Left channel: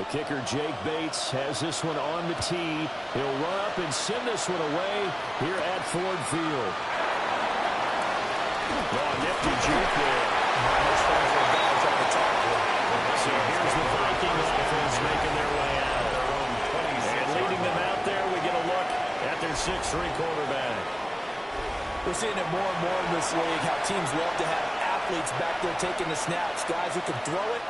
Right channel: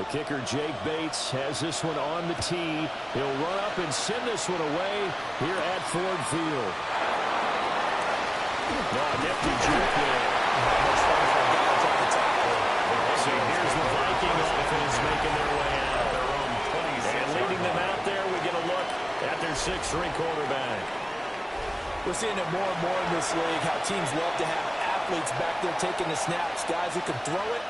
The kicker, Jake Bates, has this one on the tee. He'll run up and send this one away here at Ford Field. Oh, nifty juke there. Not much fun for a guy trying to tackle. So here's the Viking offense making their way out. And leading them out there, we get a look at their 6'3" quarterback. We're seeing it more and more in this league, how teams love to have athletes back there taking the snaps, guys who can throw it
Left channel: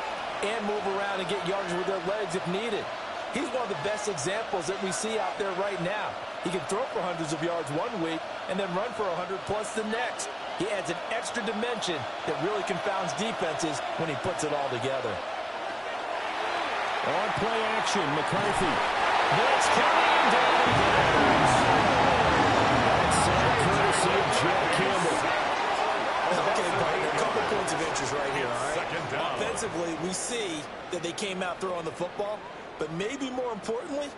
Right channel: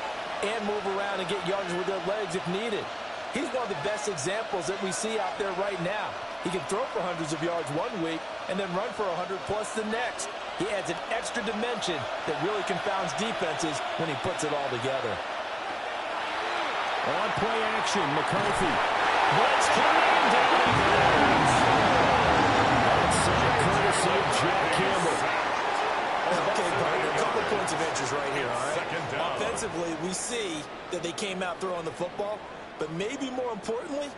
and move around and get yardage with their legs if needed. He's one of the best examples that we see out there right now. He can throw for hundreds of yards one week and then run for 100+ the next. He adds an extra dimension that really confounds defenses when he puts it all together. On play action, McCarthy. Blitz coming and down he goes. That's sack courtesy of Jack Campbell. Okay, partner, a couple points of interest right here, all right? Offensively, we see that they came out throwing the football, but maybe more importantly,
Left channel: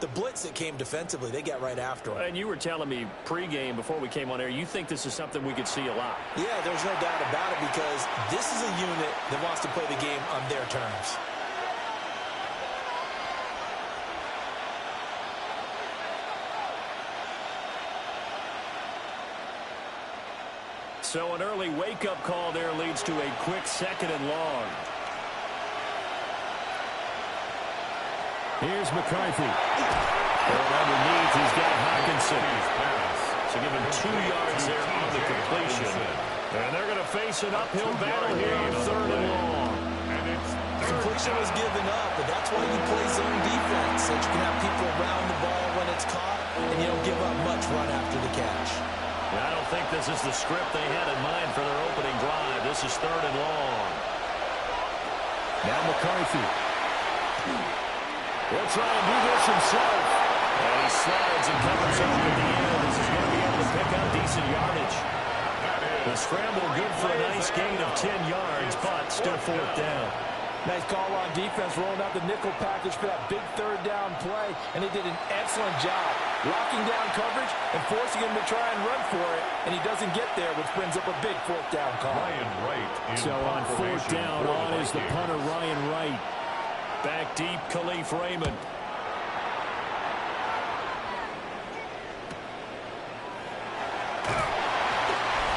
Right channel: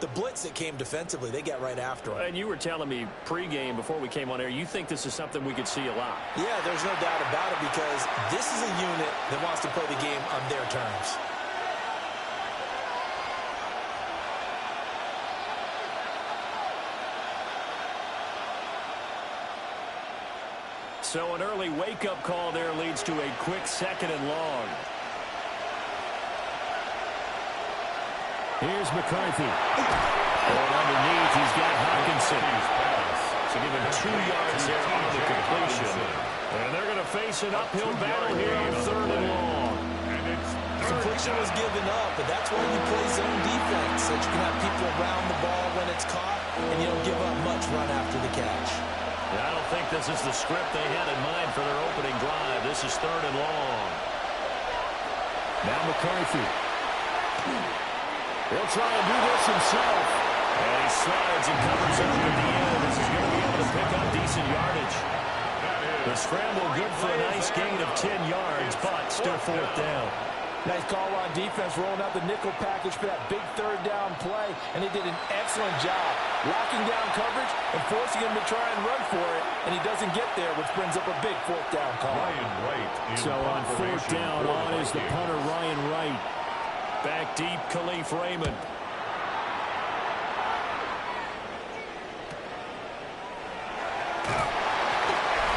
the blitz that came defensively, they got right after him. And you were telling me pregame before we came on air, you think this is something we could see a lot. Yeah, there's no doubt about it because this is a unit that wants to play the game on their terms. So an early wake-up call there leads to a quick 2nd and long. Here's McCarthy. Going underneath, he's got Hawkinson. So give him 2 yards there on the completion. And they're going to face an uphill battle here on 3rd and long. Completion was given up, but that's why you play zone defense, so that you can have people around the ball when it's caught, and you don't give up much run after the catch. Yeah, I don't think this is the script they had in mind for their opening drive. This is 3rd and long. Now McCarthy. He'll try and do this himself. And he slides and covers up at the end. This is going to be able to pick up decent yardage. The scramble good for a nice gain of 10 yards, but still 4th down. Nice call on defense, rolling out the nickel package for that big 3rd down play, and they did an excellent job locking down coverage and forcing him to try and run for it, and he doesn't get there, which brings up a big 4th down call. So on 4th down, on is the punter, Ryan Wright. Back deep, Khalif Raymond.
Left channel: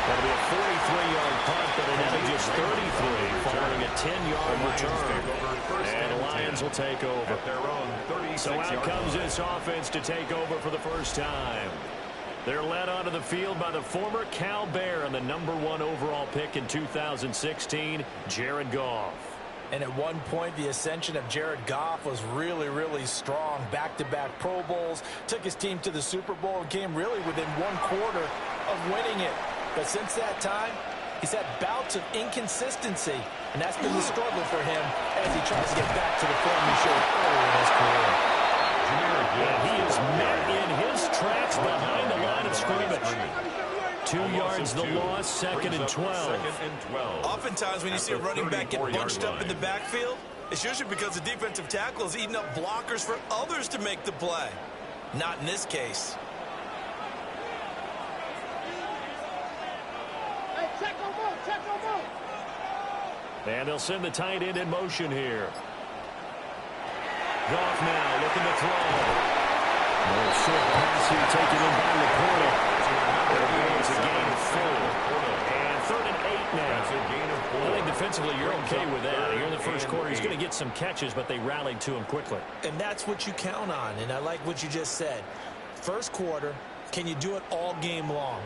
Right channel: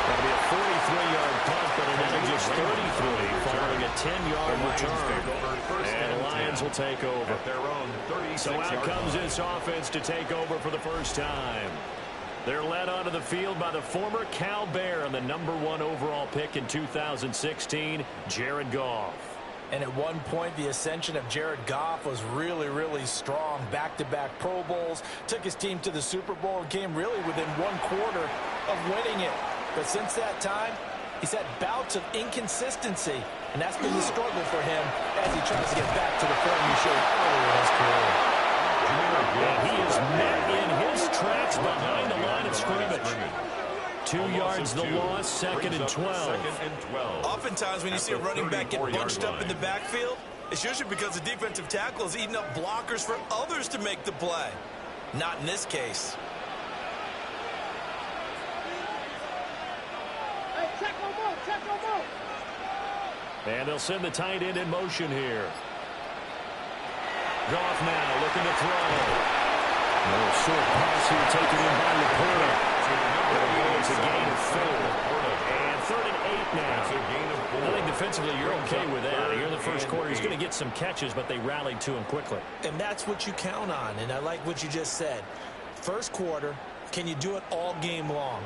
That'll be a 43-yard punt, but it ended just 33 following a 10-yard return. And the Lions will take over. So out comes this offense to take over for the first time. They're led onto the field by the former Cal Bear and the #1 overall pick in 2016, Jared Goff. And at one point, the ascension of Jared Goff was really, really strong. Back-to-back Pro Bowls, took his team to the Super Bowl, and came really within 1 quarter of winning it. But since that time, he's had bouts of inconsistency, and that's been the struggle for him as he tries to get back to the form he showed earlier in his career. And he is met in his tracks behind the line of scrimmage. 2 yards the loss, 2nd and 12. Oftentimes when you see a running back get bunched up in the backfield, it's usually because the defensive tackle is eating up blockers for others to make the play. Not in this case. Hey, check on move, check on move. And they'll send the tight end in motion here. Goff now looking to throw. A short pass here taken in by Laporta. It's a gain of 4. And 3rd and 8 now. I think defensively you're okay with that. Here in the first quarter, he's going to get some catches, but they rallied to him quickly. And that's what you count on, and I like what you just said. First quarter, can you do it all game long?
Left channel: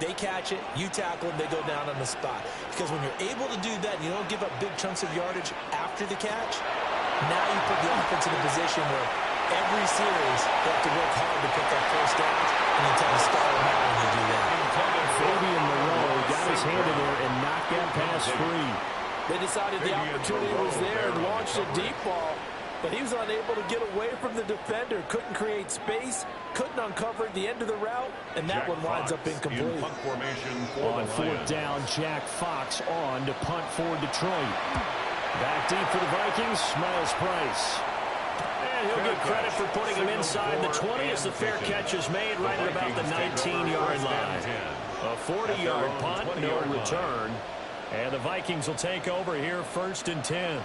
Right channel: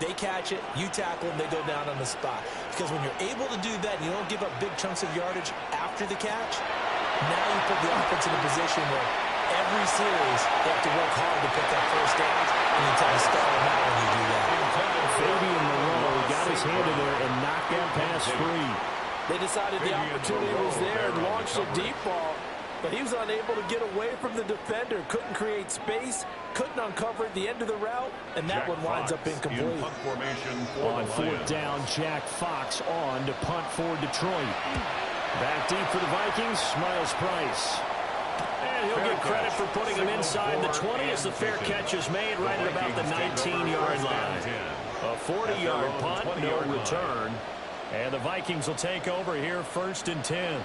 They catch it, you tackle them, they go down on the spot. Because when you're able to do that and you don't give up big chunks of yardage after the catch, now you put the offense in a position where every series they have to work hard to pick up first downs, and you try to stall them out when you do that. Fabian Moreau got his hand in there and knocked that pass free. They decided the opportunity was there and launched a deep ball, but he was unable to get away from the defender, couldn't create space, couldn't uncover at the end of the route, and that one winds up incomplete. On 4th down, Jack Fox on to punt for Detroit. Back deep for the Vikings, Miles Price. And he'll get credit for putting him inside the 20 as the fair catch is made right at about the 19-yard line. A 40-yard punt, no return. And the Vikings will take over here 1st and 10.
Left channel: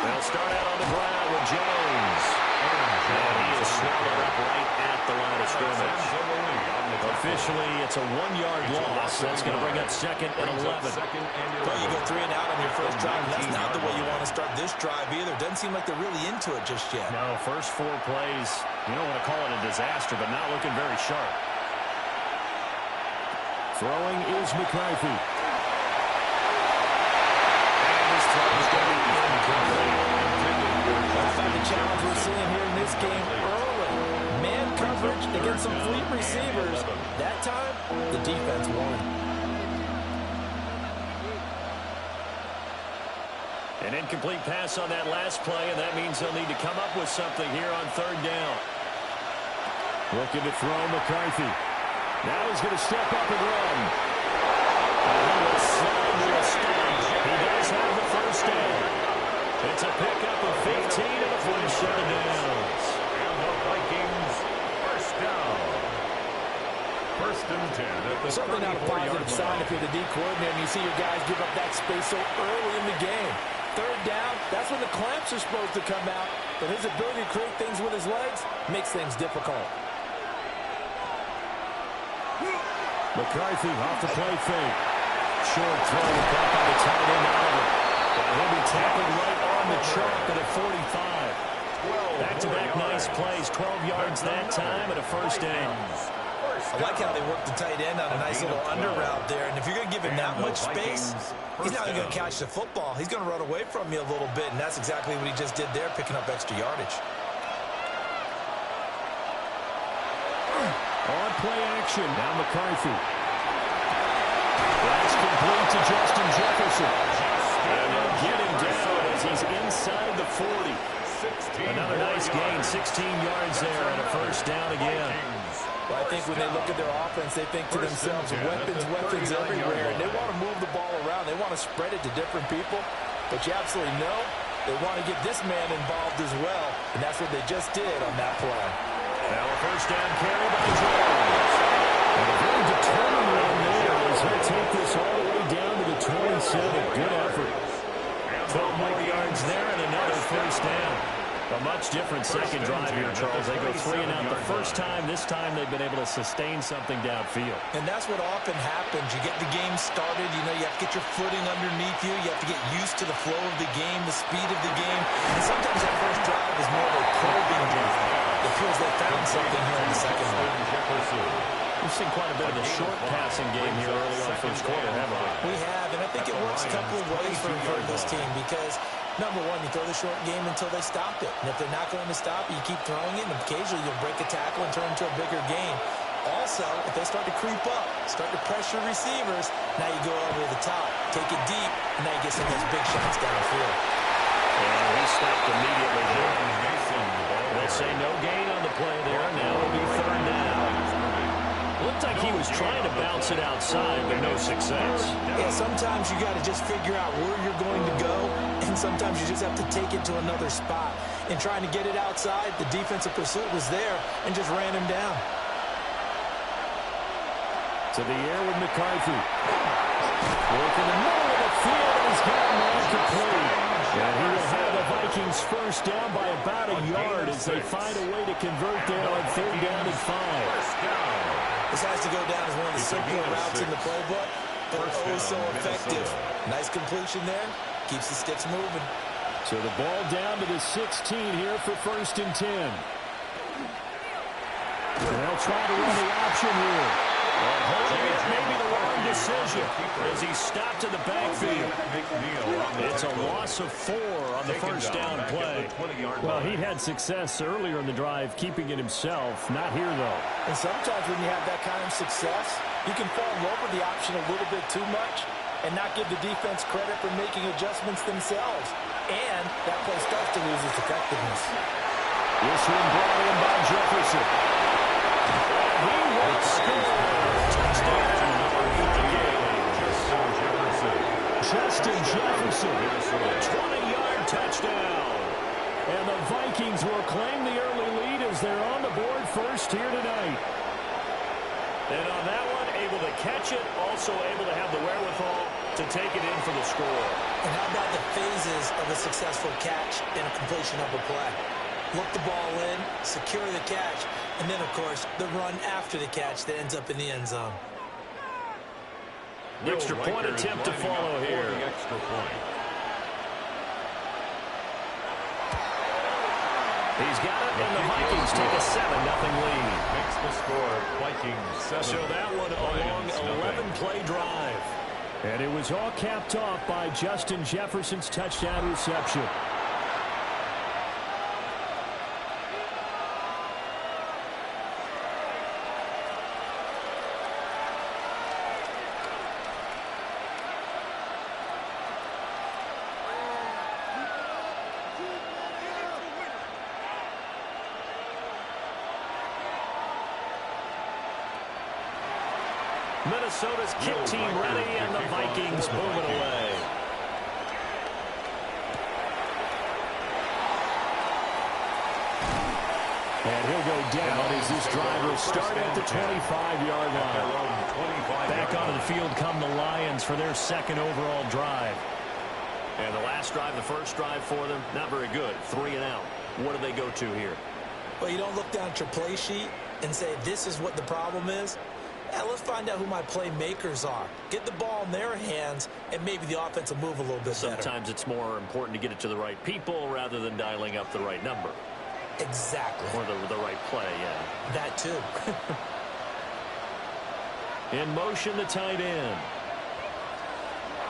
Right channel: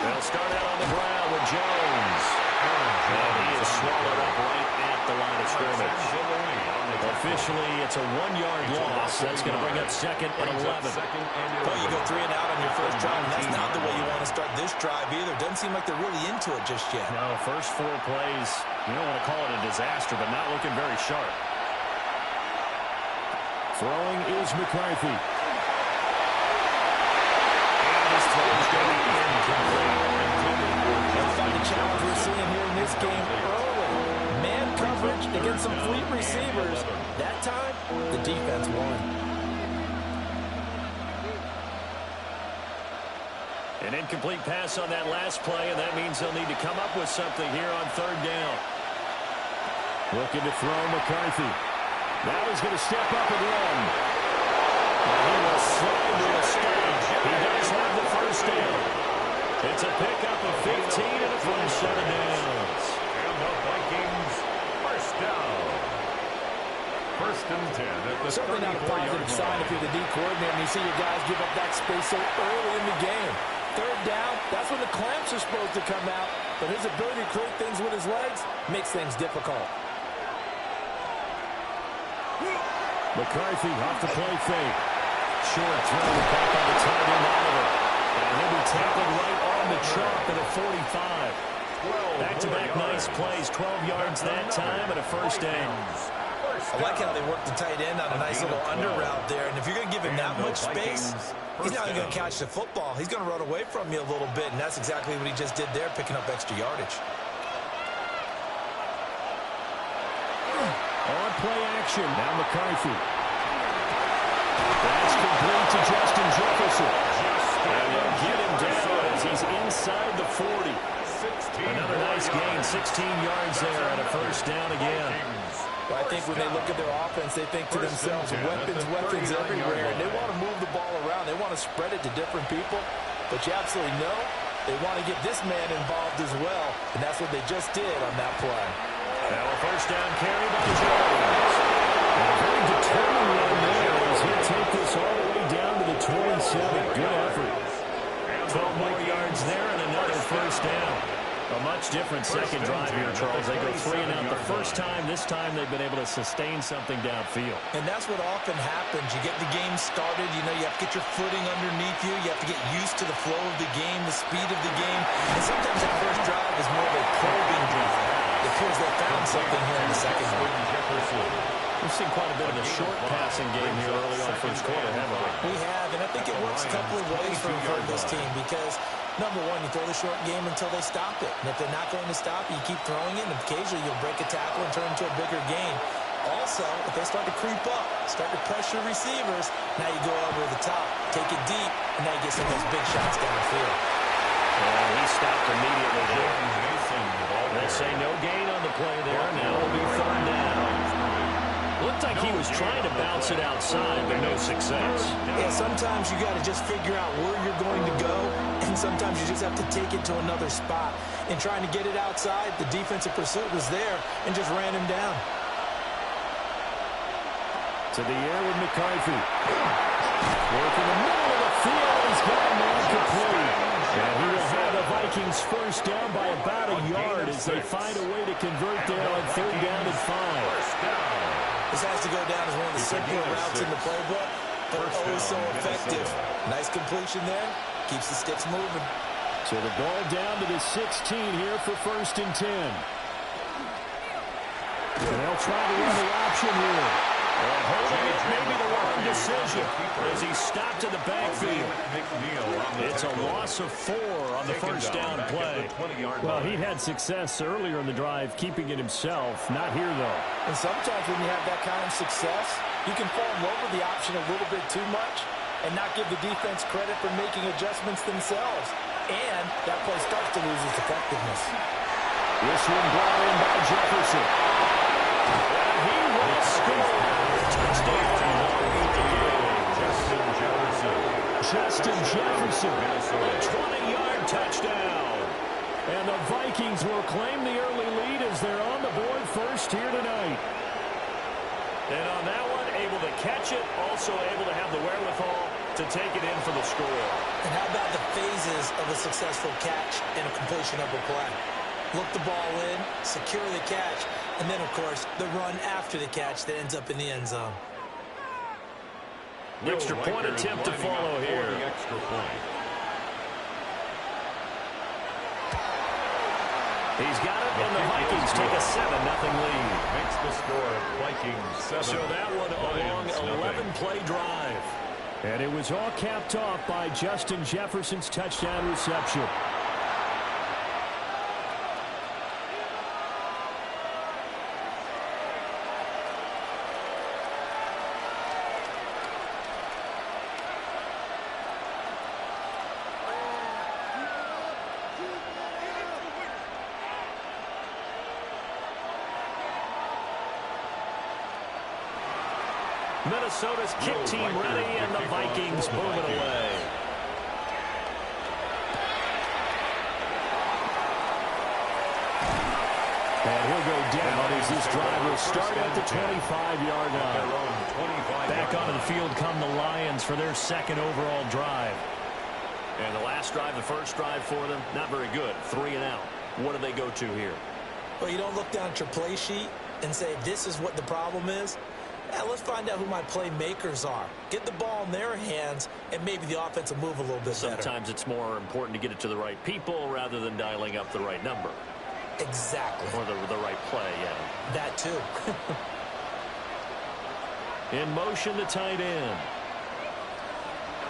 They'll start out on the ground with Jones. And he is swallowed up right at the line of scrimmage. Officially, it's a 1-yard loss. That's going to bring up 2nd and 11. Well, you go 3 and out on your first drive, and that's not the way you want to start this drive either. Doesn't seem like they're really into it just yet. No, first 4 plays, you don't want to call it a disaster, but not looking very sharp. Throwing is McCarthy. And his throw is going to be incomplete. How about the challenge we're seeing here in this game early? Man coverage against some fleet receivers. That time, the defense won. An incomplete pass on that last play, and that means they'll need to come up with something here on 3rd down. Looking to throw McCarthy. Now he's going to step up and run. And he will slide to a stop. He does have the first down. It's a pickup of 15 and a first 7 downs. And the Vikings first down. 1st and 10 at the Certainly not a positive sign if you're the D coordinator and you see your guys give up that space so early in the game. 3rd down, that's when the clamps are supposed to come out. But his ability to create things with his legs makes things difficult. McCarthy off the play fake. Short throw caught by the tight end Oliver. And he'll be tackled right on the chalk at a 45. Back-to-back nice plays, 12 yards that time and a first down. I like how they work the tight end on a nice little under route there. And if you're going to give him that much space, he's not going to catch the football. He's going to run away from you a little bit, and that's exactly what he just did there, picking up extra yardage. On play action. Now McCarthy. That's complete to Justin Jefferson. And they'll get him down as he's inside the 40. Another nice gain, 16 yards there and a first down again. Well, I think when they look at their offense, they think to themselves, weapons everywhere. And they want to move the ball around. They want to spread it to different people. But you absolutely know they want to get this man involved as well. And that's what they just did on that play. Now a first down carry by Jones. And a very determined run there as he'll take this all the way down to the 27. Good effort. 12 more yards there and another first down. A much different second drive here, Charles. They go 3 and out the first time. This time they've been able to sustain something downfield. And that's what often happens. You get the game started. You know, you have to get your footing underneath you. You have to get used to the flow of the game, the speed of the game. And sometimes that first drive is more of a probing drive. It appears they found something here in the second one. We've seen quite a bit of a short passing game here early on first quarter, haven't we? We have, and I think it works a couple of ways for this team because, number one, you throw the short game until they stop it. And if they're not going to stop it, you keep throwing it, and occasionally you'll break a tackle and turn it into a bigger gain. Also, if they start to creep up, start to pressure receivers, now you go over the top, take it deep, and now you get some of those big shots downfield. And he stopped immediately there. They'll say no gain on the play there, and now it'll be 3rd down. Looked like he was trying to bounce it outside, but no success. Yeah, sometimes you got to just figure out where you're going to go, and sometimes you just have to take it to another spot. In trying to get it outside, the defensive pursuit was there and just ran him down. To the air with McCarthy. Work in the middle of the field, and he's got a man complete. And he will have the Vikings first down by about a yard as they find a way to convert there on 3rd down and 5. This has to go down as one of the simpler routes in the playbook, but oh so effective. Nice completion there. Keeps the sticks moving. So the ball down to the 16 here for 1st and 10. And they'll try to run the option here. And holding it may be the wrong decision as he stopped in the backfield. It's a loss of 4 on the first down play. Well, he had success earlier in the drive keeping it himself. Not here, though. And sometimes when you have that kind of success, you can fall in love with the option a little bit too much and not give the defense credit for making adjustments themselves. And that play starts to lose its effectiveness. This one brought in by Jefferson. And he will score. Touchdown. Justin Jefferson. A 20-yard touchdown. And the Vikings will claim the early lead as they're on the board first here tonight. And on that one, able to catch it, also able to have the wherewithal to take it in for the score. And how about the phases of a successful catch and a completion of a play? Look the ball in, secure the catch, and then, of course, the run after the catch that ends up in the end zone. Extra point attempt to follow here. The extra point. He's got it, and the Vikings take a 7-0 lead. Makes the score Vikings 7. So that one a long 11-play drive. And it was all capped off by Justin Jefferson's touchdown reception. Minnesota's kick team ready, and the Vikings move it away. And he'll go down as this drive will start at the 25-yard line. Back onto the field come the Lions for their second overall drive. And the last drive, the first drive for them, not very good. 3 and out. What do they go to here? Well, you don't look down at your play sheet and say, this is what the problem is. Yeah, let's find out who my playmakers are. Get the ball in their hands, and maybe the offense will move a little bit better. Sometimes it's more important to get it to the right people rather than dialing up the right number. Exactly. Or the right play, yeah. That too. In motion, the tight end.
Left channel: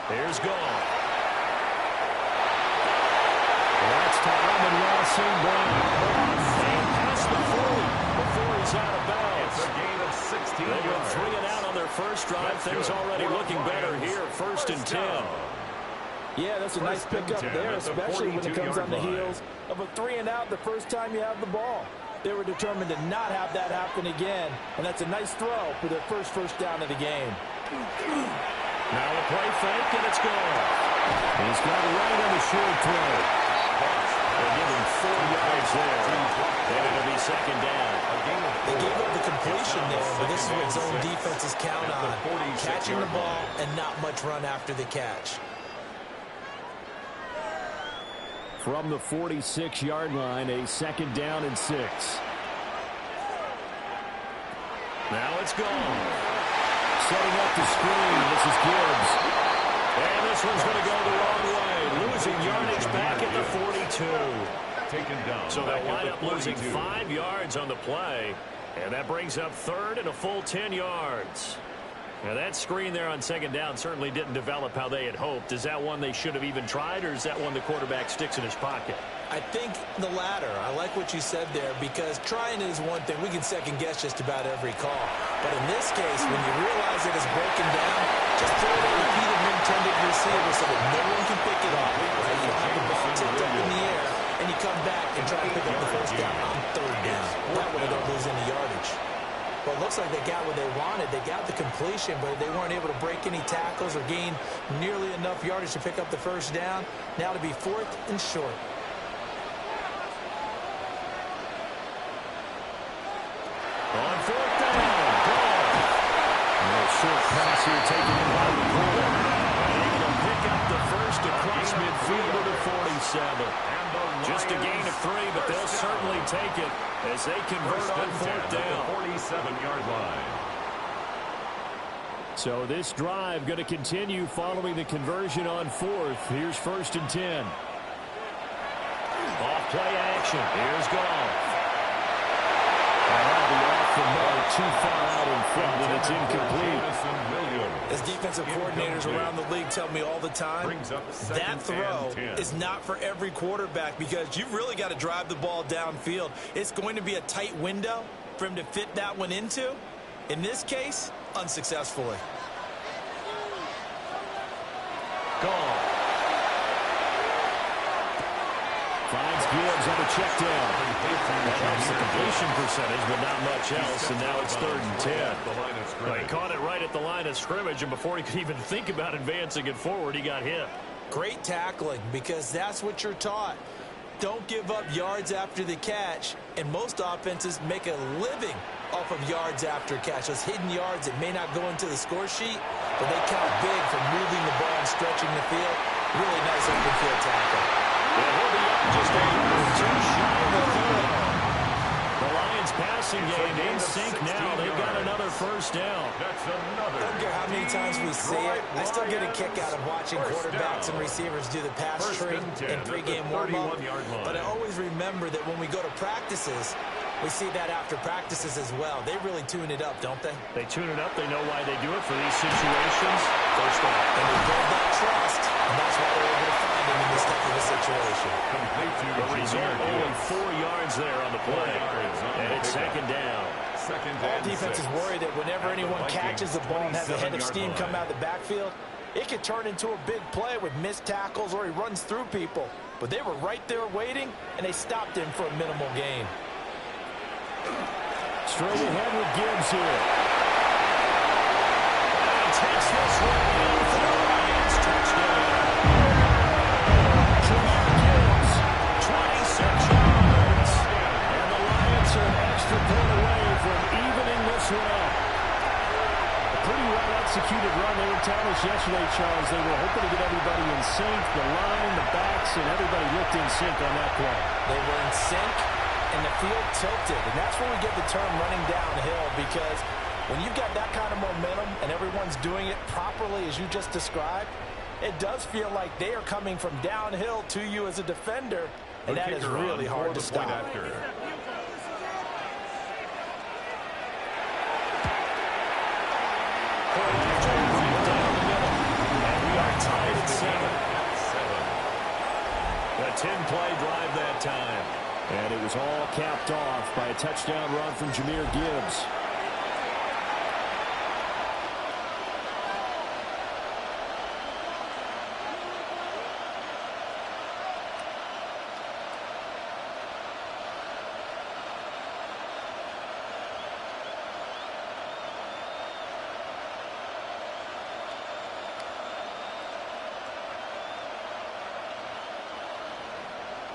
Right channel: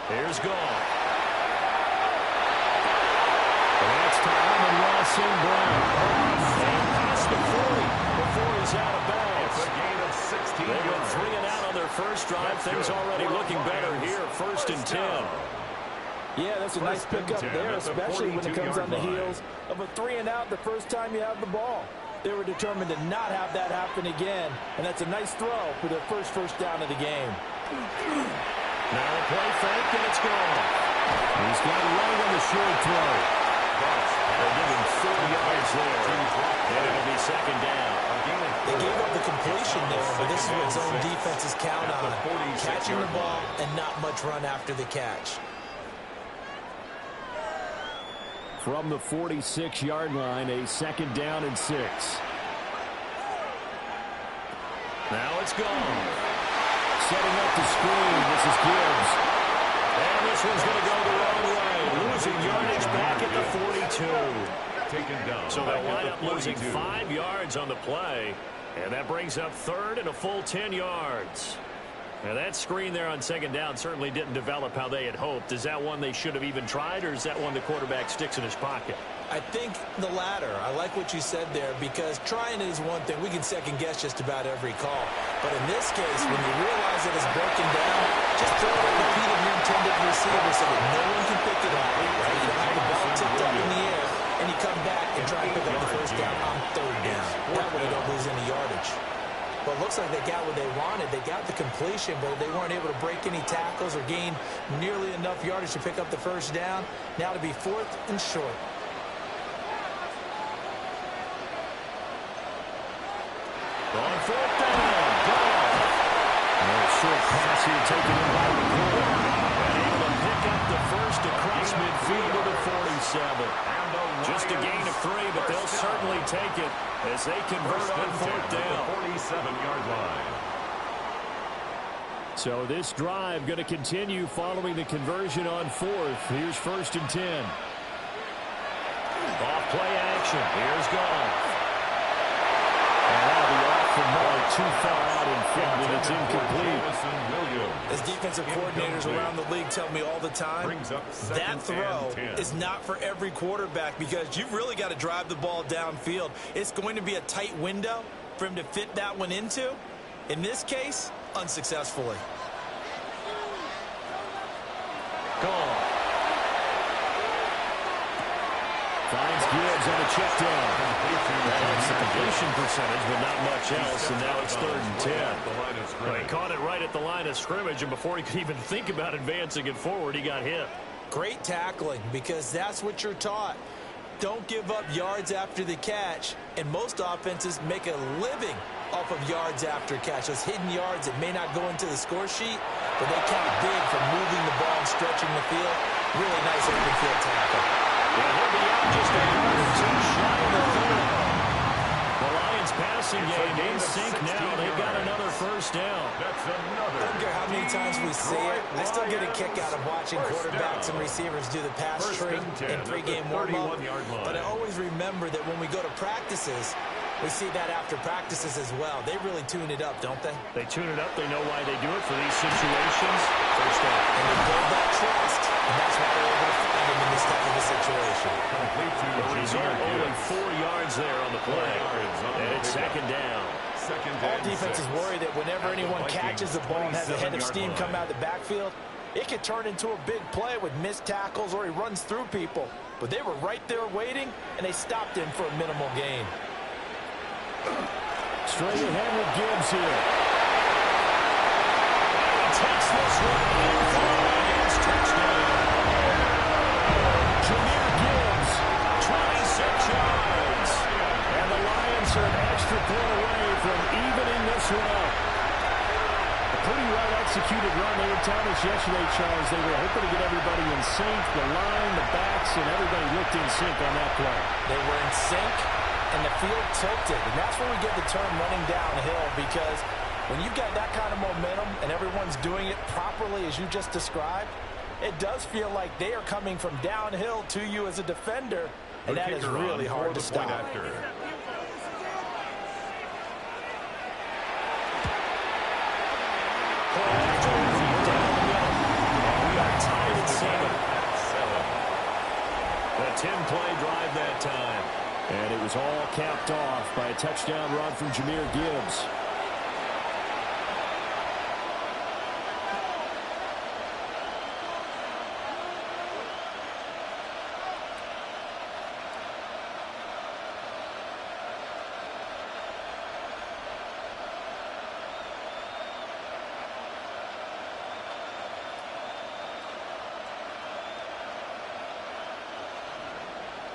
Here's Goff. And that's to Amon-Ra St. Brown. And past the 40 before he's out of bounds. It's a gain of 16 They went yards. 3 and out on their first drive. That's Things good. already looking better here. First and 10. Yeah, that's a nice pickup there, especially when it comes on the heels of a 3 and out the first time you have the ball. They were determined to not have that happen again, and that's a nice throw for their first down of the game. Now a play fake, and it's gone. He's got it right on the short throw. They give him 4 yards there, and it'll be second down. They gave up the completion there, but this is what zone defenses count on. Catching the ball and not much run after the catch. From the 46-yard line, a 2nd down and 6. Now it's gone. Setting up the screen, this is Gibbs. And this one's going to go the wrong way. Losing yardage back at the 42. Taken down. So they'll wind up losing 5 yards on the play. And that brings up 3rd and a full 10 yards. Now that screen there on 2nd down certainly didn't develop how they had hoped. Is that one they should have even tried, or is that one the quarterback sticks in his pocket? I think the latter. I like what you said there, because trying is one thing. We can second guess just about every call. But in this case, when you realize that it's broken down, just throw it at the feet of your intended receiver so that no one can pick it off. Right? You don't have the ball tipped up in the air, and you come back and try to pick up the first down on 3rd down. That way you don't lose any yardage. Well, it looks like they got what they wanted. They got the completion, but they weren't able to break any tackles or gain nearly enough yardage to pick up the first down. Now to be 4th and short. On 4th down, Goff. A short pass here taken in by the corner. And able to pick up the first across midfield to the 47. Just a gain of 3, but they'll certainly take it as they convert on 4th down. 47-yard line. So this drive going to continue following the conversion on 4th. Here's 1st and 10. Off play action. Here's Goff. And that'll be off the mark, too far out in front, and it's incomplete. As defensive coordinators around the league tell me all the time, that throw is not for every quarterback, because you've really got to drive the ball downfield. It's going to be a tight window for him to fit that one into. In this case, unsuccessfully. Gone. Finds Gibbs on a check down. That helps the completion percentage, but not much else, and now it's 3rd and 10. Well, he caught it right at the line of scrimmage, and before he could even think about advancing it forward, he got hit. Great tackling, because that's what you're taught. Don't give up yards after the catch, and most offenses make a living off of yards after catch. Those hidden yards that may not go into the score sheet, but they count big for moving the ball and stretching the field. Really nice open field tackle. And he'll be out just a yard or two shy of the field. The Lions passing game in sync now. They've got another first down. That's another. I don't care how many times we see it. I still get a kick out of watching quarterbacks and receivers do the pass tree in pregame warm-up. But I always remember that when we go to practices, we see that after practices as well. They really tune it up, don't they? They tune it up. They know why they do it for these situations. First down. And they build that trust, and that's why they're able to find him in this type of a situation. Complete to The result, only 4 yards there on the play. And it's second down. All defenses worry that whenever anyone catches the ball and has a head of steam come out of the backfield, it could turn into a big play with missed tackles or he runs through people. But they were right there waiting, and they stopped him for a minimal gain. Straight ahead with Gibbs here. And he takes this one in for the Lions. Touchdown. Jameer Gibbs, 26 yards. And the Lions are an extra point away from evening this one up. A pretty well-executed run. They were telling us yesterday, Charles, they were hoping to get everybody in sync, the line, the backs, and everybody looked in sync on that play. They were in sync, and the field tilted. And that's where we get the term running downhill, because when you've got that kind of momentum and everyone's doing it properly as you just described, it does feel like they are coming from downhill to you as a defender, and that is really hard to stop. Point after right down the middle. And we are tied at 7. A 10-play drive that time. And it was all capped off by a touchdown run from Jameer Gibbs.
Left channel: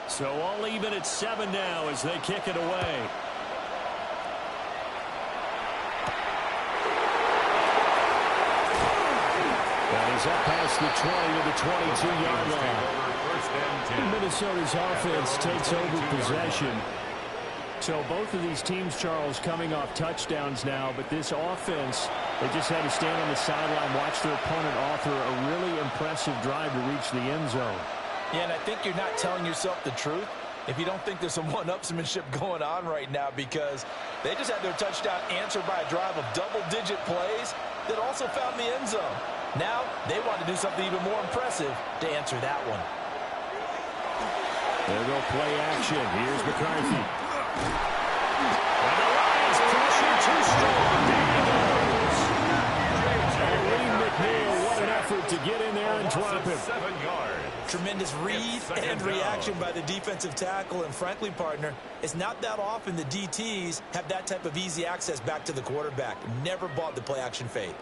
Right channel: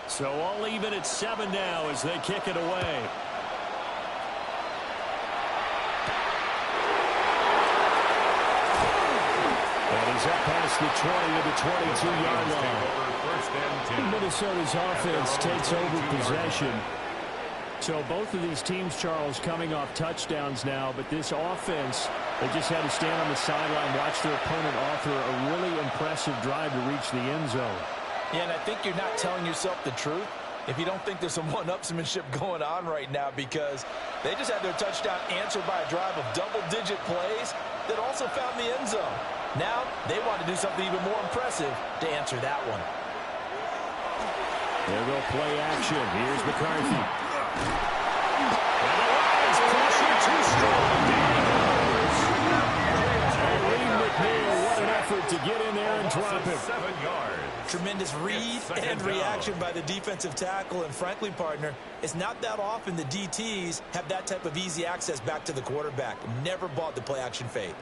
So all even at 7 now as they kick it away. And he's up past the 20 to the 22-yard line. Minnesota's offense takes over possession. So both of these teams, Charles, coming off touchdowns now, but this offense, they just had to stand on the sideline, watch their opponent author a really impressive drive to reach the end zone. Yeah, and I think you're not telling yourself the truth if you don't think there's some one-upsmanship going on right now, because they just had their touchdown answered by a drive of double-digit plays that also found the end zone. Now they want to do something even more impressive to answer that one. There go play action. Here's McCarthy. And the Lions pressure too strong. There he goes. And Lee McNeil, what an effort to get in there and drop him. 7 yards. Tremendous read and reaction by the defensive tackle. And frankly, partner, it's not that often the DTs have that type of easy access back to the quarterback. Never bought the play action fade.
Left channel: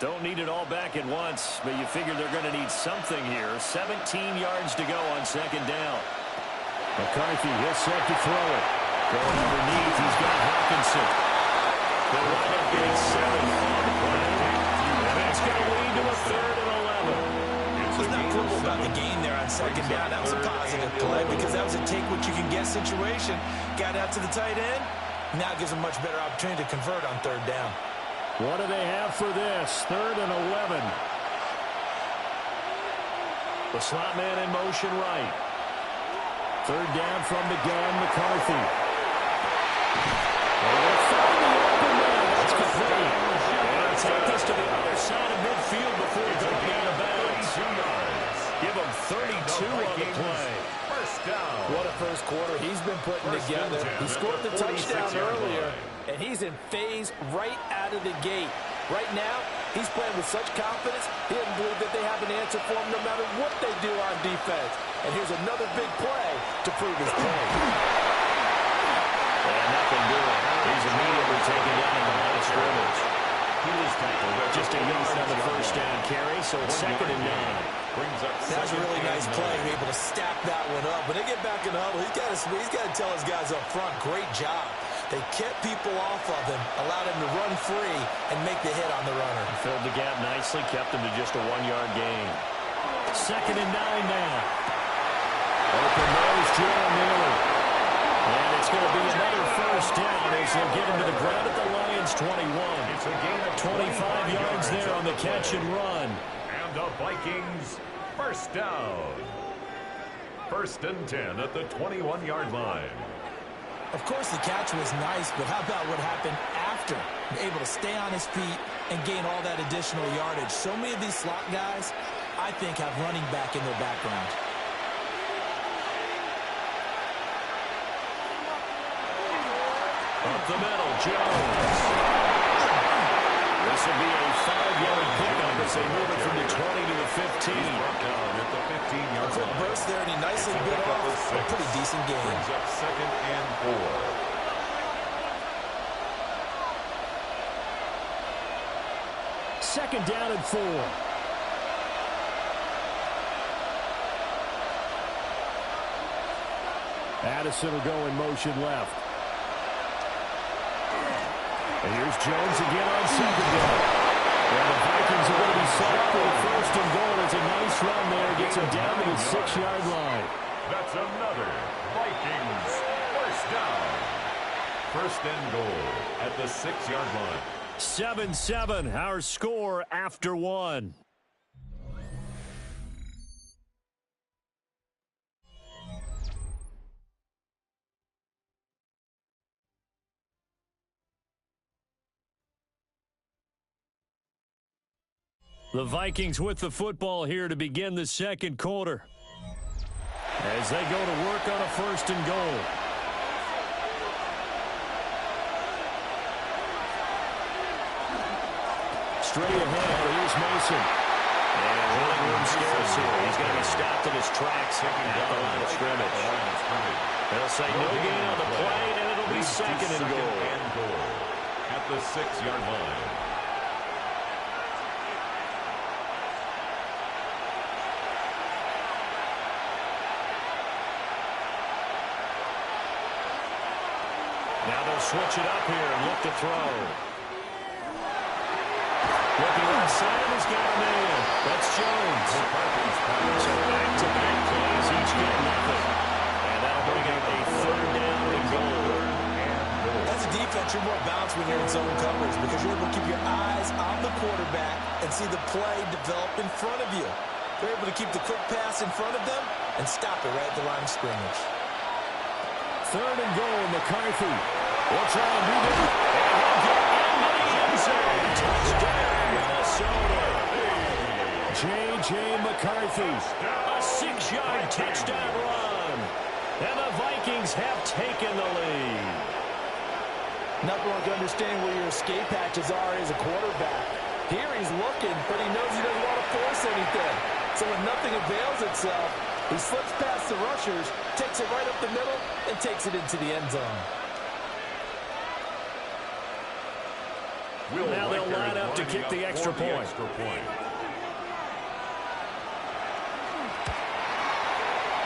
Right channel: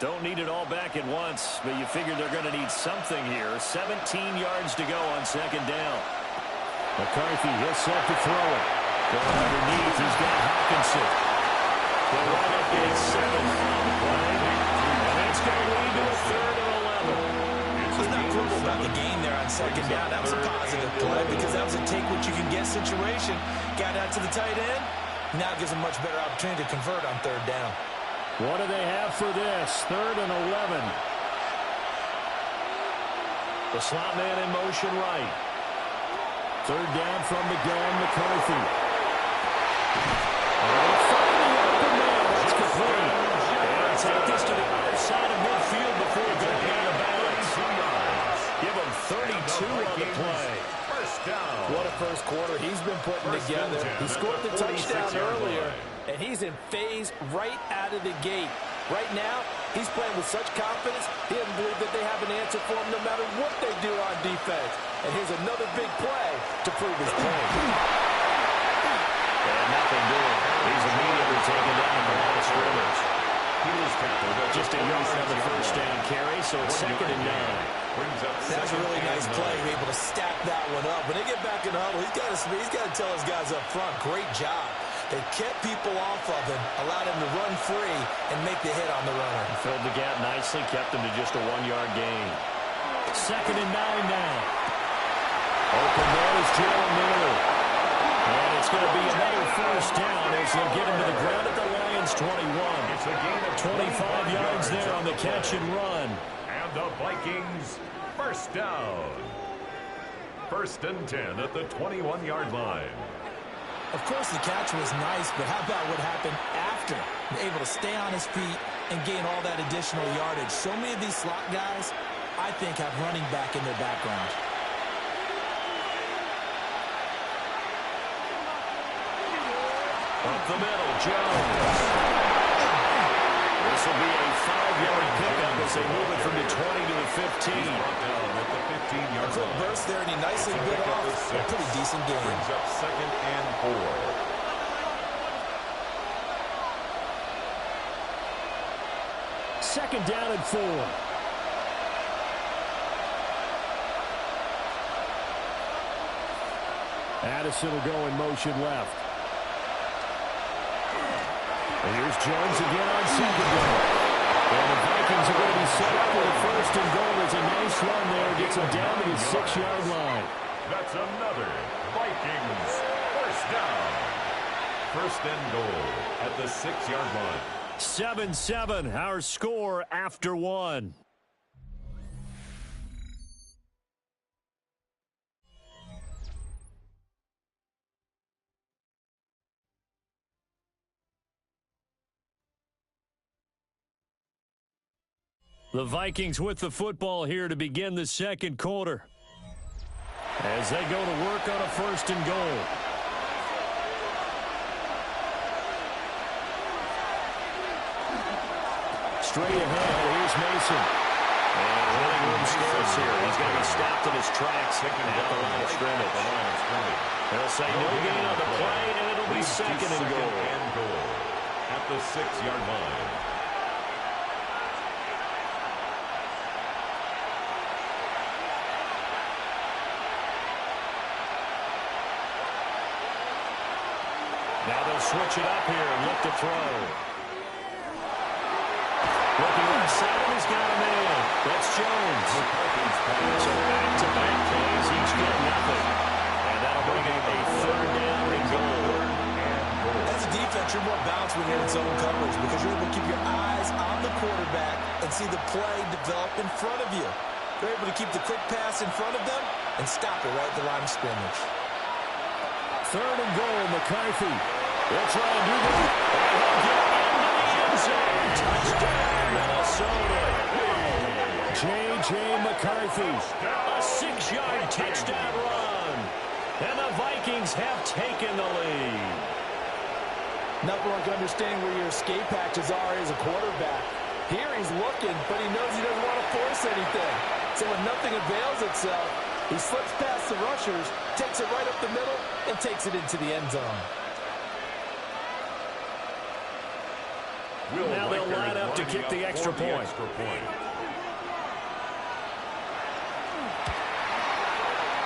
Don't need it all back at once, but you figure they're going to need something here. 17 yards to go on second down. McCarthy, he'll set to throw it. Going underneath, he's got Hawkinson. They'll wind up getting 7 on the play. And that's going to lead to a 3rd and 11. Let's not quibble about the gain there on second down. That was a positive play because that was a take-what-you-can-get situation. Got out to the tight end. Now gives them a much better opportunity to convert on 3rd down. What do they have for this? 3rd and 11. The slot man in motion right. 3rd down from the gun, McCarthy. And they're going to find the open man. That's complete. And take this to the other side of midfield before going out of bounds. 32 yards. Give him 32 on the play. First down. What a first quarter he's been putting together. He scored the touchdown earlier, and he's in phase right out of the gate. Right now, he's playing with such confidence, he doesn't believe that they have an answer for him no matter what they do on defense. And here's another big play to prove his point. And nothing doing. He's immediately taken down at the line of scrimmage. He was tackled at Just a yard on the first down carry, so it's 2nd and 9. That's a really nice play. You're able to stack that one up. When they get back in the huddle, he's got to tell his guys up front, great job. They kept people off of him, allowed him to run free, and make the hit on the runner. He filled the gap nicely, kept him to just a 1-yard gain. 2nd and 9 now. Open there is Jalen Naylor. And it's going to be another first down as they'll get him to the ground at the Lions' 21. It's a gain of 25 yards there on the catch and run. And the Vikings first down. 1st and 10 at the 21-yard line. Of course, the catch was nice, but how about what happened after? Able to stay on his feet and gain all that additional yardage. So many of these slot guys, I think, have running back in their background. Up the middle, Jones. This will be a 5-yard pickup as they move it from the 20 to the 15. He's brought down at the 15-yard line. Quick burst there, and he nicely bit off a pretty decent game. Brings up 2nd and 4. Second down and 4. Addison will go in motion left. And here's Jones again on 2nd down. And the Vikings are going to be set up with a 1st and goal. It's a nice run there. Gets them down to the 6-yard line. That's another Vikings first down. 1st and goal at the 6-yard line. 7-7, our score after 1. The Vikings with the football here to begin the 2nd quarter as they go to work on a 1st and goal. Straight ahead, here's Mason. And running room scarce here. He's going to be stopped in his tracks at the line of scrimmage. They'll say no gain on the play, and it'll be 2nd and goal. At the 6-yard line. Now they'll switch it up here and look to throw. Looking left side, and he's got a man. That's Jones. So back-to-back plays, each get nothing. And that'll bring up a 3rd down and goal. As a defense, you're more balanced when you're in zone coverage because you're able to keep your eyes on the quarterback and see the play develop in front of you. They're able to keep the quick pass in front of them and stop it right at the line of scrimmage. 3rd and goal, McCarthy. They'll try and do this. And he'll get into the end zone. Touchdown, Minnesota. J.J. McCarthy. A 6-yard touchdown run. And the Vikings have taken the lead. Nothing like understanding where your escape hatches are as a quarterback. Here he's looking, but he knows he doesn't want to force anything. So when nothing avails itself, he slips past the rushers, takes it right up the middle, and takes it into the end zone. Now they'll line up to kick the extra point.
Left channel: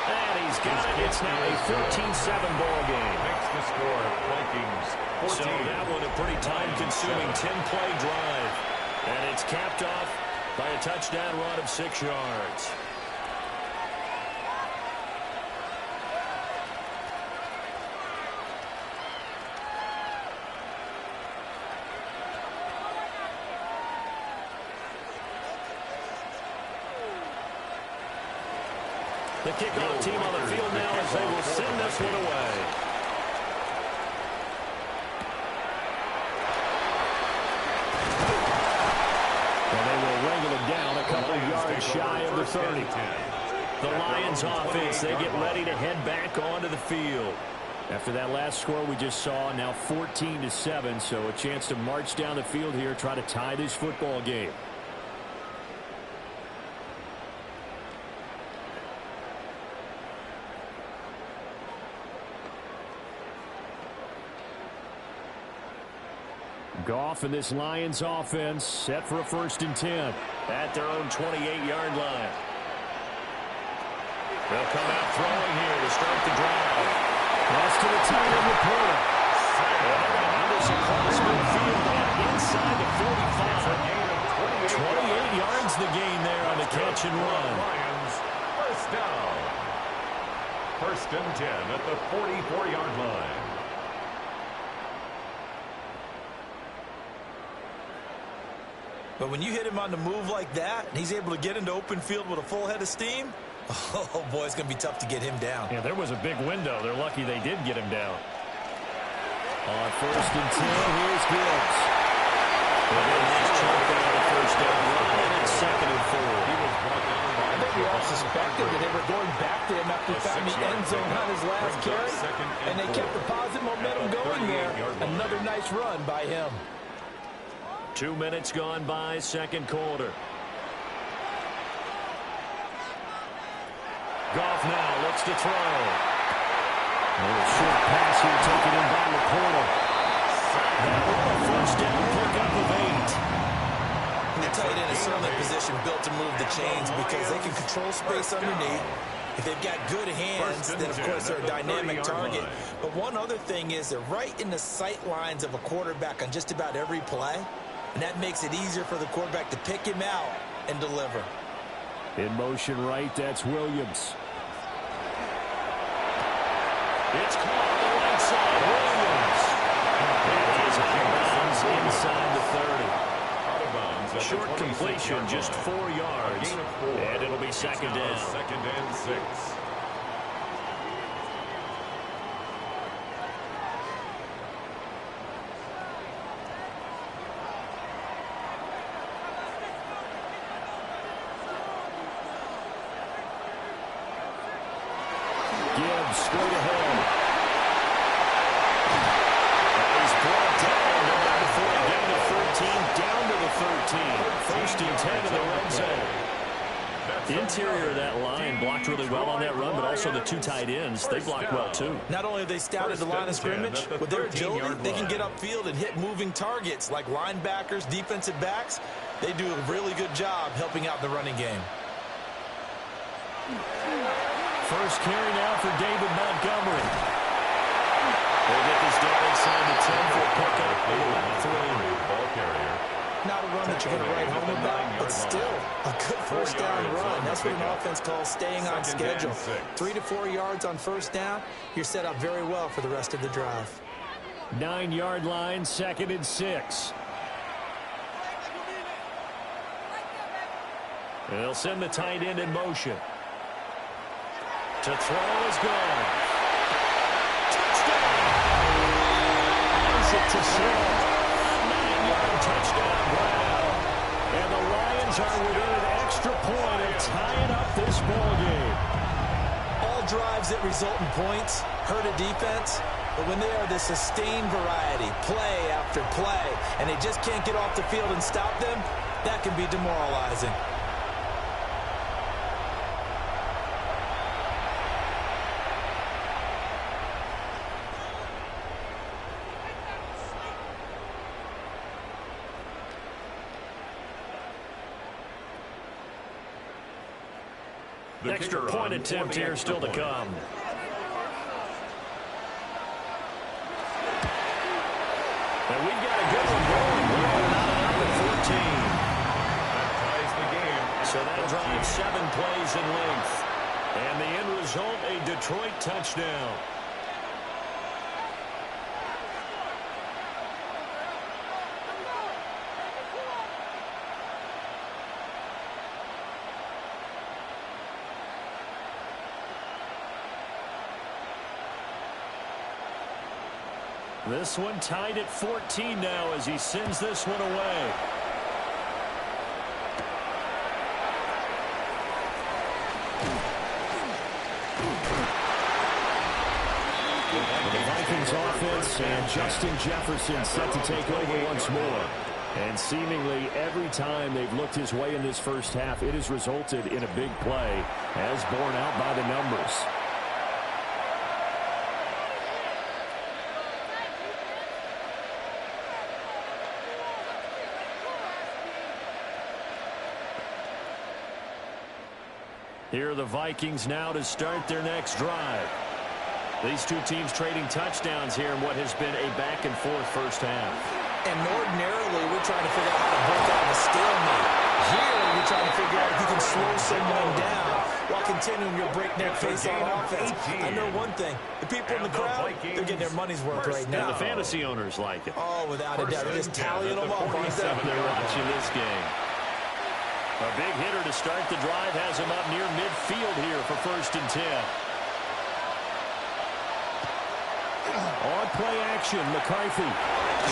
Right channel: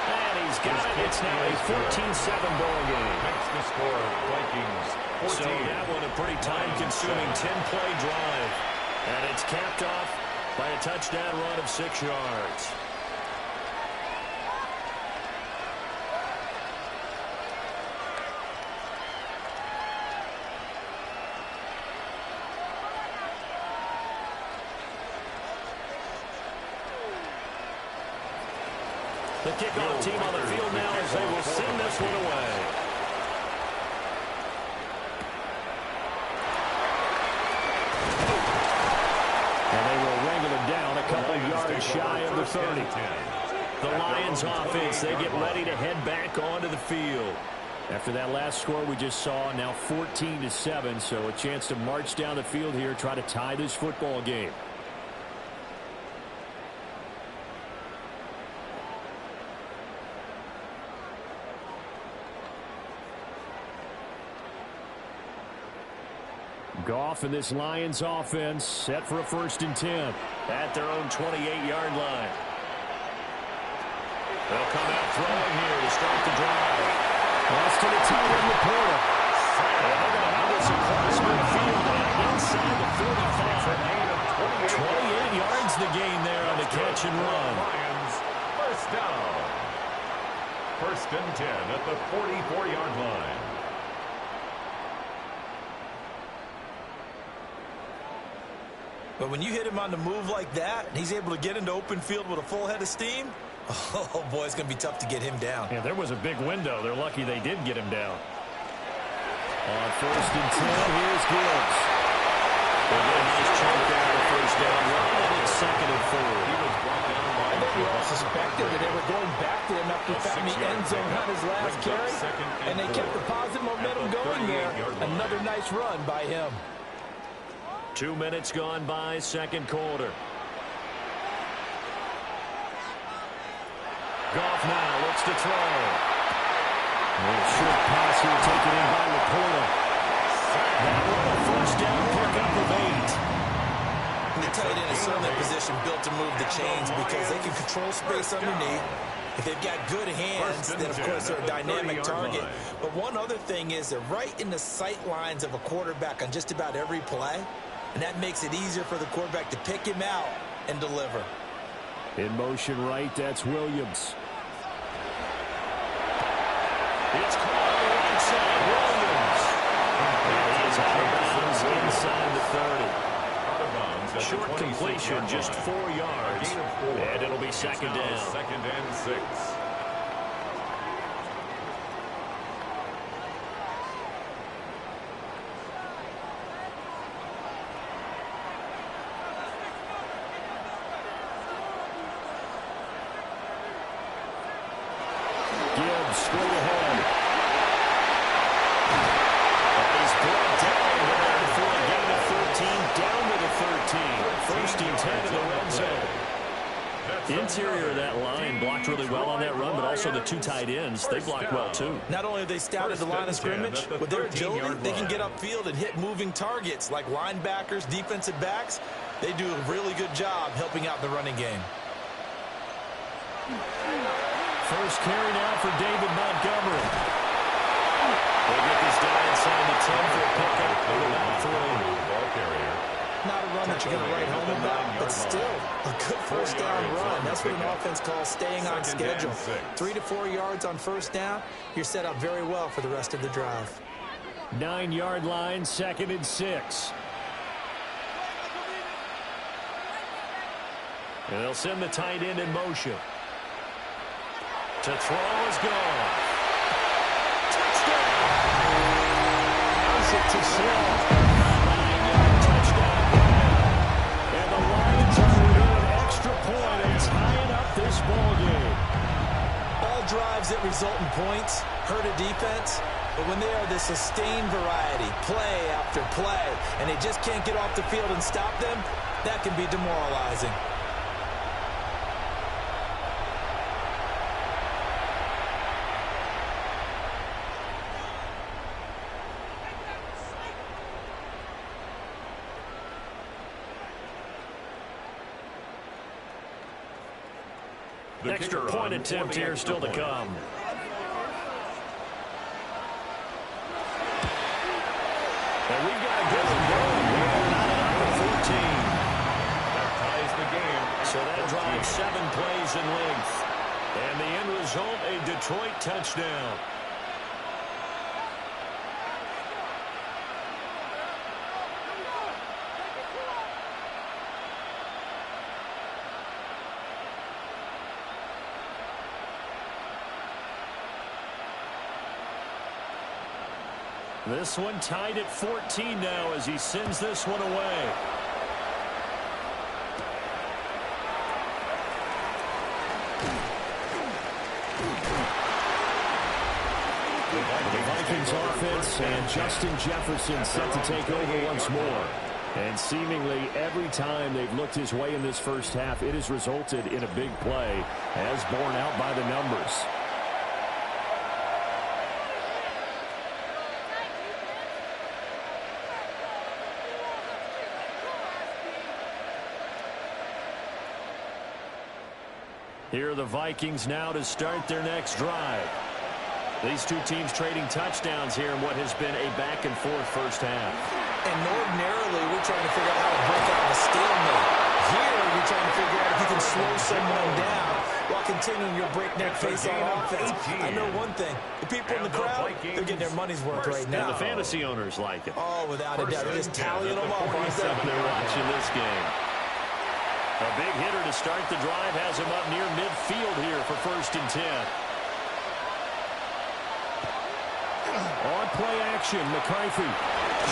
And he's got it. It's now a 14-7 ball game. Makes the score Vikings 14. So that one a pretty time-consuming 10-play drive. And it's capped off by a touchdown run of 6 yards. The kickoff team on the field now as they will send this one away. And they will wrangle him down a couple yards shy of the 30. The Lions offense, they get ready to head back onto the field. After that last score we just saw, now 14-7, so a chance to march down the field here, try to tie this football game. Goff and this Lions offense set for a 1st and 10. At their own 28-yard line. They'll come out throwing here to start the drive. Pass to the tight end Laporta. They're going to have this across midfield and inside the 45. 28 yards the gain there on the catch and run. Lions, first down. 1st and 10 at the 44-yard line. But when you hit him on the move like that, and he's able to get into open field with a full head of steam, oh, boy, it's going to be tough to get him down. Yeah, there was a big window. They're lucky they did get him down. On 1st and 10, here's Gibbs. They'll get a nice chunk there on the 1st down run, and it's 2nd and 4. He was brought down by I think we all suspected that they were going back to him after finding the end zone on his last carry, and they kept the positive momentum going there. Another nice run by him. 2 minutes gone by, 2nd quarter. Goff now looks to throw. A short pass here taken in by Laporta. That one a 1st down pickup of 8. And the tight end is certainly a position built to move the chains because they can control space underneath. If they've got good hands, then of course they're a dynamic target. But one other thing is they're right in the sight lines of a quarterback on just about every play. And that makes it easier for the quarterback to pick him out and deliver. In motion right, that's Williams. It's caught on the right side. Williams. And he is out of bounds inside the 30. Out of bounds at Short the completion, 26-yard just line. 4 yards. A gain of 4. And it'll be 2nd down. 2nd and 6. Gibbs straight ahead. He's brought down for a gain of 13, down to the 13. 1st and 10 in the red zone. Interior of that line blocked really well on that run, but also the 2 tight ends, they blocked well too. Not only have they scouted the line of scrimmage, with their agility, they can get upfield and hit moving targets like linebackers, defensive backs. They do a really good job helping out the running game. First carry now for David Montgomery. They'll get this down inside the 10 for a pickup of about 3. Ball carrier. Not a run that you're going to write home about, but still a good 1st down run. That's what an offense calls staying on schedule. 3 to 4 yards on 1st down, you're set up very well for the rest of the drive. 9-yard line, 2nd and 6. And they'll send the tight end in motion. To throw is gone. Touchdown! Has it to Smith. A 9-yard touchdown grab. And the Lions are within an extra point and tying up this ball game. All drives that result in points hurt a defense, but when they are the sustained variety, play after play, and they just can't get off the field and stop them, that can be demoralizing. Extra point attempt here still to come. And we've got a good one going. We're not enough at 14. That ties the game. So that drives 7 plays in length. And the end result, a Detroit touchdown. This one tied at 14 now as he sends this one away. The Vikings offense and Justin Jefferson set to take over once more. And seemingly every time they've looked his way in this first half, it has resulted in a big play, as borne out by the numbers. Here are the Vikings now to start their next drive. These two teams trading touchdowns here in what has been a back-and-forth first half. And ordinarily, we're trying to figure out how to break out of a stalemate. Here, you're trying to figure out if you can slow someone down while continuing your breakneck pace on offense. I know one thing. The people in the crowd, they're getting their money's worth right now. And the fantasy owners like it. Oh, without a doubt. They're just tallying them up. They're watching this game. A big hitter to start the drive has him up near midfield here for 1st and 10. On play action, McCarthy.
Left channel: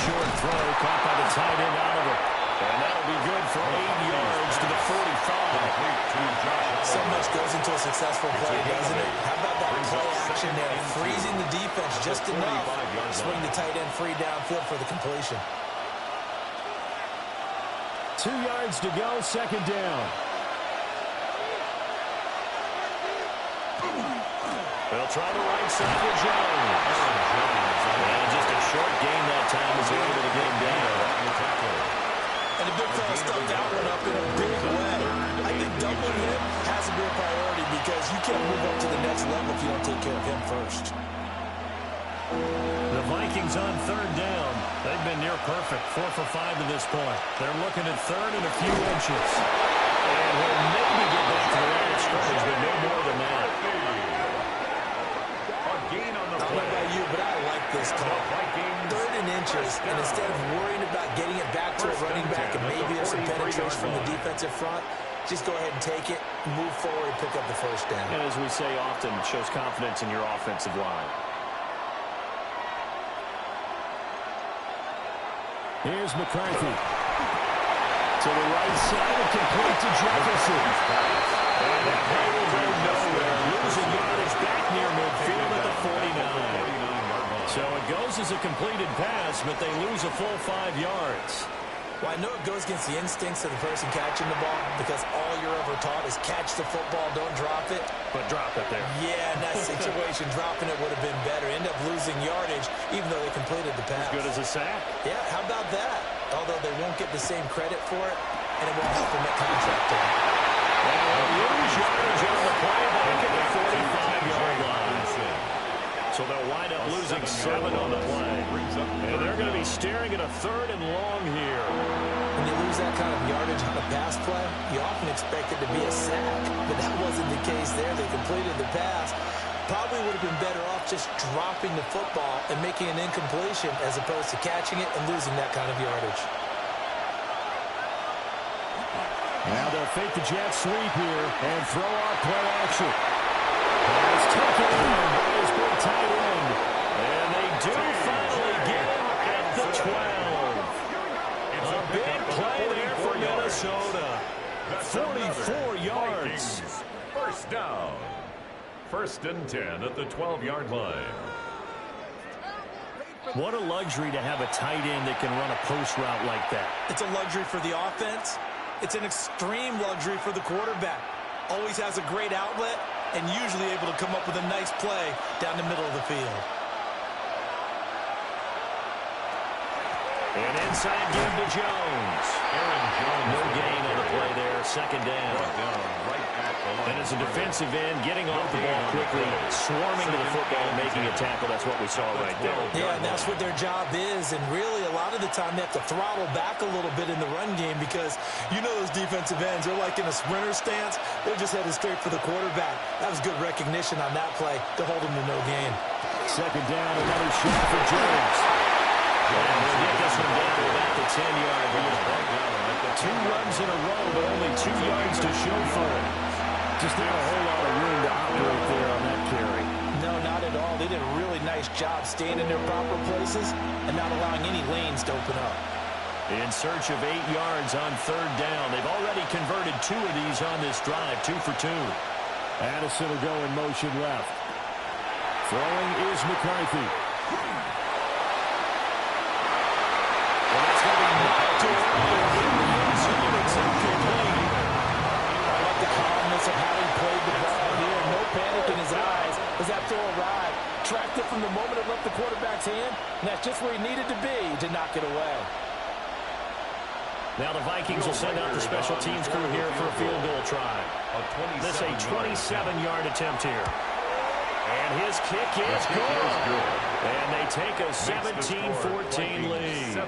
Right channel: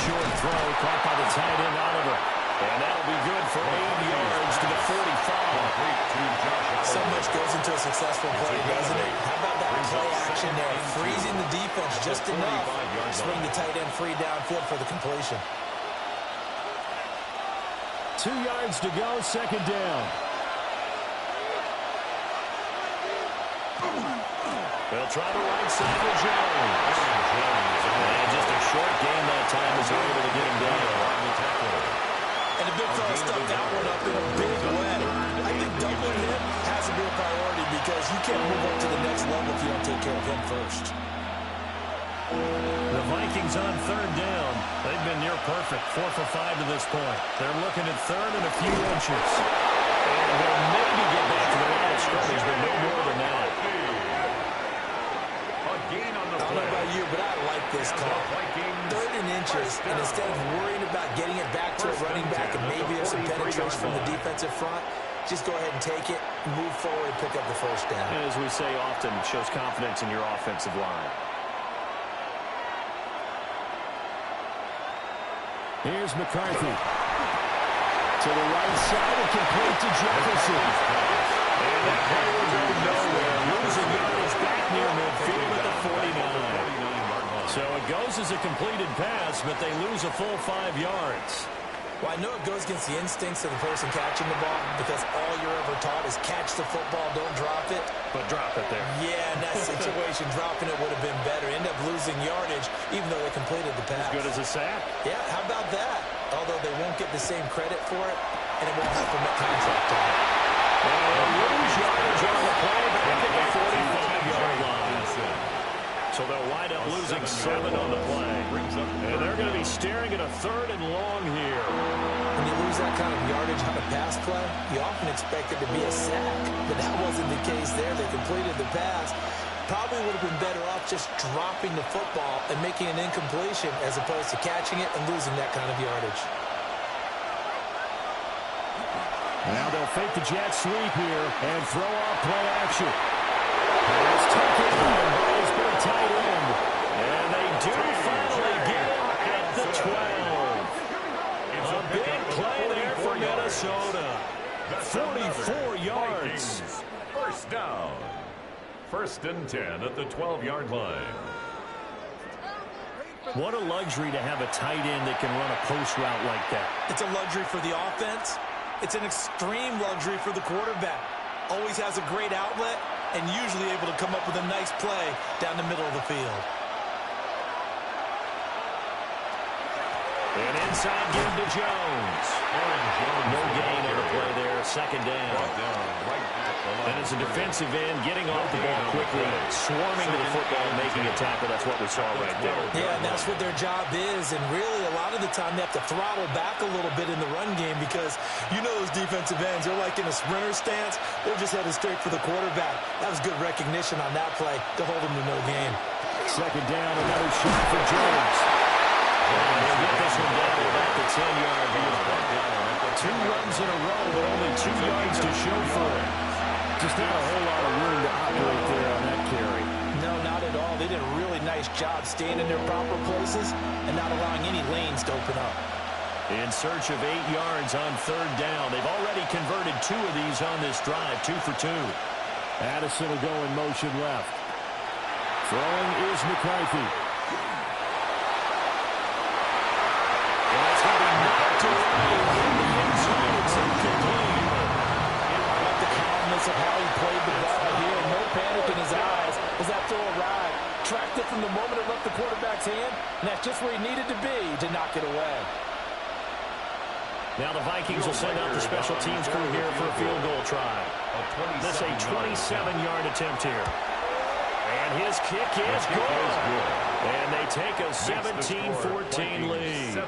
Short throw caught by the tight end Oliver. And that'll be good for 8 yards to the 45. So much goes into a successful play, doesn't it? How about that play action there? Freezing the defense just enough. Swing the tight end free downfield for the completion. 2 yards to go, 2nd down. They'll try the right side with Jones. And just a short gain that time as they're able to get him down. And the big fella stuffed that one up in a big way. I think doubling him has to be a priority because you can't move up to the next level if you don't take care of him first. The Vikings on 3rd down. They've been near perfect, 4 for 5 to this point. They're looking at 3rd and a few inches. And he'll maybe get back to the line of scrimmage, but no more than that. I don't know about you, but I like this call. 3rd and inches, and instead of worrying about getting it back to a running back and maybe there's some penetration from the defensive front, just go ahead and take it, move forward, and pick up the 1st down. And as we say often, it shows confidence in your offensive line. Here's McCarthy. To the right side and complete to Jefferson. And that play will go nowhere. Losing yardage back near midfield at the 49. So it goes as a completed pass, but they lose a full 5 yards. Well, I know it goes against the instincts of the person catching the ball because all you're ever taught is catch the football, don't drop it. But drop it there. Yeah, in that situation, dropping it would have been better. End up losing yardage, even though they completed the pass. As good as a sack. Yeah, how about that? Although they won't get the same credit for it, and it won't help them at contract time. And they'll lose yardage on the play back at the 45-yard line. So they'll wind up losing 7 on the play. And they're going to be staring at a 3rd and long here. When you lose that kind of yardage on a pass play, you often expect it to be a sack. But that wasn't the case there. They completed the pass. Probably would have been better off just dropping the football and making an incompletion as opposed to catching it and losing that kind of yardage. Now they'll fake the jet sweep here and throw off play action. Pass taken in by his big tight end. And they do finally get him at the 12. A big play there for Minnesota. 44 yards. 1st down. 1st and 10 at the 12-yard line. What a luxury to have a tight end that can run a post route like that. It's a luxury for the offense. It's an extreme luxury for the quarterback. Always has a great outlet and usually able to come up with a nice play down the middle of the field. And inside give to Jones. No gain on the play there. 2nd down. And as a defensive end, getting off the ball quickly, swarming to the football, making a tackle. That's what we saw right there. Yeah, and that's what their job is. And really, a lot of the time, they have to throttle back a little bit in the run game because you know those defensive ends, they're like in a sprinter stance. They're just headed straight for the quarterback. That was good recognition on that play to hold them to no gain. 2nd down, another shot for Jones. And he'll get this one down to about the 10-yard line. 2 runs in a row, but only 2 yards to show for it. Just not a whole lot of room to operate there on that carry. No, not at all. They did a really nice job staying in their proper places and not allowing any lanes to open up. In search of 8 yards on 3rd down. They've already converted 2 of these on this drive, 2 for 2. Addison will go in motion left. Throwing is McCarthy. And that's going to be knocked away in the end zone. It's incomplete. I like the calmness of how he played the ball here. No panic in his eyes as that throw arrived. Tracked it from the moment it left the quarterback's hand, and that's just where he needed to be to knock it away. Now the Vikings will send out the special teams crew here for a field goal try. This a 27-yard attempt here. And his kick is good. And they take a 17-14 lead.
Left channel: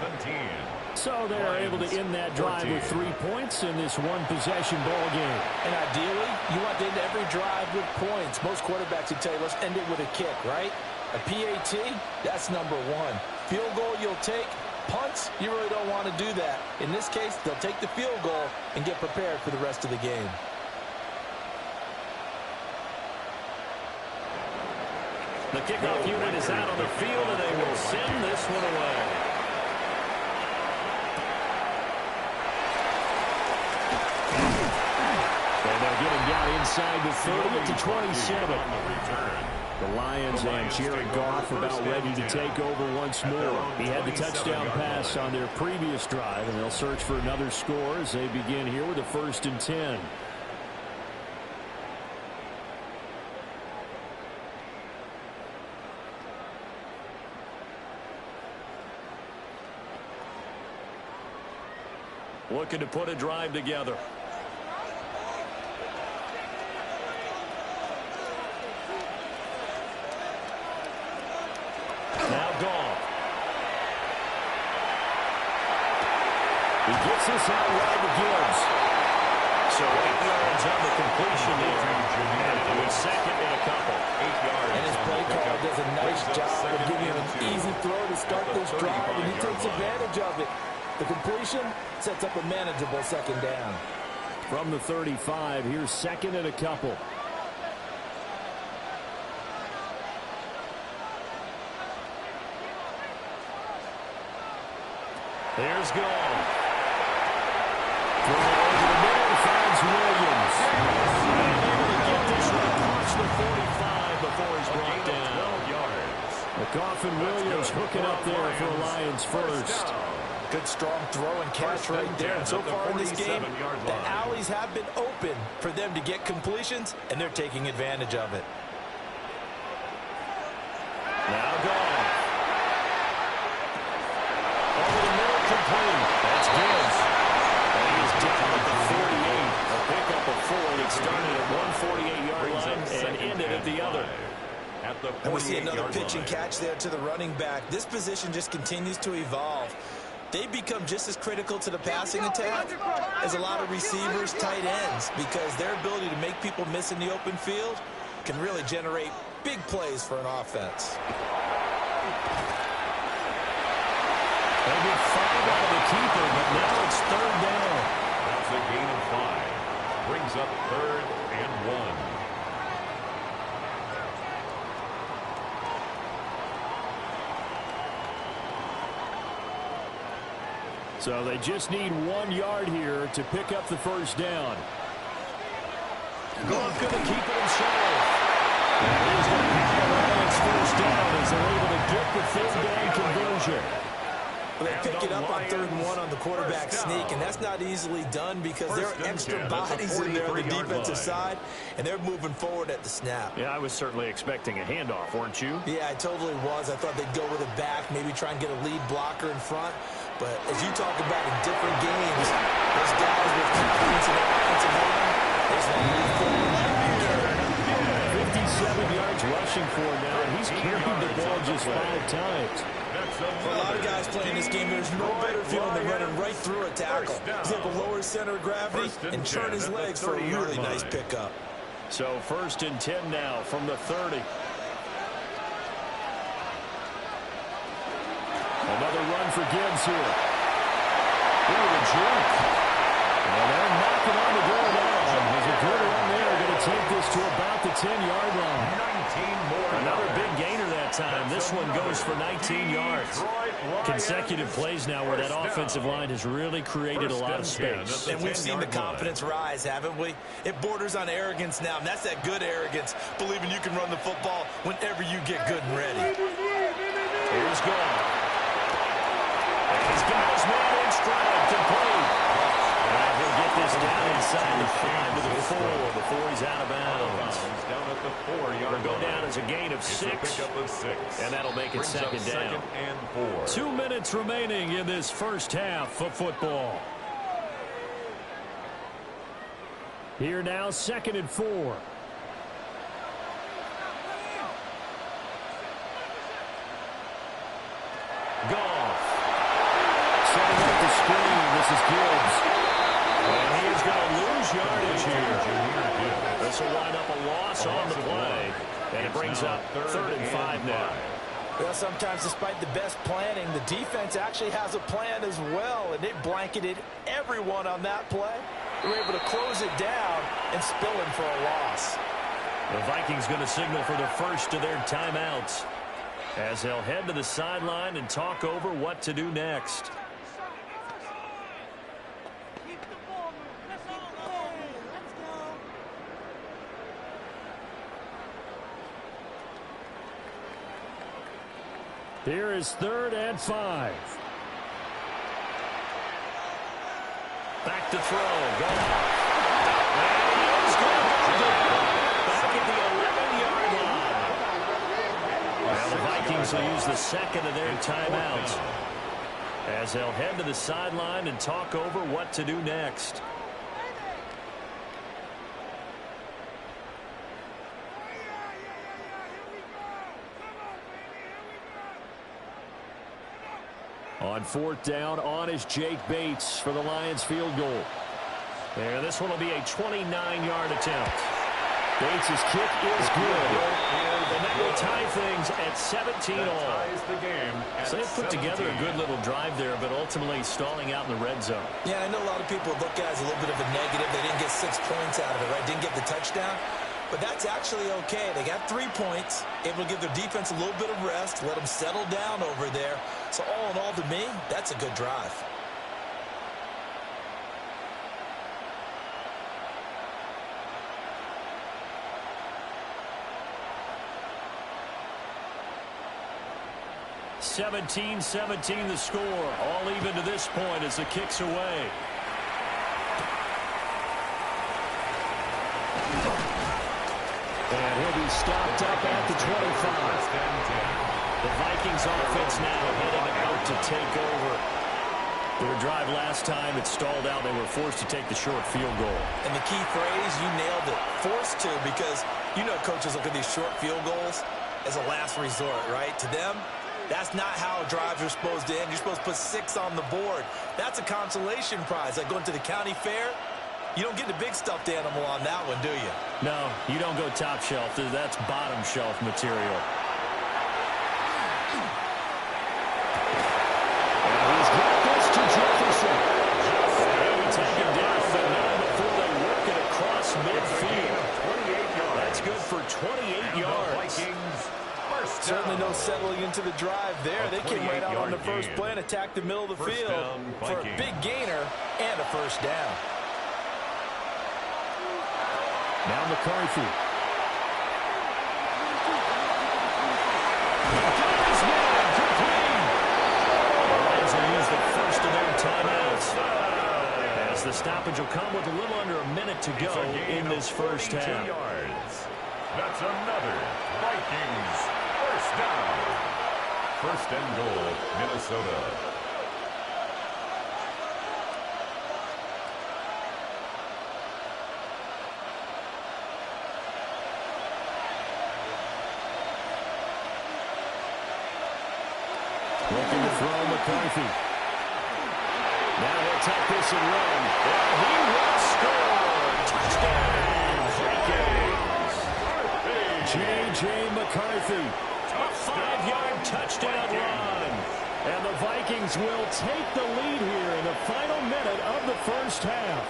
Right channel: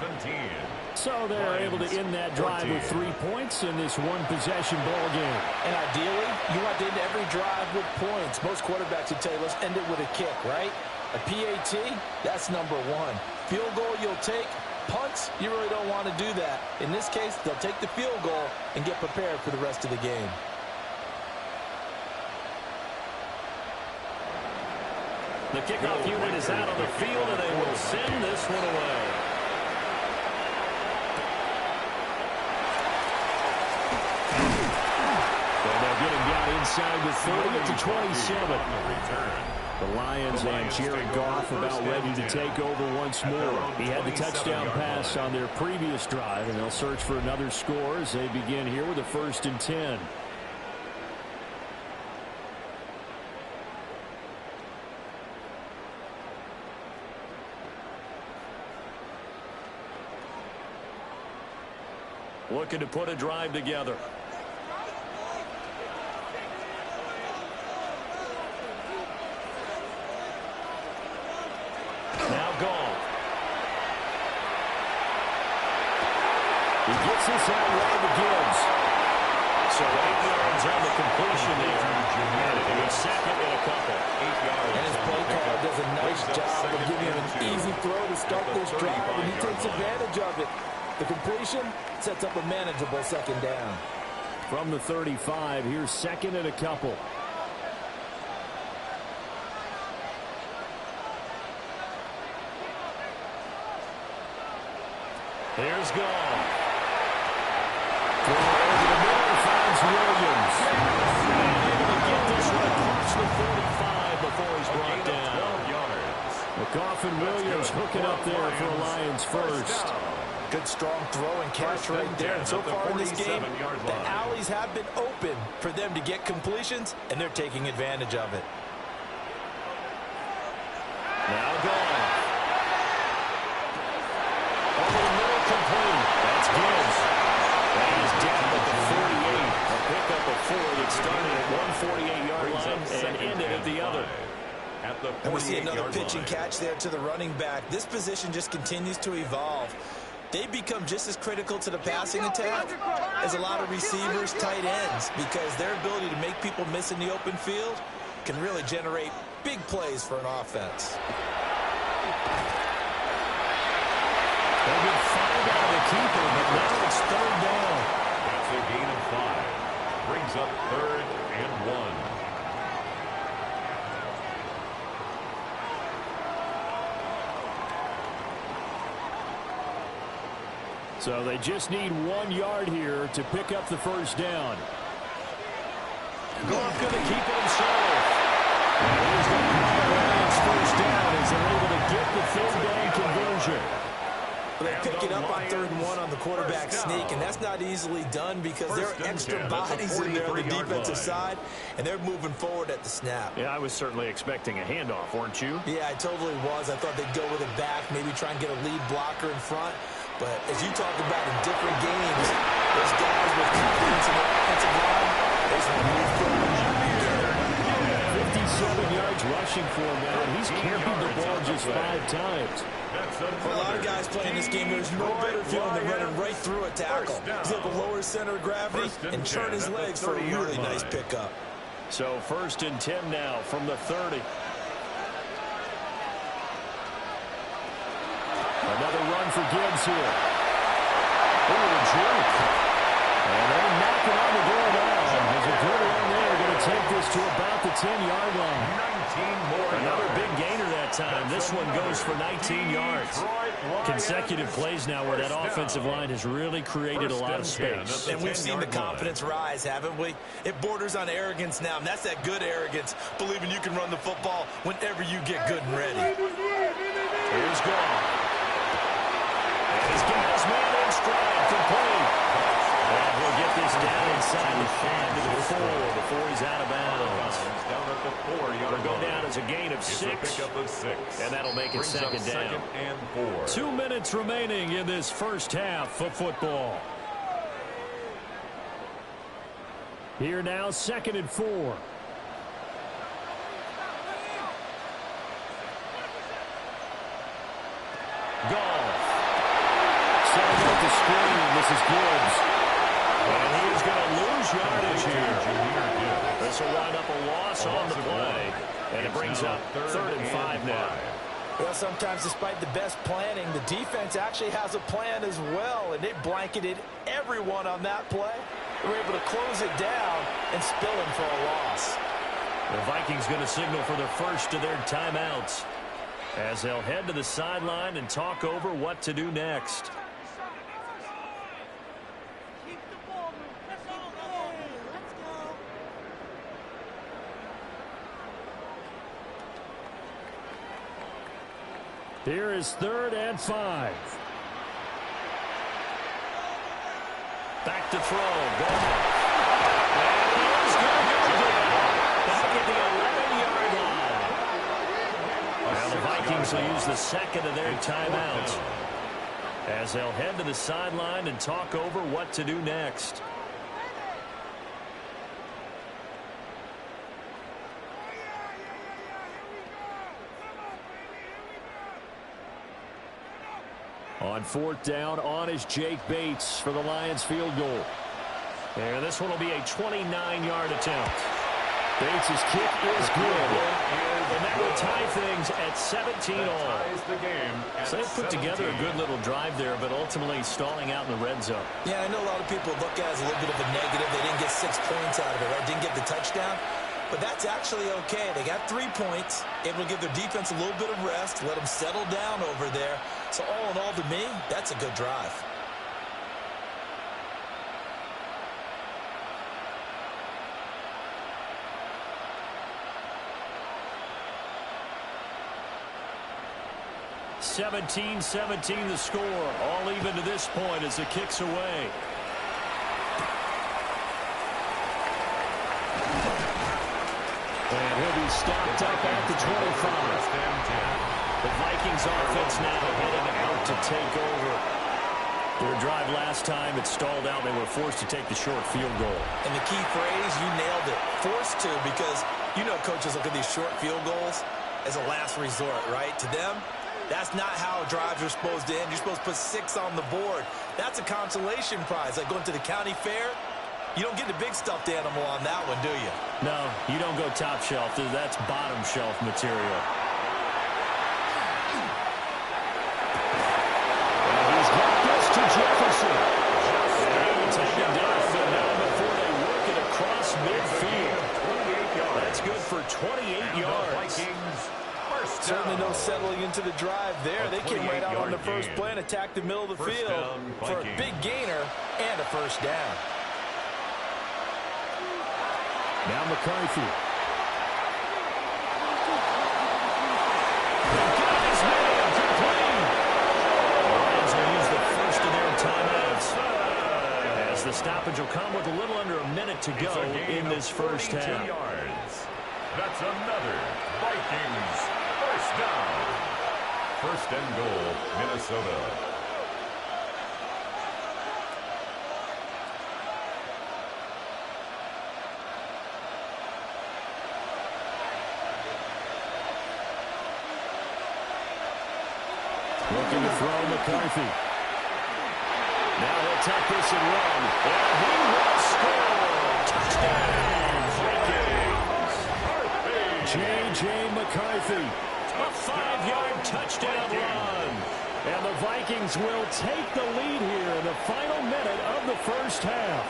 So they're able to end that drive with 3 points in this one-possession ball game. And ideally, you want to end every drive with points. Most quarterbacks would tell you, let's end it with a kick, right? A PAT, that's number one. Field goal you'll take. Punts, you really don't want to do that. In this case, they'll take the field goal and get prepared for the rest of the game. The kickoff unit is out on the field, and they will send this one away. And they'll get him down inside the 30 to 27. The Lions and Jared Goff about ready to take over once more. He had the touchdown pass on their previous drive, and they'll search for another score as they begin here with a 1st and 10. Looking to put a drive together. Now Goff. He gets this out wide to Gibbs. So 8 yards on the completion there. And it'll be second and a couple. 8 yards. And his play caller does a nice job of giving him an easy throw to start this drive, and he takes advantage of it. The completion sets up a manageable 2nd down. From the 35, here's 2nd and a couple. Here's Goff. Throw over the middle, finds Williams. And able to get this one across the 45 before he's brought down. 12 yards. McGoff and Williams hooking up there for a Lions first. Good strong throw and catch right there. And so far in this game, the alleys have been open for them to get completions, and they're taking advantage of it. Now Goff. Over the middle, complete. That's Gibbs. And he's down at the 48. A pickup of 4 that started at 148-yard line and ended at the other. And we see another pitch and catch there to the running back. This position just continues to evolve. They become just as critical to the passing attack as a lot of receivers, tight ends, because their ability to make people miss in the open field can really generate big plays for an offense. They'll get 5 out of the keeper, but now it's 3rd down. That's a gain of 5. Brings up 3rd and 1. So they just need 1 yard here to pick up the 1st down. Goff going to keep it himself. And he's going to have the Lions 1st down as they're able to get the 3rd down conversion. They pick it up on 3rd and 1 on the quarterback sneak, and that's not easily done because there are extra bodies in there on the defensive side, and they're moving forward at the snap. Yeah, I was certainly expecting a handoff, weren't you? Yeah, I totally was. I thought they'd go with it back, maybe try and get a lead blocker in front. But as you talk about in different games, those guys with confidence in their offensive line, they just want to move forward. 57 yards rushing for him now, and he's carried the ball just 5 times. For a lot of guys playing this game, there's no better feeling than running right through a tackle. He's able to lower his center of gravity and turn his legs for a really nice pickup. So 1st and 10 now from the 30. Another run for Gibbs here. Ooh, the juke. And they're knocking on the door now. There's a good run there. Going to take this to about the 10-yard line. 19 more Another big gainer that time. This one goes for 19 yards. Consecutive plays now where that offensive line has really created a lot of space. And we've seen the confidence rise, haven't we? It borders on arrogance now, and that's that good arrogance, believing you can run the football whenever you get good and ready. Here's Goff. And he's got his man in stride, complete. And he'll get this down inside the 5 to the 4 before he's out of bounds. Down at the 4-yard line. It'll go down as a gain of 6. And that'll make it 2nd down. 2nd and 4. 2 minutes remaining in this 1st half of football. Here now, 2nd and 4. Goff. Setting up the screen. This is Gibbs. And he is going to lose yardage here. This will wind up a loss on the play. And it brings up 3rd and 5 now. Well, sometimes despite the best planning, the defense actually has a plan as well, and they blanketed everyone on that play. They were able to close it down and spill him for a loss. The Vikings going to signal for the first of their timeouts as they'll head to the sideline and talk over what to do next. Keep the ball moving. Let's go. Let's go. Here is 3rd and 5. Back to throw. Goff. And he is going to go down. Back at the 11-yard line. Now the Vikings will use the 2nd of their timeouts as they'll head to the sideline and talk over what to do next. On 4th down, on is Jake Bates for the Lions field goal. And this one will be a 29-yard attempt. Bates' kick is good. And that will tie things at 17-all. So they put together a good little drive there, but ultimately stalling out in the red zone. Yeah, I know a lot of people look at it as a little bit of a negative. They didn't get 6 points out of it, right? Didn't get the touchdown. But that's actually okay. They got 3 points, able to give their defense a little bit of rest, let them settle down over there. So all in all, to me, that's a good drive. (17-17) the score. All even to this point as the kick's away. And he'll be stopped up at the 25. The Vikings offense now heading out to take over. Their drive last time, it stalled out. They were forced to take the short field goal. And the key phrase, you nailed it. Forced to, because you know coaches look at these short field goals as a last resort, right? To them, that's not how drives are supposed to end. You're supposed to put 6 on the board. That's a consolation prize. Like going to the county fair, you don't get the big stuffed animal on that one, do you? No, you don't go top shelf. That's bottom shelf material. And he's got this to Jefferson. And he'll be taken down, but not before they work it across midfield. That's good for 28 yards. Certainly no settling into the drive there. They came right out on the first play and attacked the middle of the field for a big gainer and a first down. Now McCarthy. He got his man complete. The Lions will use the first of their timeouts as the stoppage will come with a little under a minute to go in this first half. That's another Vikings first down. 1st and goal, Minnesota. Looking to throw McCarthy. Now he'll tuck this and run. And he will score. Touchdown, Vikings. J.J. McCarthy. A 5-yard touchdown run. And the Vikings will take the lead here in the final minute of the first half.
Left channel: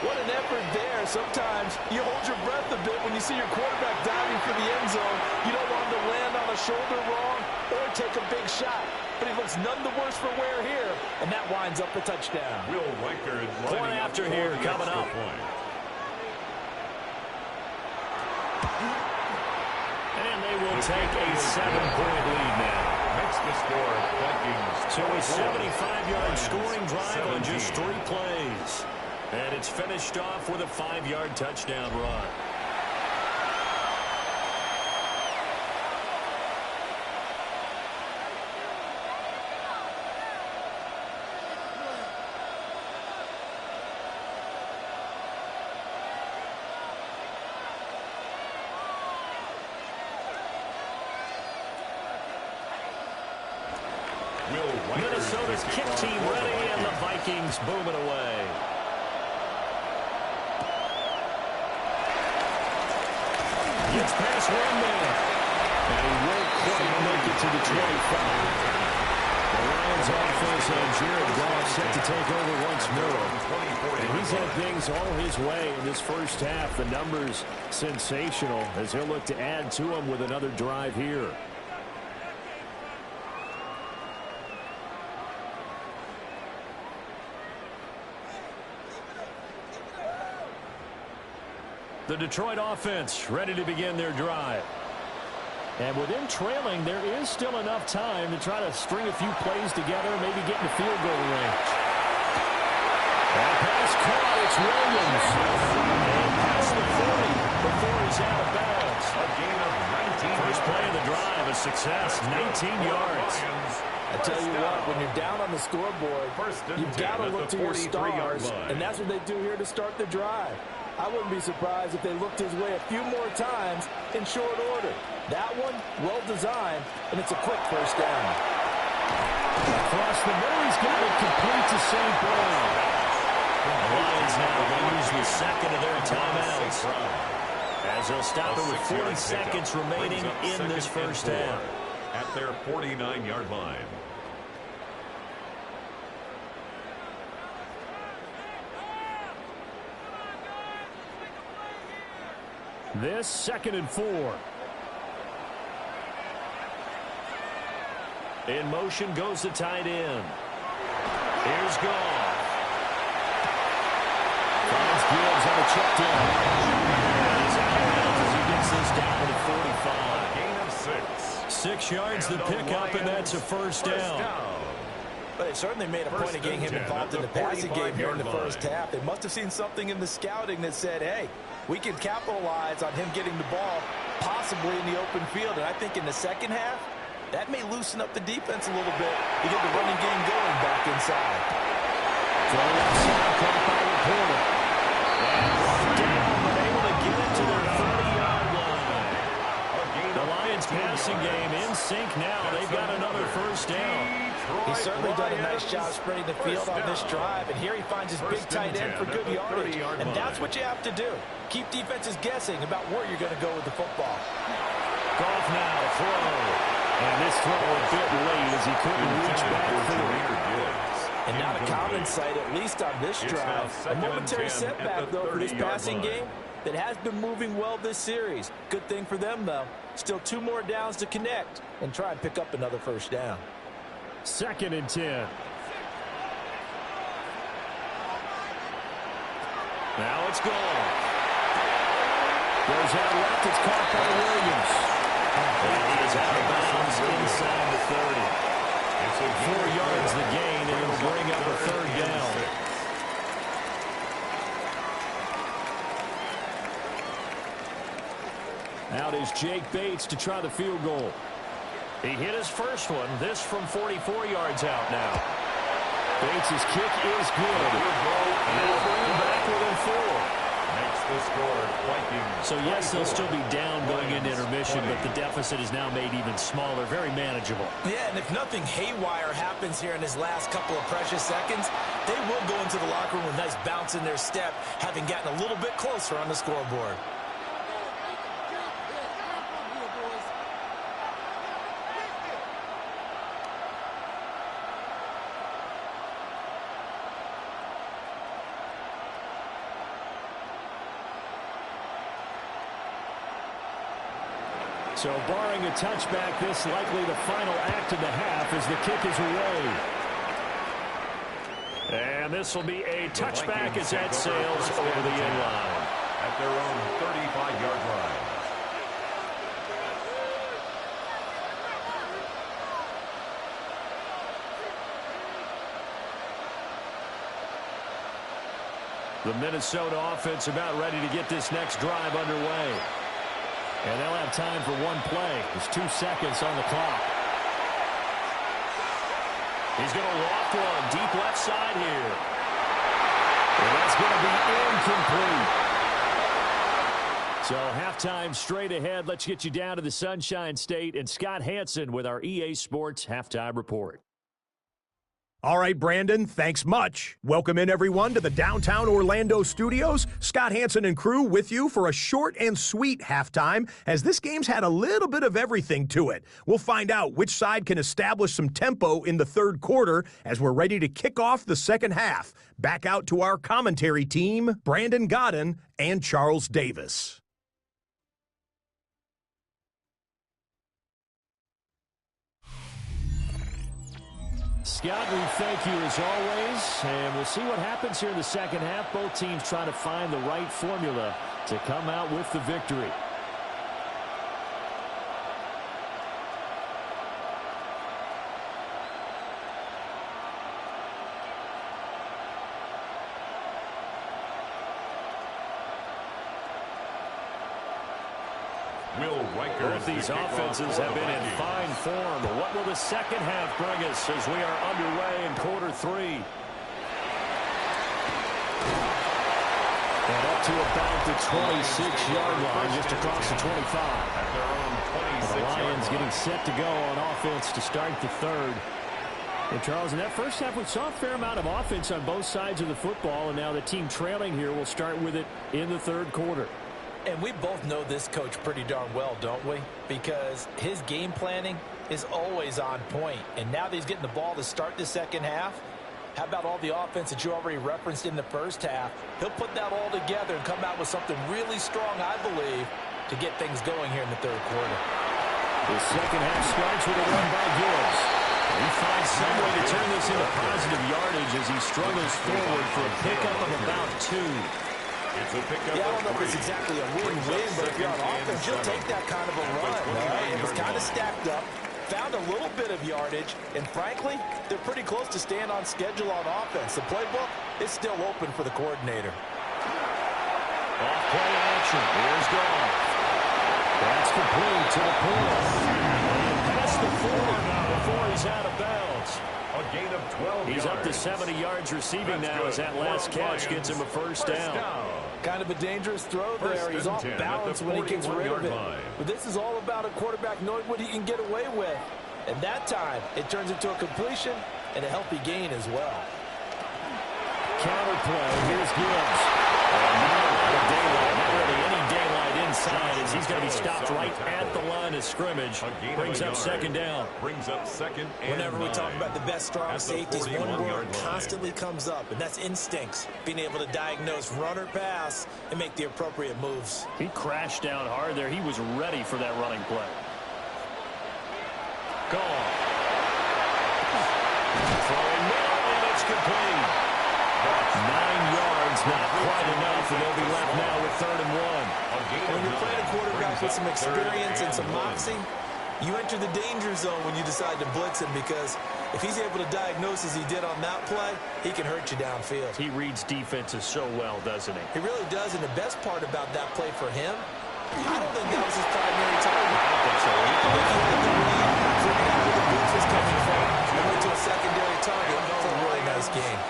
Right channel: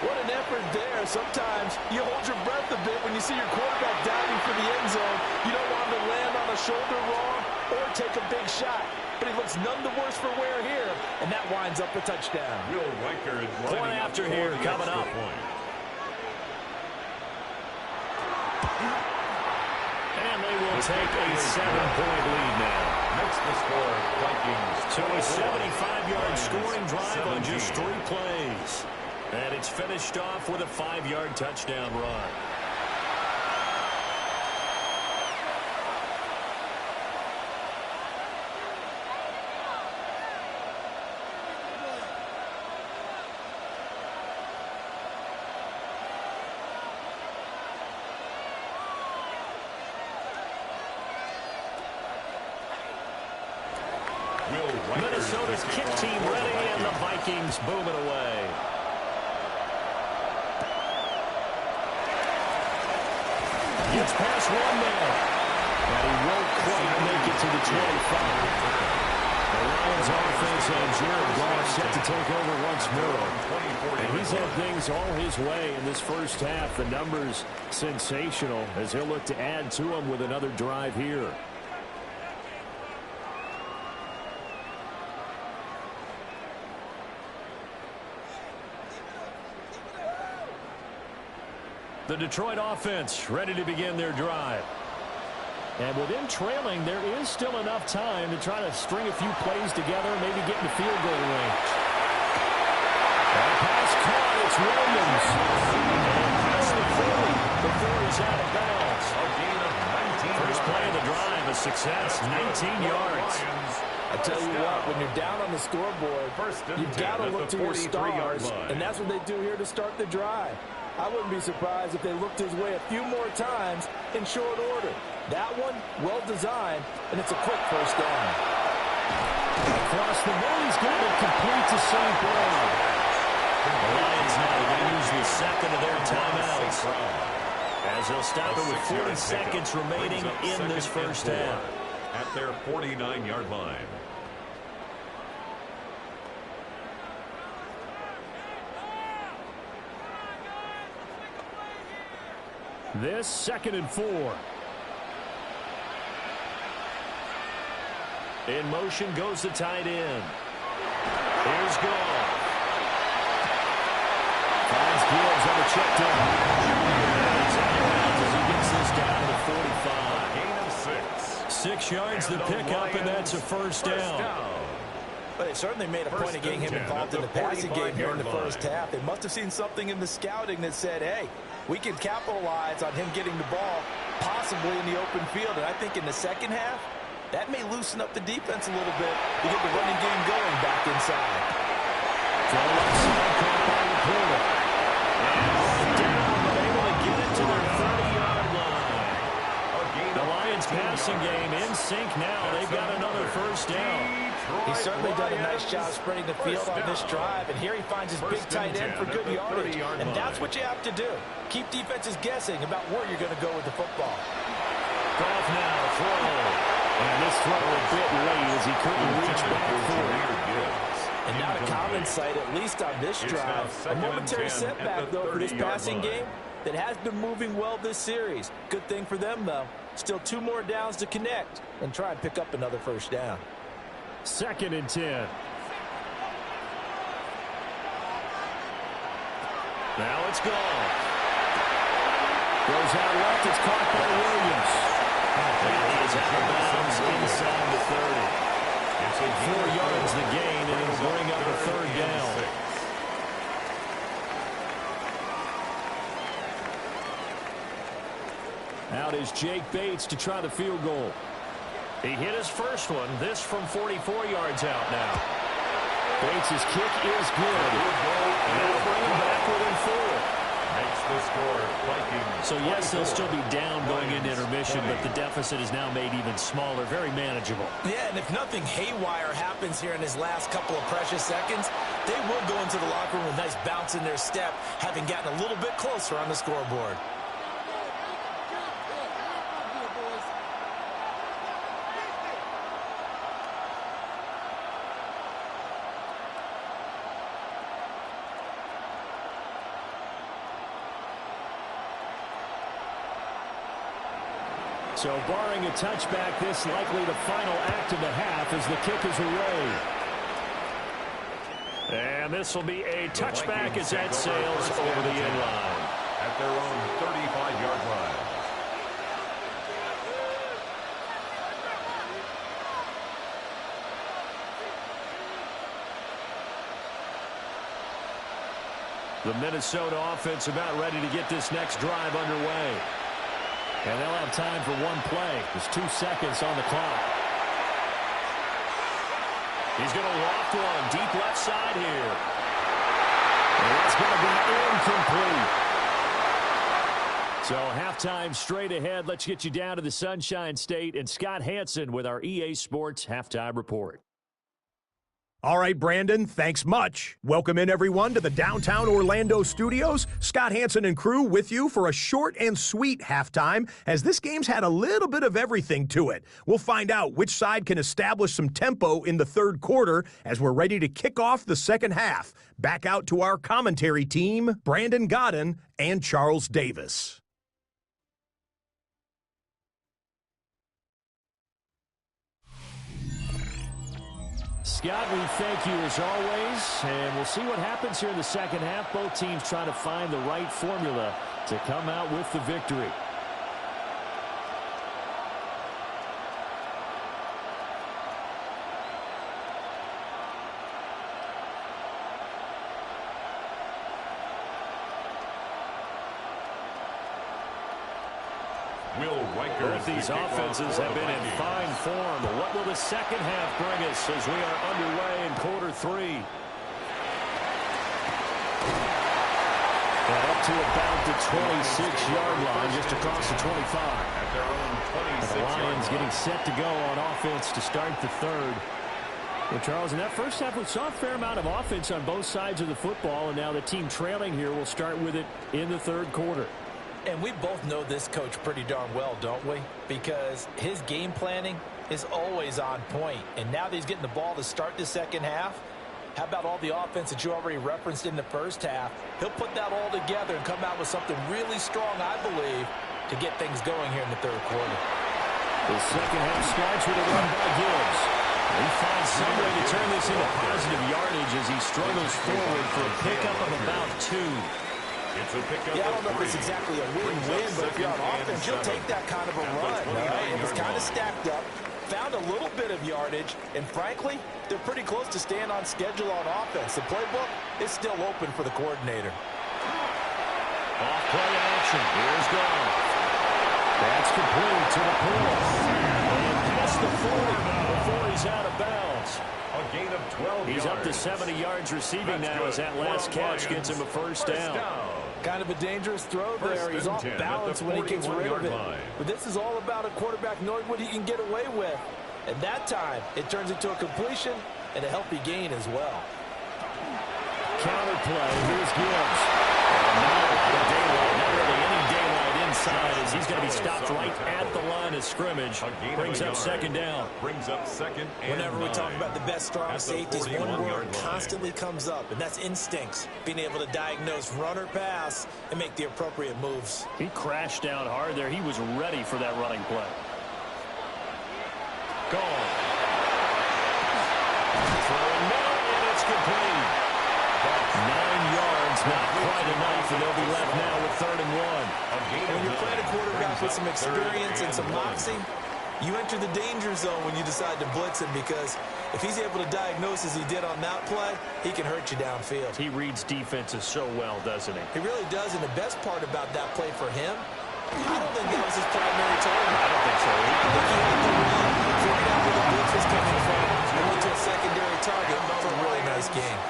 What an effort there. Sometimes you hold your breath a bit when you see your quarterback diving for the end zone. You don't want him to land on a shoulder wrong or take a big shot. But he looks none the worse for wear here, and that winds up a touchdown. Will Riker Point after here coming up. And they will take a 7-point lead now. Makes the score Vikings. So a 75-yard scoring drive on just 3 plays. And it's finished off with a 5-yard touchdown run. Minnesota's kick team ready, and the Vikings boom it away. Gets past one man, and he won't quite make it to the 25. The Lions offense and Jared Goff set to take over once more. And he's had things all his way in this first half. The numbers sensational as he'll look to add to them with another drive here. The Detroit offense ready to begin their drive. And with them trailing, there is still enough time to try to string a few plays together, maybe get in the field goal range. That pass caught. It's Williams. And past the 40 before he's out of bounds. A gain of 19 First play of the drive, a success, 19 yards. I tell you what, when you're down on the scoreboard, you've got to look to your stars, and that's what they do here to start the drive. I wouldn't be surprised if they looked his way a few more times in short order. That one, well designed, and it's a quick first down. Across the middle, he's got it complete to St. Brown. The Lions now going to use the second of their timeouts, as they'll stop it with 40 seconds remaining in this first half. At their 49-yard line. This 2nd and 4. In motion goes the tight end. Here's Goff. Finds Gibbs on the check down. He's out of bounds as he gets this down to the 45. A gain of 6. 6 yards to pick up, and that's a first down. But they certainly made a point of getting him involved in the passing game here in the first half. They must have seen something in the scouting that said, hey, we can capitalize on him getting the ball possibly in the open field. And I think in the second half, that may loosen up the defense a little bit to get the running game going back inside. Throw outside, caught by Laporta. And brought down, but able to get it to their 30-yard line. The Lions passing game in sync now. They've got another first down. He's certainly done a nice job spreading the field on this drive, and here he finds his big tight end for good yardage. And that's what you have to do. Keep defenses guessing about where you're going to go with the football. Goff now to throw. And this throw a bit late as he couldn't reach back for it. And not a common sight, at least on this drive. A momentary setback, though, for this passing game that has been moving well this series. Good thing for them, though. Still 2 more downs to connect and try and pick up another first down. 2nd and 10. Now it's gone. Goes out left. It's caught by Williams. And he is out of bounds inside the 30. It's 4 yards the gain, and it'll bring up a third down. Out is Jake Bates to try the field goal. He hit his first one. This from 44 yards out now. Bates' kick is good. And it'll bring him back within 4. Makes the score Vikings. So, yes, they'll still be down going into intermission, but the deficit is now made even smaller, very manageable. Yeah, and if nothing haywire happens here in his last couple of precious seconds, they will go into the locker room with a nice bounce in their step, having gotten a little bit closer on the scoreboard. So barring a touchback, this likely the final act of the half as the kick is away. And this will be a touchback as that sails over the end line. At their own 35-yard line. The Minnesota offense about ready to get this next drive underway. And they'll have time for one play. There's 2 seconds on the clock. He's going to loft one deep left side here. And that's going to be incomplete. So halftime straight ahead. Let's get you down to the Sunshine State and Scott Hansen with our EA Sports Halftime Report. All right, Brandon, thanks much. Welcome in, everyone, to the downtown Orlando studios. Scott Hansen and crew with you for a short and sweet halftime, as this game's had a little bit of everything to it. We'll find out which side can establish some tempo in the third quarter as we're ready to kick off the second half. Back out to our commentary team, Brandon Godden and Charles Davis. Scott, we thank you as always, and we'll see what happens here in the second half. Both teams trying to find the right formula to come out with the victory. Both these offenses have been in fine form. What will the second half bring us as we are underway in quarter three? And up to about the 26-yard line, just across the 25. At their own 26-yard line. The Lions getting set to go on offense to start the third. And Charles, in that first half, we saw a fair amount of offense on both sides of the football, and now the team trailing here will start with it in the third quarter. And we both know this coach pretty darn well, don't we? Because his game planning is always on point. And now that he's getting the ball to start the second half, how about all the offense that you already referenced in the first half? He'll put that all together and come out with something really strong, I believe, to get things going here in the third quarter. The second half starts with a run by Gibbs. He finds some way to turn this into positive yardage as he struggles forward for a pickup of about 2. It's a pickup. Yeah, I don't know if it's exactly a win-win, but if you're on offense, you'll take that kind of a run. Right? It was kind of stacked up, found a little bit of yardage, and frankly, they're pretty close to staying on schedule on offense. The playbook is still open for the coordinator. Off-play action. Here's Goff. That's complete to the point. And past the 40 before he's out of bounds. A gain of 12 He's yards. up to 70 yards receiving now as that last catch gets him a first down. Kind of a dangerous throw there. He's off balance when he gets rid of it. But this is all about a quarterback knowing what he can get away with. And that time, it turns into a completion and a healthy gain as well. Counterplay. Here's Gibbs. And not a lot of daylight. Not really any daylight inside as he's going to be stopped right at the line of scrimmage. Brings up second down. Brings up second and Whenever we talk about the best strong safeties, one word line. constantly comes up, and that's instincts. Being able to diagnose run or pass and make the appropriate moves. He crashed down hard there. He was ready for that running play. Gone. Throwing middle, and it's complete. 9 yards, not quite enough, and they'll be left now with 3rd and 1. When you're playing a quarterback with some experience and some moxie, you enter the danger zone when you decide to blitz him, because if he's able to diagnose as he did on that play, he can hurt you downfield. He reads defenses so well, doesn't he? He really does, and the best part about that play for him, I don't think that was his primary target. I don't think so either. I think he had the read, figured out where the blitz was coming from, and went to a secondary target for a really nice game.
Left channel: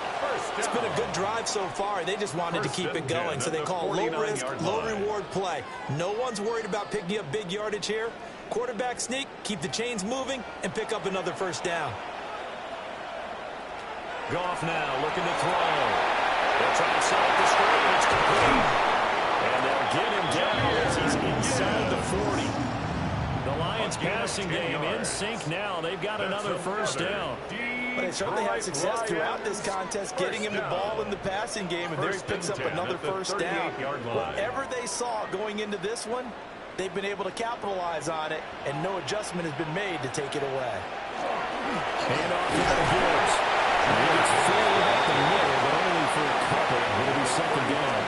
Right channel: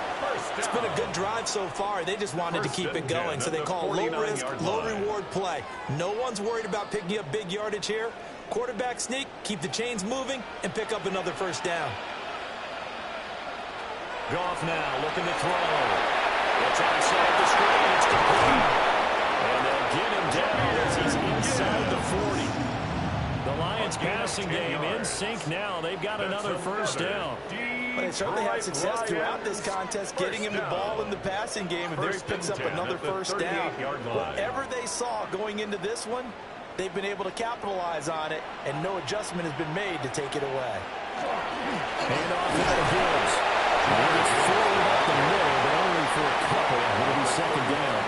It's been a good drive so far. They just wanted to keep it going, so they call low-risk, low-reward play. No one's worried about picking up big yardage here. Quarterback sneak, keep the chains moving, and pick up another first down. Goff now looking to throw. They'll try and set up the screen. It's complete. And they'll get him down as he's inside the 40. The Lions passing game in sync now. They've got another first down. But they certainly had success throughout this contest, getting him the ball in the passing game, and there he picks up another first down. Whatever they saw going into this one, they've been able to capitalize on it, and no adjustment has been made to take it away. Hand off now to Gibbs. He gets forward up the middle, but only for a couple. It'll be second down.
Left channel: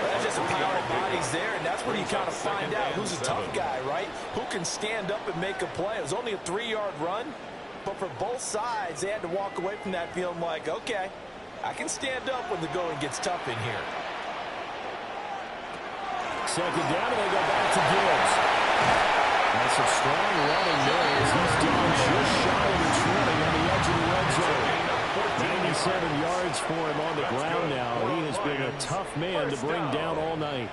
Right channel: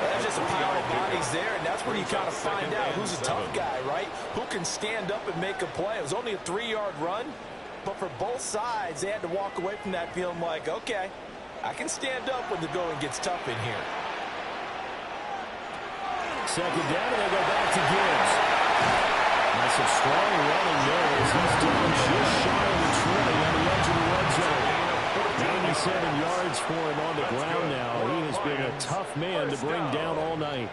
Well, that's just a pile of bodies there, and that's when you kind of find out who's a tough guy, right? Who can stand up and make a play. It was only a 3-yard run, but for both sides, they had to walk away from that feeling like, okay, I can stand up when the going gets tough in here. Second down, and they go back to Gibbs. That's some strong running there as he's down just shy of the 20 on the edge of the red zone. 97 yards for him on the ground now. He has been a tough man to bring down all night.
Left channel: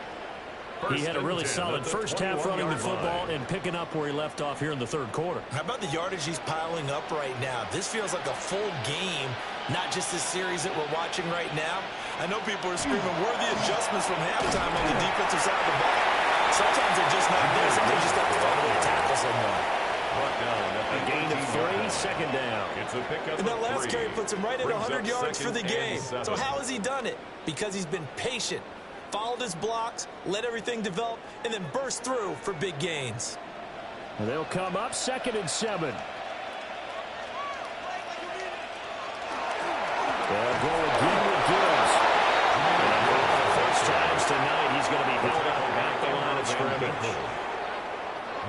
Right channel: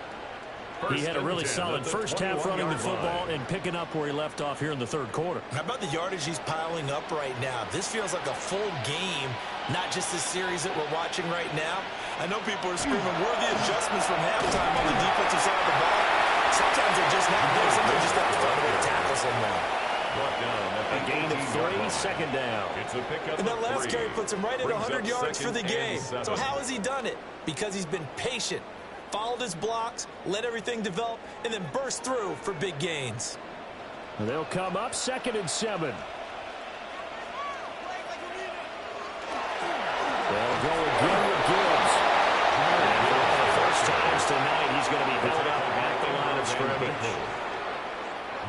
He had a really solid first half running the football and picking up where he left off here in the third quarter. How about the yardage he's piling up right now? This feels like a full game, not just this series that we're watching right now. I know people are screaming, where are the adjustments from halftime on the defensive side of the ball? Sometimes they're just not there. Sometimes you just have to find a way to tackle someone. A gain of 3, second down. And that last carry puts him right at 100 yards for the game. So how has he done it? Because he's been patient, followed his blocks, let everything develop, and then burst through for big gains. They'll come up 2nd and 7. They'll go again with Gibbs. And for one of the first times tonight, he's going to be held up at the line of scrimmage.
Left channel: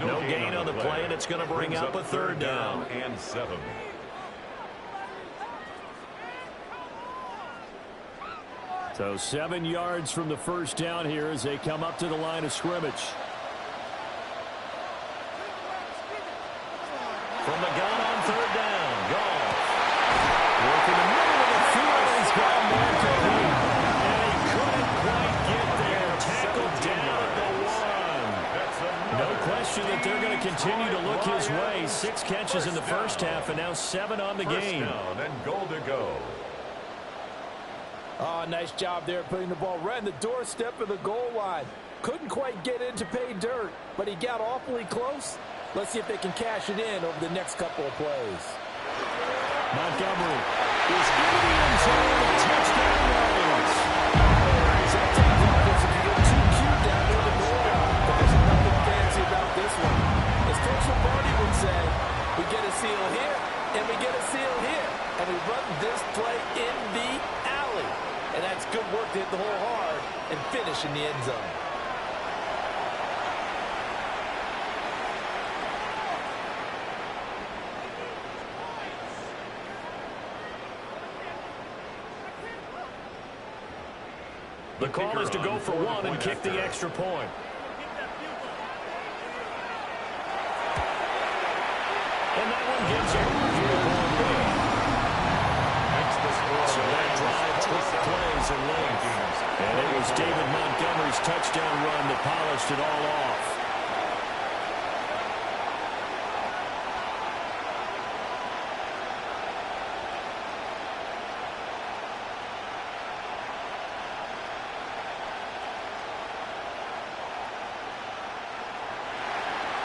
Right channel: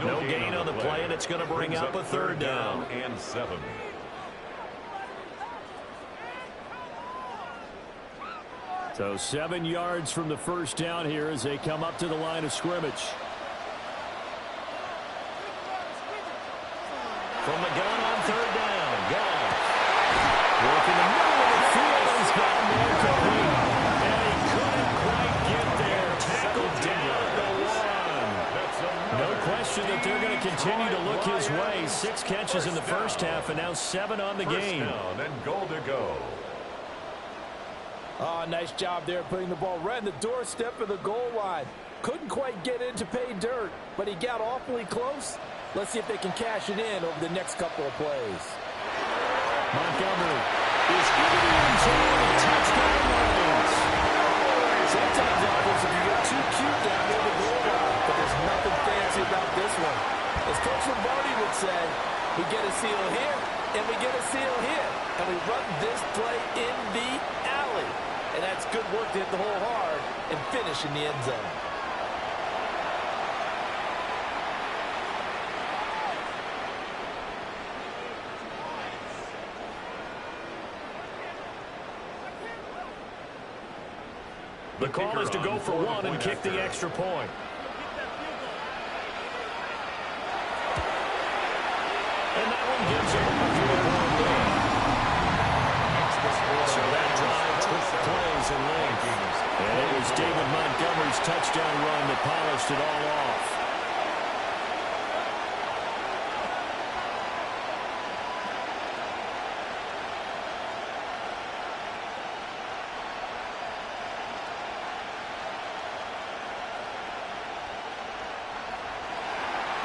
No gain on the play, and it's going to bring up a 3rd down. And 7. So 7 yards from the first down here as they come up to the line of scrimmage. From the gun on 3rd down, Goff. Work in the middle of the field, and he's got a man complete. And he couldn't quite get there. Tackled down at the 1. No question that they're going to continue to look his way. 6 catches in the first half, and now 7 on the game. Down and goal to go. Oh, nice job there putting the ball right in the doorstep of the goal line. Couldn't quite get in to pay dirt, but he got awfully close. Let's see if they can cash it in over the next couple of plays. Montgomery is into the end zone. Touchdown Lions. Sometimes offense, if you get too cute down near the goal line, but there's nothing fancy about this one. As Coach Lombardi would say, we get a seal here, and we get a seal here, and we run this play in the alley. And that's good work to hit the hole hard and finish in the end zone. The call is to go for 1 and kick the extra point. And that one gives him a 3-point lead. So that drive 12 plays in length. And it was David Montgomery's touchdown run that polished it all off.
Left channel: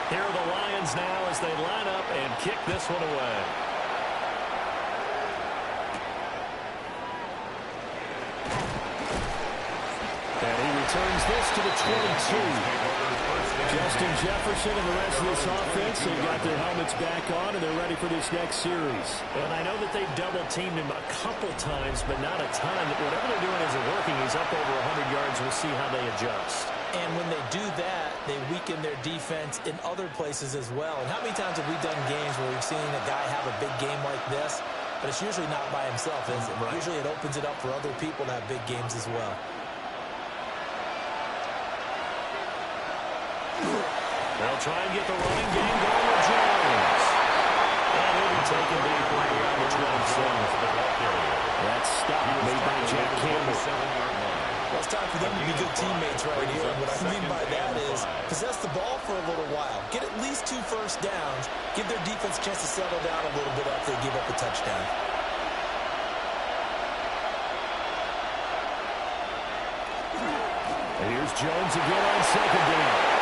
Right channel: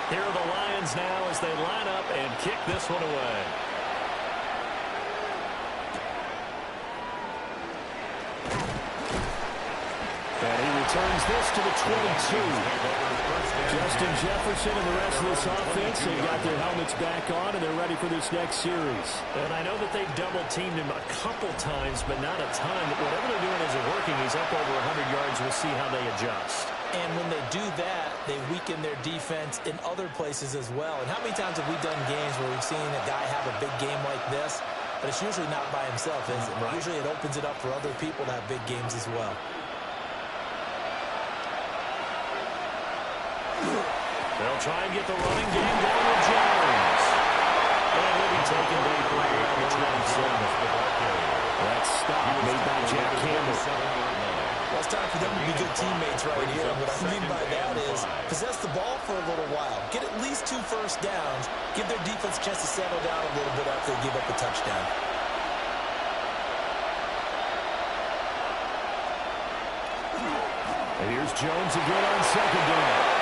Here are the Lions now as they line up and kick this one away. And he returns this to the 22. Justin Jefferson and the rest of this offense, they've got their helmets back on, and they're ready for this next series. And I know that they've double-teamed him a couple times, but not a ton. Whatever they're doing isn't working. He's up over 100 yards. We'll see how they adjust. And when they do that, they weaken their defense in other places as well. And how many times have we done games where we've seen a guy have a big game like this, but it's usually not by himself, is it? Right. Usually it opens it up for other people to have big games as well. They'll try and get the running game going with Jones. And he'll be taken deep right around the 27. That stop made by Jack Campbell. Well, it's time for them to be good teammates right here. What I mean by that is possess the ball for a little while. Get at least 2 first downs. Give their defense a chance to settle down a little bit after they give up a touchdown. And here's Jones again on 2nd down.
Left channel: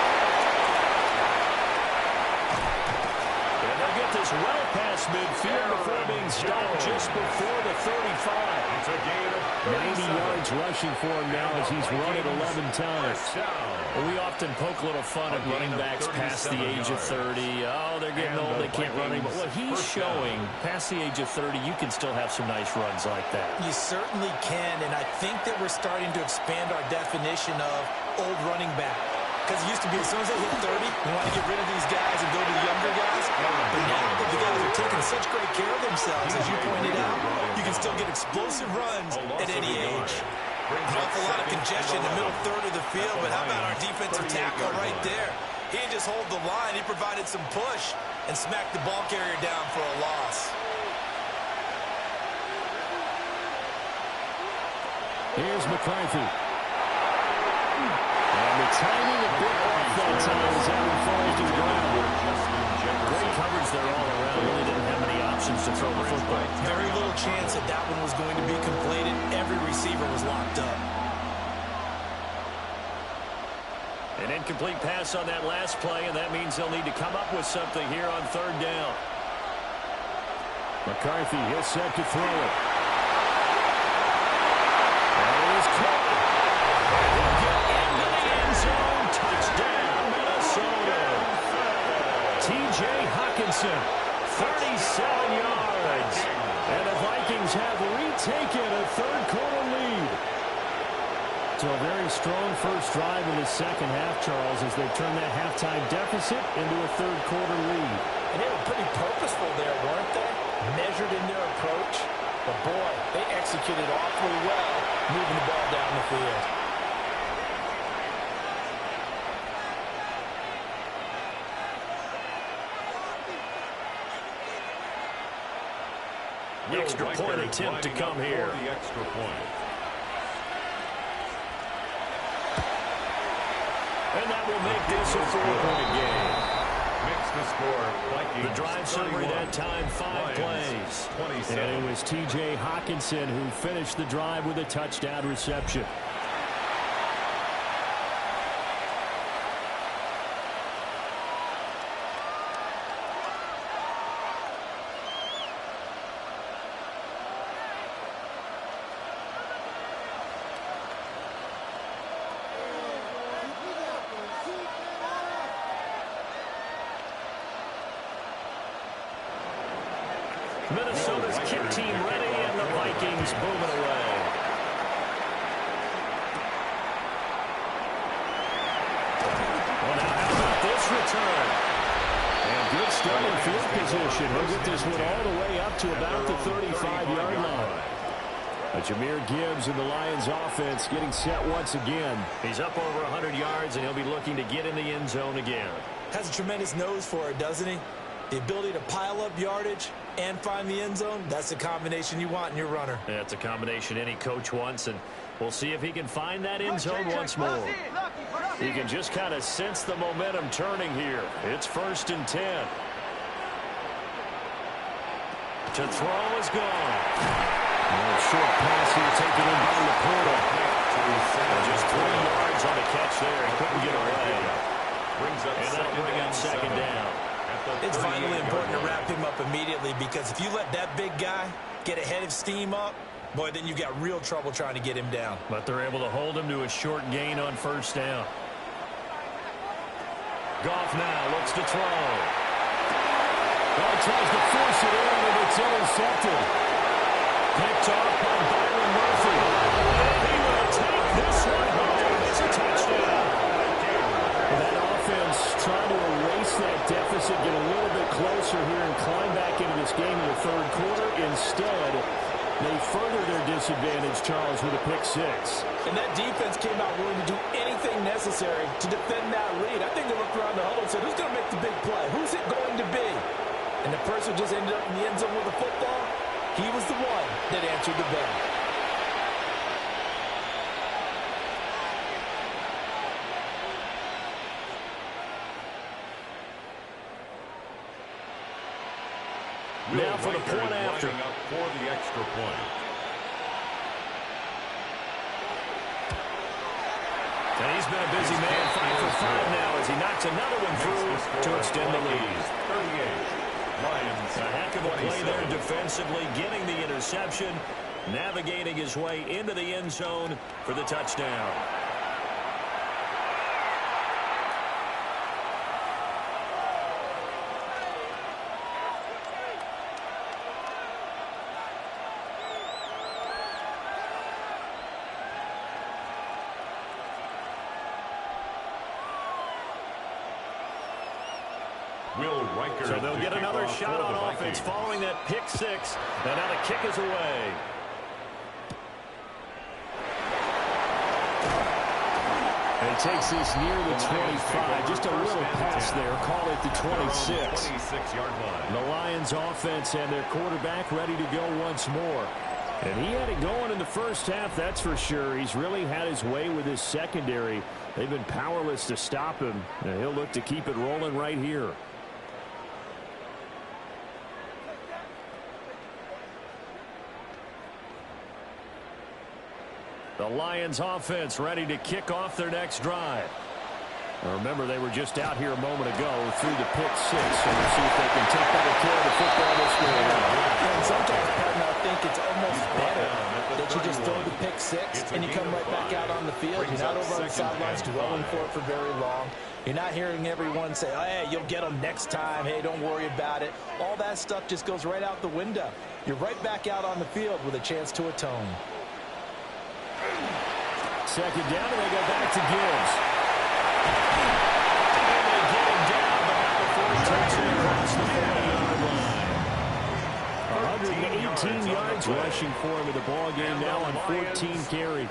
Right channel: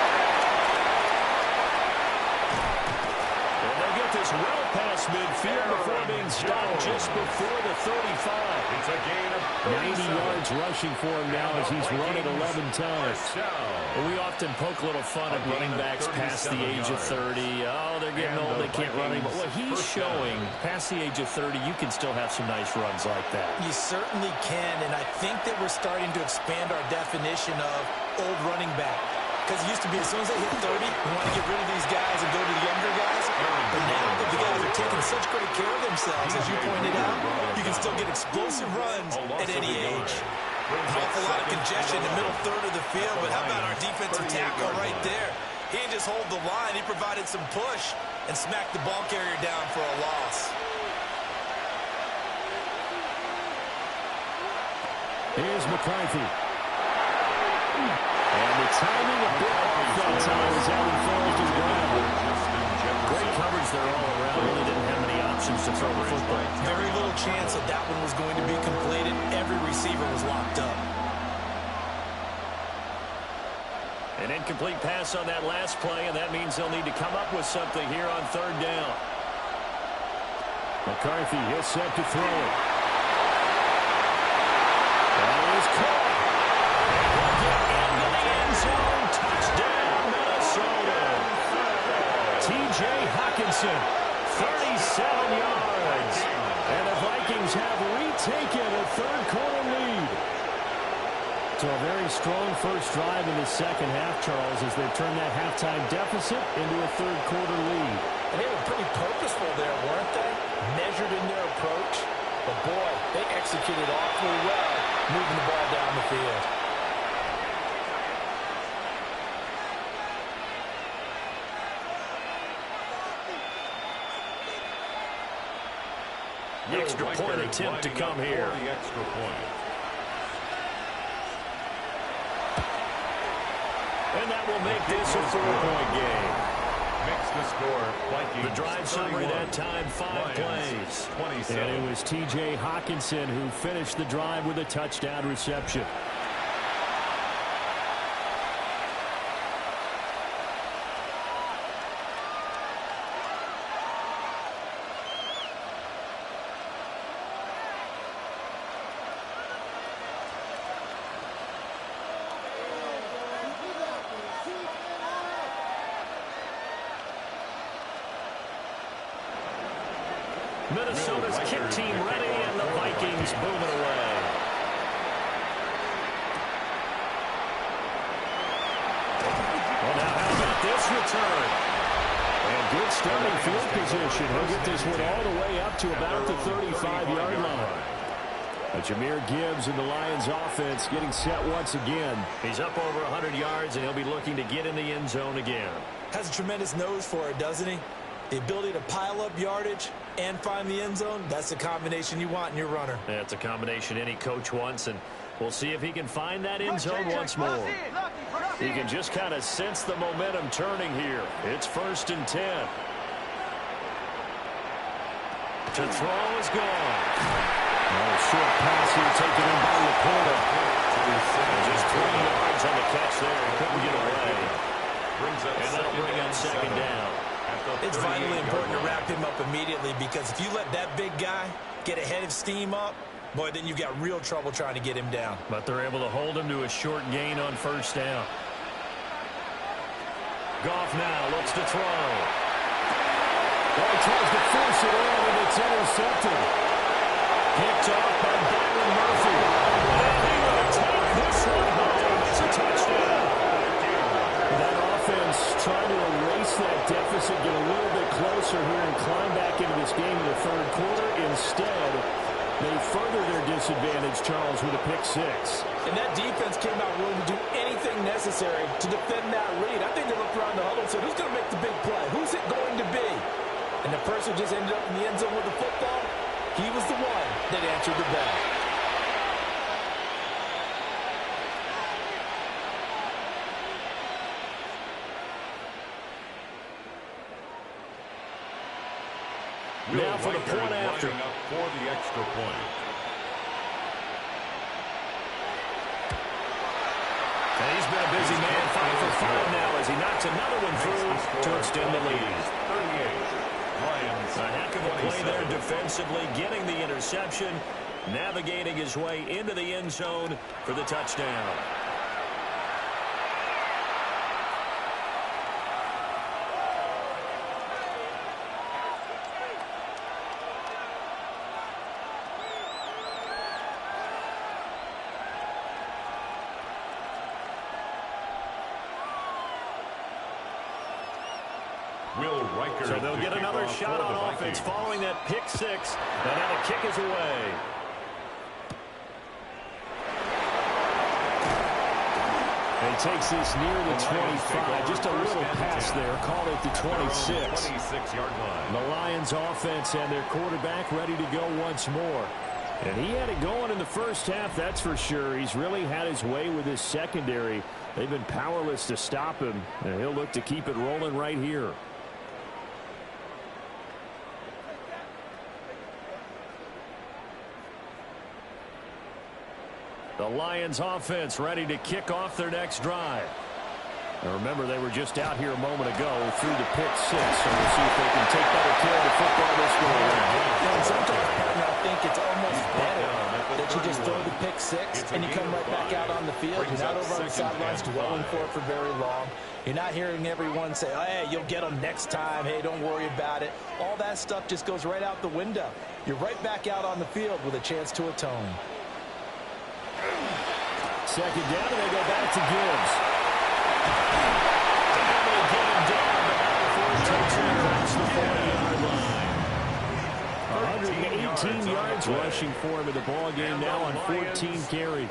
And they'll get this well past midfield before being stopped just before the 35. It's a gain of 90 yards rushing for him now as he's run it 11 times. Well, we often poke a little fun at running backs past the age of 30. Oh, they're getting old, they can't run anymore. Well, he's showing past the age of 30, you can still have some nice runs like that. You certainly can, and I think that we're starting to expand our definition of old running back. Because it used to be as soon as they hit 30, we want to get rid of these guys and go to the younger guys. But now that the guys are taking such great care of themselves, as you pointed out, you can still get explosive runs at any age. An awful lot of congestion in the middle third of the field, but how about our defensive tackle right there? He didn't just hold the line, he provided some push and smacked the ball carrier down for a loss. Here's McCarthy. And the timing a bit off that time as that one falls to the ground. Great coverage there all around. Really didn't have many options to throw the football. Very little chance that that one was going to be completed. Every receiver was locked up. An incomplete pass on that last play, and that means they'll need to come up with something here on third down. McCarthy is set to throw it. That is caught. And he'll get into the end zone. Touchdown, Minnesota. T.J. Hockenson, 37 yards. And the Vikings have retaken a third-quarter lead. So a very strong first drive in the second half, Charles, as they've turned that halftime deficit into a third-quarter lead. And they were pretty purposeful there, weren't they? Measured in their approach. But, boy, they executed awfully well, moving the ball down the field. The extra point attempt to come here. The extra point. And that will make this a 4-point game. Makes the score Vikings. The drive summary that time, 5 plays. 27. And it was T.J. Hockenson who finished the drive with a touchdown reception. Minnesota's kick team ready, and the Vikings booming away. Well, now how about this return? And good starting field position. He'll get this one all the way up to about the 35-yard line. Jahmyr Gibbs and the Lions offense getting set once again. He's up over 100 yards, and he'll be looking to get in the end zone again. Has a tremendous nose for it, doesn't he? The ability to pile up yardage and find the end zone, that's the combination you want in your runner. That's a combination any coach wants, and we'll see if he can find that end zone once more. He can just kind of sense the momentum turning here. It's 1st and 10. To throw is gone. A short pass here taken in by Laporta. And just 3 yards on the catch there. He couldn't get away. And that'll bring up second down. It's vitally important to wrap him up immediately, because if you let that big guy get a head of steam up, boy, then you've got real trouble trying to get him down. But they're able to hold him to a short gain on 1st down. Goff now looks to throw. Well, he tries to force it in, and it's intercepted. Picked off by Byron Murphy. And he will take this one home. It's a touchdown. That offense trying to erase that deficit, get a little bit closer here and climb back into this game in the third quarter. Instead, they further their disadvantage, Charles, with a pick 6. And that defense came out willing to do anything necessary to defend that lead. I think they looked around the huddle and said, who's going to make the big play? Who's it going to be? And the person just ended up in the end zone with the football. He was the one that answered the bell. Now for the point after. Up for the extra point. And he's been a busy man, 5 for 5 now as he knocks another one through to extend the lead. 38. Lions. A heck of a play there defensively, getting the interception, navigating his way into the end zone for the touchdown. So they'll get another shot on offense following that pick 6. And now the kick is away. And he takes this near the 25. Just a little pass there. Call it the 26. 26-yard line. The Lions offense and their quarterback ready to go once more. And he had it going in the first half, that's for sure. He's really had his way with his secondary. They've been powerless to stop him, and he'll look to keep it rolling right here. The Lions offense ready to kick off their next drive. Now remember, they were just out here a moment ago through the pick six, so we'll see if they can take better care of the football this go around. And sometimes, partner, I think it's almost better that you just throw the pick six and you come right back out on the field. You're not over on the sidelines dwelling for it for very long. You're not hearing everyone say, oh, hey, you'll get them next time. Hey, don't worry about it. All that stuff just goes right out the window. You're right back out on the field with a chance to atone. Second down, and they go back to Gibbs. And they get him down, but not before he takes it across the 40-yard line. 118 yards rushing for him in the ball game now on 14 carries.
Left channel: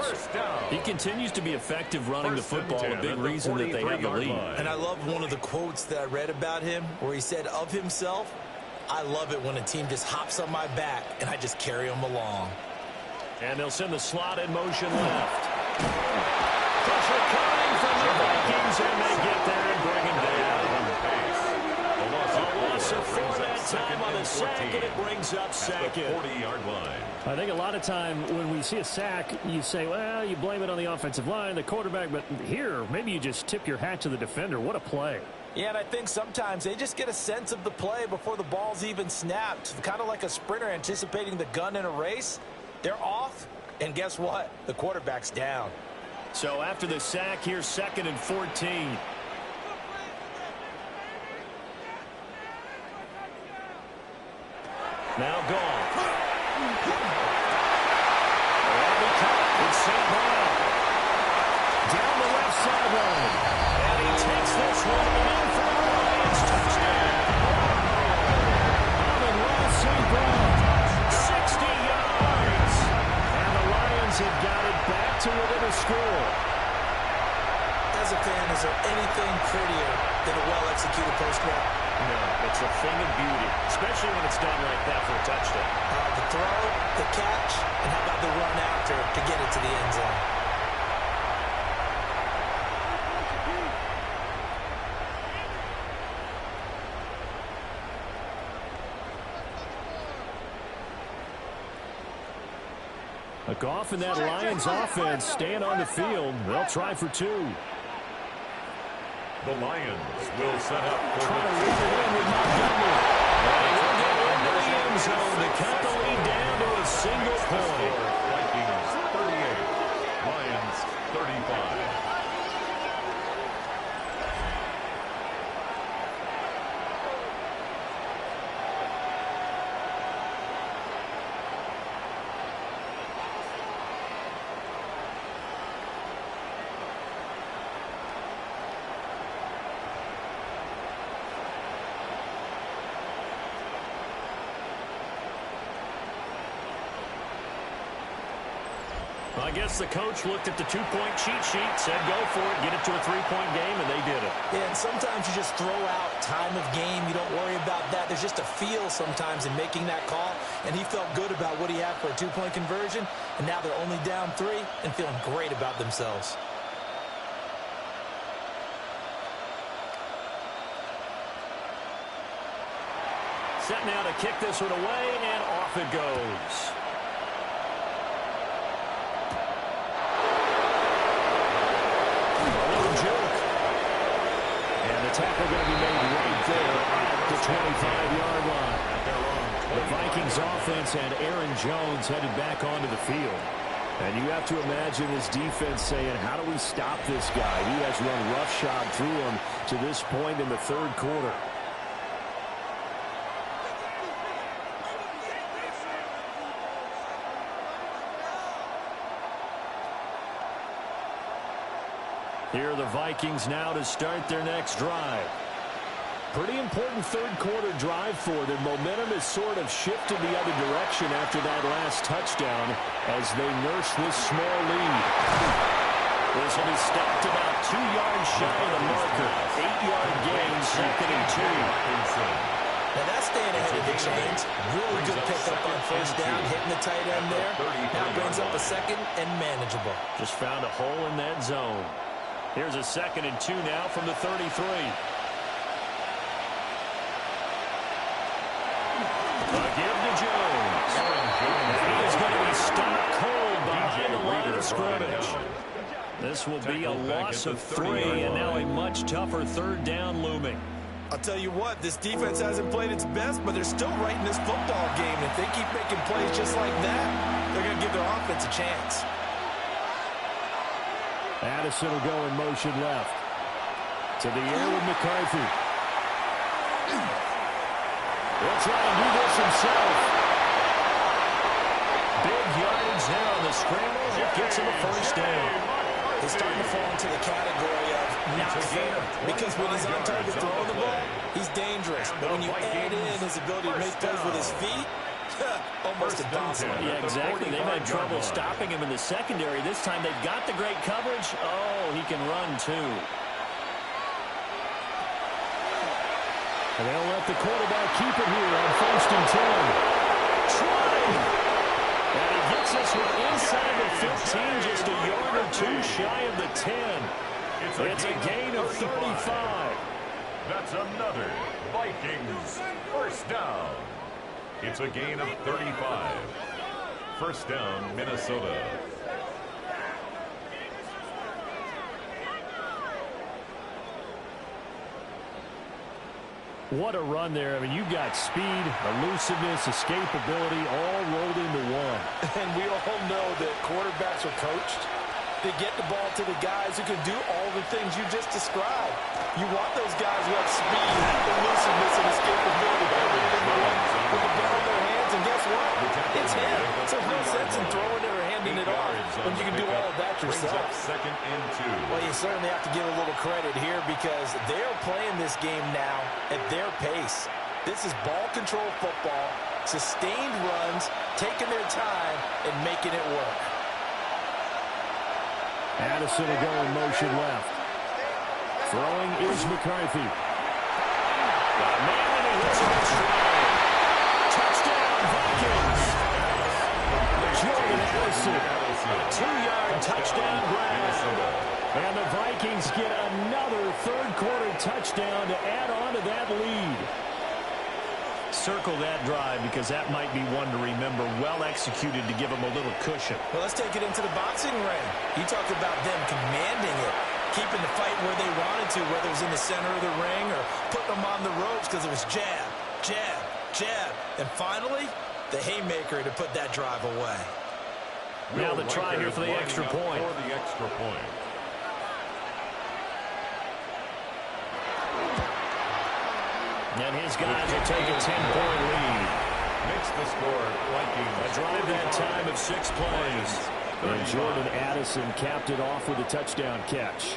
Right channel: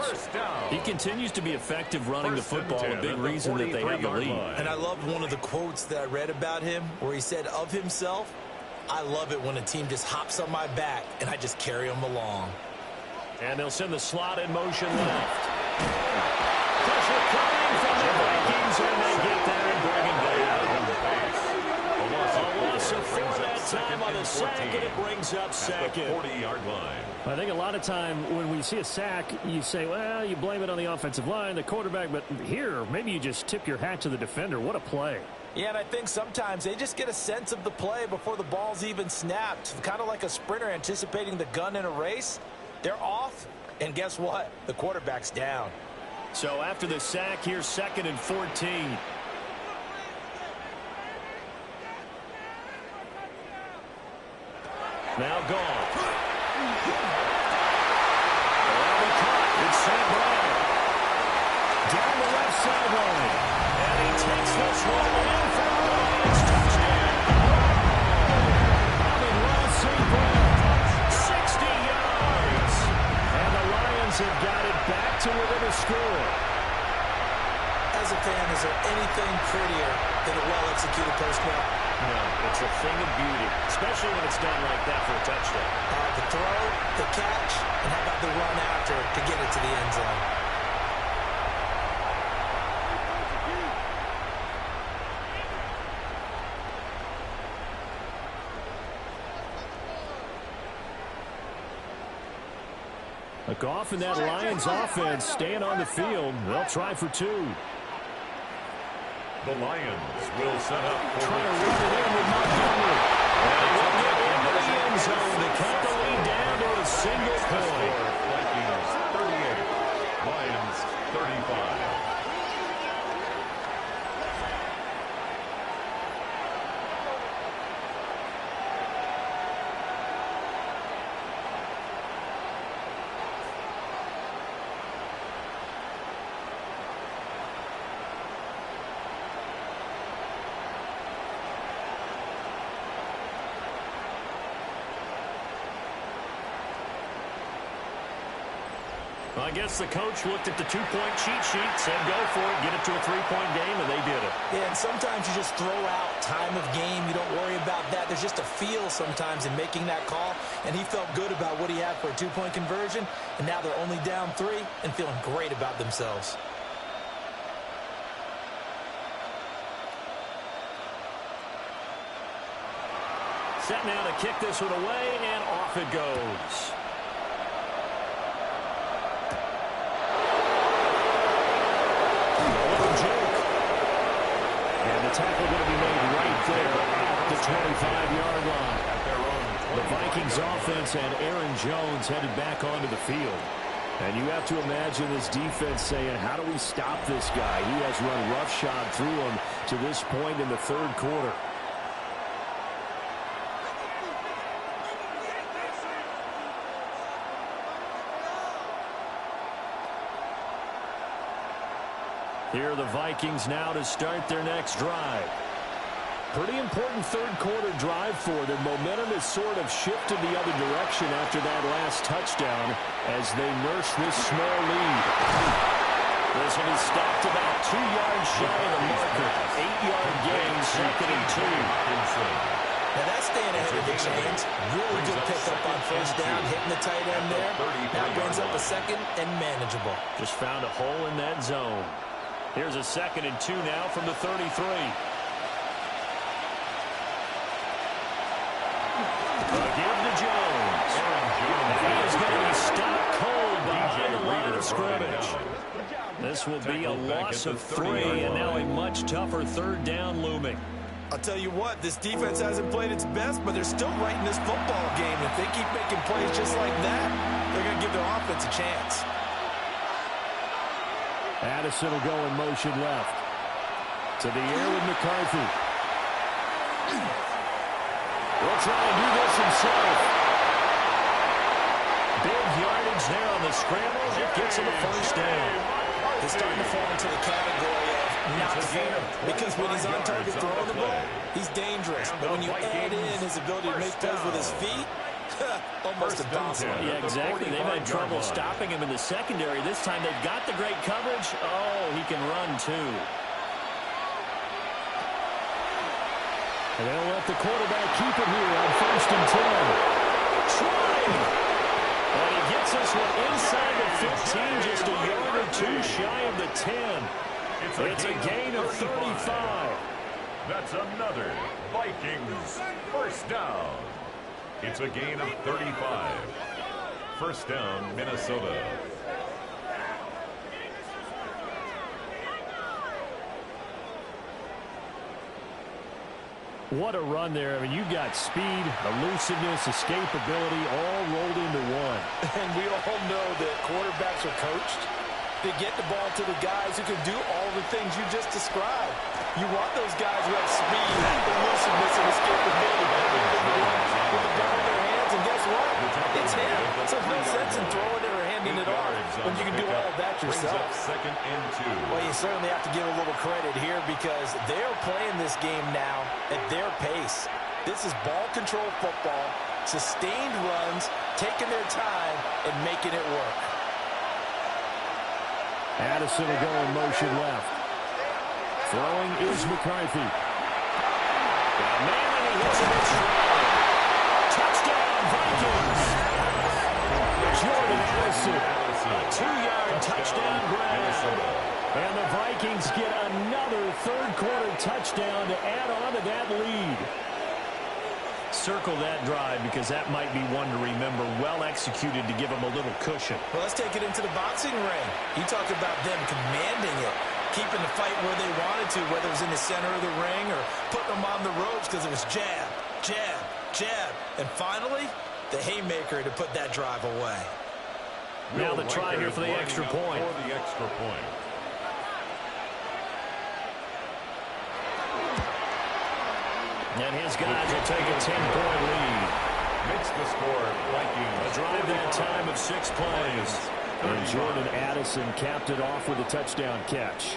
He continues to be effective running the football, a big reason that they have the lead. And I love one of the quotes that I read about him where he said of himself, I love it when a team just hops on my back and I just carry them along. And they'll send the slot in motion left. Pressure coming from the Vikings, and they get there and bring him down. A loss of 4 that time on the sack, and it brings up second. 40-yard line. I think a lot of time when we see a sack, you say, well, you blame it on the offensive line, the quarterback, but here, maybe you just tip your hat to the defender. What a play. Yeah, and I think sometimes they just get a sense of the play before the ball's even snapped. Kind of like a sprinter anticipating the gun in a race. They're off, and guess what? The quarterback's down. So after the sack, here's 2nd and 14. Now gone. That'll be caught. It's St. Brown. Down the left sideline. And he takes this one in for the Lions. Touchdown. Amon-Ra St. Brown. 60 yards. And the Lions have got it back to within a score. As a fan, is there anything prettier than a well-executed post route? No, it's a thing of beauty, especially when it's done like that for a touchdown. The throw, the catch, and how about the run after to get it to the end zone? A Goff and that Lions offense staying on the field. They'll try for 2. The Lions will set up for Trying to run it in with Montgomery. They will get into the end zone to cut the lead down to a single point. Vikings 38, Lions 35. I guess the coach looked at the 2-point cheat sheet, said go for it, get it to a 3-point game, and they did it. Yeah, and sometimes you just throw out time of game. You don't worry about that. There's just a feel sometimes in making that call, and he felt good about what he had for a 2-point conversion, and now they're only down 3 and feeling great about themselves. Set now to kick this one away, and off it goes. And the tackle going to be made right there at the 25-yard line. At their own 25. The Vikings offense and Aaron Jones headed back onto the field. And you have to imagine this defense saying, how do we stop this guy? He has run roughshod through him to this point in the third quarter. Here are the Vikings now to start their next drive. Pretty important third quarter drive for them. Momentum has sort of shifted the other direction after that last touchdown as they nurse this small lead. This will be stopped about 2 yards shy of the marker. 8-yard gain, 2nd and 2. Now that's staying ahead of the chains. Really good pickup on first down, hitting the tight end there. Now brings up a second and manageable. Just found a hole in that zone. Here's a 2nd and 2 now from the 33. A give to Jones. And he is going to be stopped cold behind the line of scrimmage. This will be a loss of 3, and now a much tougher 3rd down looming. I'll tell you what, this defense hasn't played its best, but they're still right in this football game. If they keep making plays just like that, they're going to give their offense a chance. Addison will go in motion left. To the air with McCarthy. He'll try and do this himself. Big yardage there on the scramble. It gets him a first down. He's starting to fall into the category of not fair, because when he's on target throwing the ball, he's dangerous. But when you add in his ability to make plays with his feet, almost impossible. Yeah, exactly. They've had trouble stopping him in the secondary. This time they've got the great coverage. Oh, he can run too. And they'll let the quarterback keep it here on 1st and 10. Trying. And he gets this one inside the 15, just a yard or 2 shy of the 10. It's a gain of 35. That's another Vikings first down. It's a gain of 35. First down, Minnesota. What a run there. I mean, you've got speed, elusiveness, escapability all rolled into one. And we all know that quarterbacks are coached. They get the ball to the guys who can do all the things you just described. You want those guys who have speed, elusiveness, and escapability. Everything with the ball in their hands, and guess what? It's him. So there's no sense in throwing it or handing it off when you can do all of that yourself. 2nd and 2. Well, you certainly have to give a little credit here because they're playing this game now at their pace. This is ball control football, sustained runs, taking their time, and making it work. Addison will go in motion left. Throwing is McCarthy. Got a man, and he hits him in stride. Touchdown, Vikings. Jordan Addison. A 2-yard touchdown grab. And the Vikings get another 3rd quarter touchdown to add on to that lead. Circle that drive because that might be one to remember. Well executed to give them a little cushion. Well, let's take it into the boxing ring. You talk about them commanding it, keeping the fight where they wanted to, whether it was in the center of the ring or putting them on the ropes because it was jab, jab, jab. And finally, the haymaker to put that drive away. Now the try here for the extra point. And his guys will take a 10-point lead. Makes the score Vikings. A drive that time of 6 plays. And Jordan Addison capped it off with a touchdown catch.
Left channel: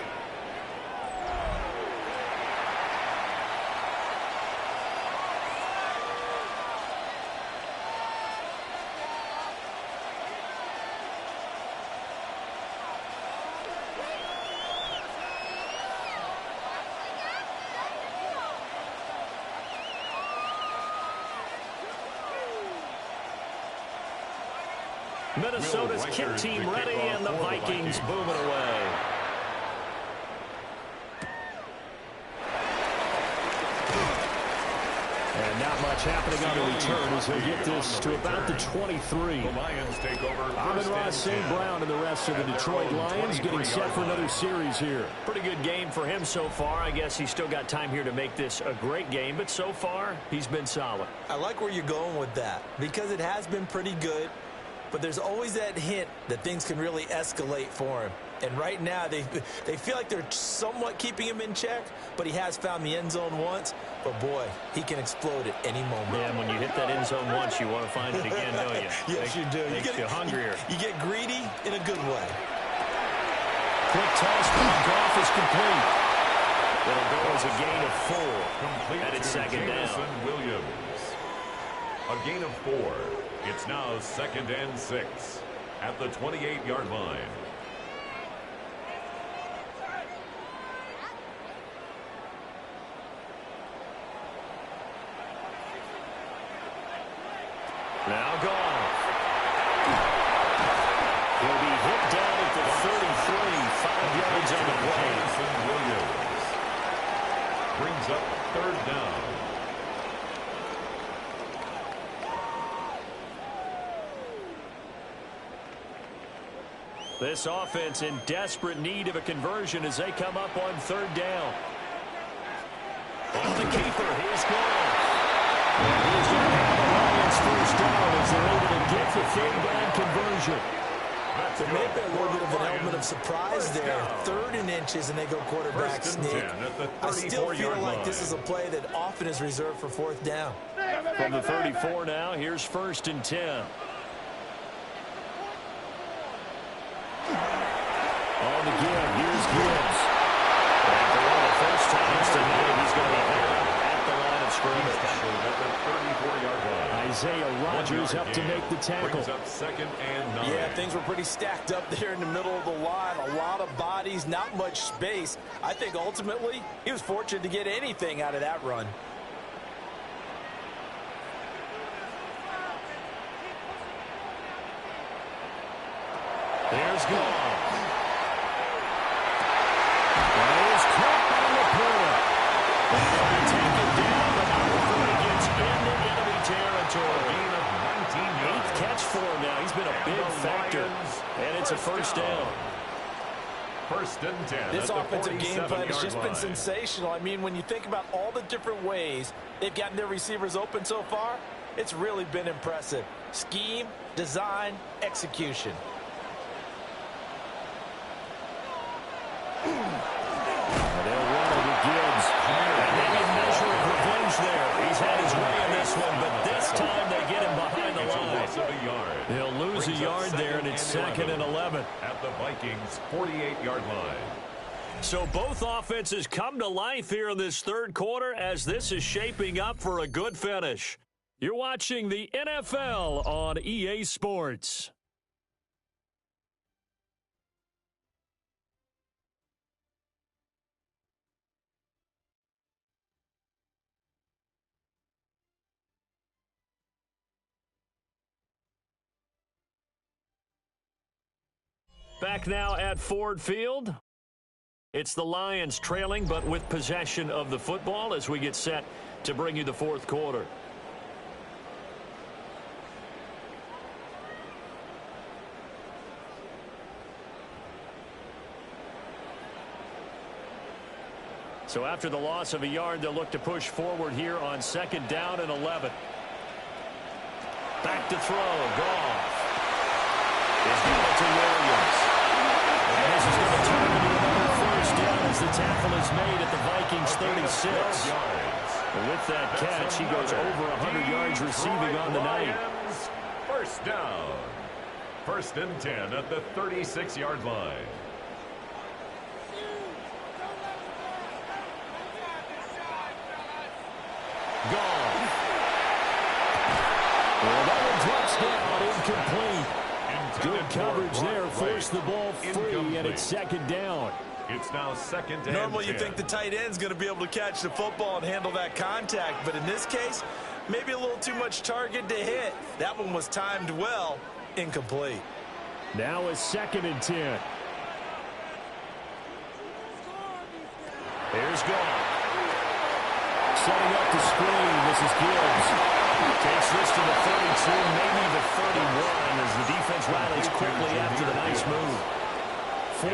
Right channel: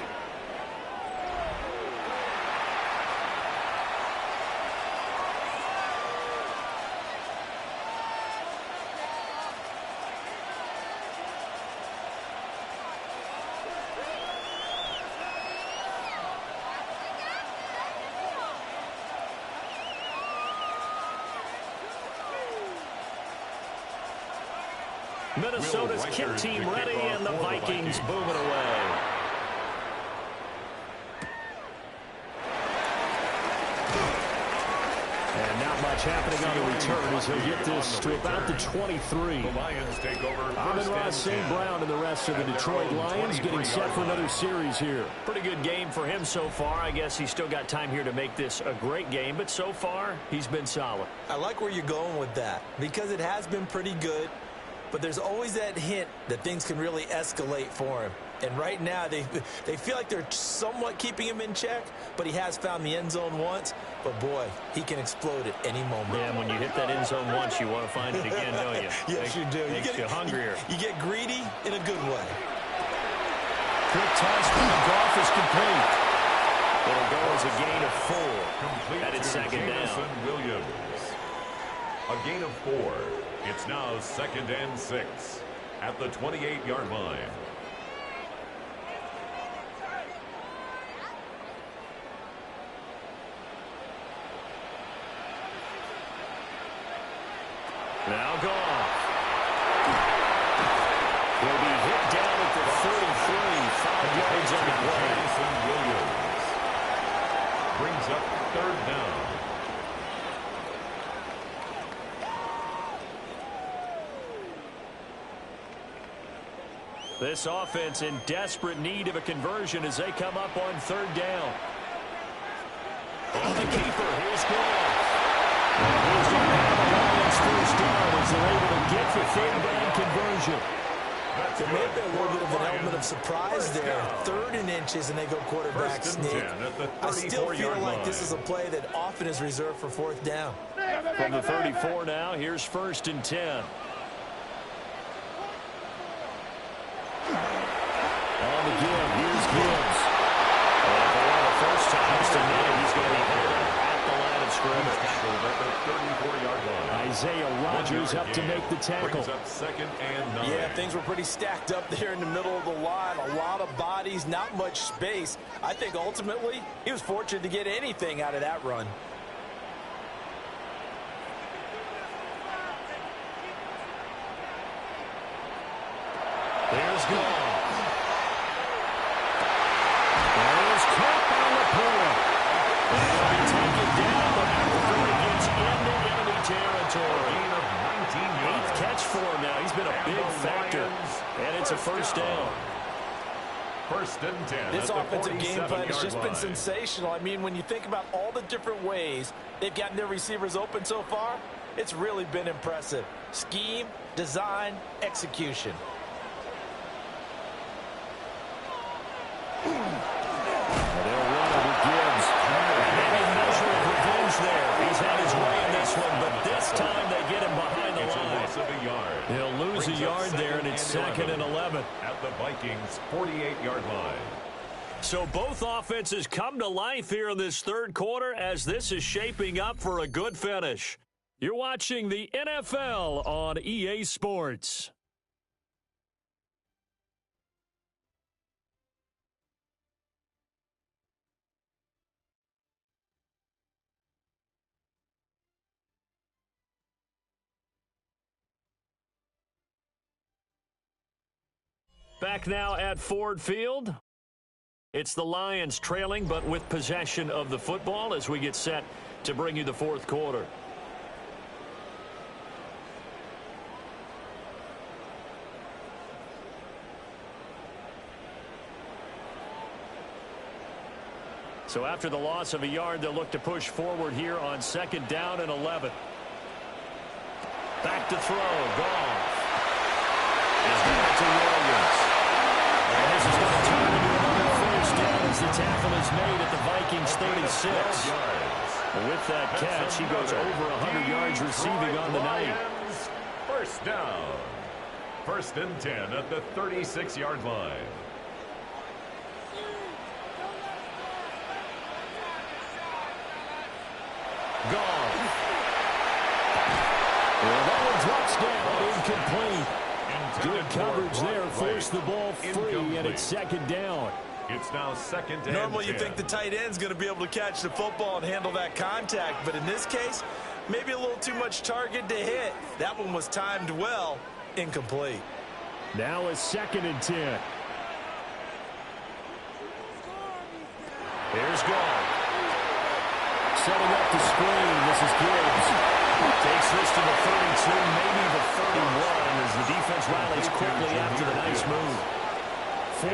Minnesota's kick team ready, and the Vikings booming away. And not much happening on the return as he'll get this to about the 23. The Lions take over. Amon-Ra St. Brown and the rest of the Detroit Lions getting set for another series here. Pretty good game for him so far. I guess he's still got time here to make this a great game, but so far, he's been solid. I like where you're going with that because it has been pretty good. But there's always that hint that things can really escalate for him. And right now, they feel like they're somewhat keeping him in check, but he has found the end zone once. But, boy, he can explode at any moment. Yeah, and when you hit that end zone once, you want to find it again, don't you? Yes, you do. Makes you hungrier. You get greedy in a good way. Quick toss from Goff is complete. It'll go as a gain of 4. Complete and it's 2nd down. Williams. A gain of 4. It's now 2nd and 6 at the 28-yard line. Now Goff. He'll be hit down at the 33, 5 yards on the play. Williams brings up third down. This offense in desperate need of a conversion as they come up on third down. On the keeper, here's Goff. And he's going to have the Lions first down as they're able to get the third down conversion. There may have been a little bit of an element of surprise there. 3rd and inches, and they go quarterback sneak. I still feel like this is a play that often is reserved for 4th down. From the 34 now, here's 1st and 10. On the give, here's Gibbs. And for one of the first times tonight, he's going to be held at the line of scrimmage. At the 34-yard line. Isaiah Rodgers up to make the tackle. Brings up 2nd and 9. Yeah, things were pretty stacked up there in the middle of the line. A lot of bodies, not much space. I think ultimately he was fortunate to get anything out of that run. There's Goff. That is caught by LaPorta. And he'll be taken down, but not before he gets into enemy territory. Gain of 19 yards. 8th catch for him now. He's been a big factor. And it's a first down. 1st and 10. This offensive game plan has just been sensational. I mean, when you think about all the different ways they've gotten their receivers open so far, it's really been impressive. Scheme, design, execution. They'll run it with Gibbs. And maybe a measure of revenge there. He's had his way in this one, but this time they get him behind the line. Loss of a yard. He'll lose a yard there, and it's 2nd and 11. At the Vikings' 48-yard line. So both offenses come to life here in this 3rd quarter as this is shaping up for a good finish. You're watching the NFL on EA Sports. Back now at Ford Field. It's the Lions trailing, but with possession of the football as we get set to bring you the 4th quarter. So after the loss of a yard, they'll look to push forward here on 2nd down and 11. Back to throw. Goff. He's got it to Williams. And this is going to turn into another first down as the tackle is made at the Vikings 36. And with that catch, he goes over 100 yards receiving on the night. First down. 1st and 10 at the 36-yard line. Gone. Well, that one drops down, incomplete. Good coverage there, forced the ball free, and it's 2nd down. It's now 2nd and Normally 10. you think the tight end's going to be able to catch the football and handle that contact, but in this case, maybe a little too much target to hit. That one was timed well, incomplete. Now it's 2nd and 10. Here's Goff. Setting up the screen. This is Gibbs. Takes this to the 32, maybe the 31, as the defense rallies quickly after the nice move.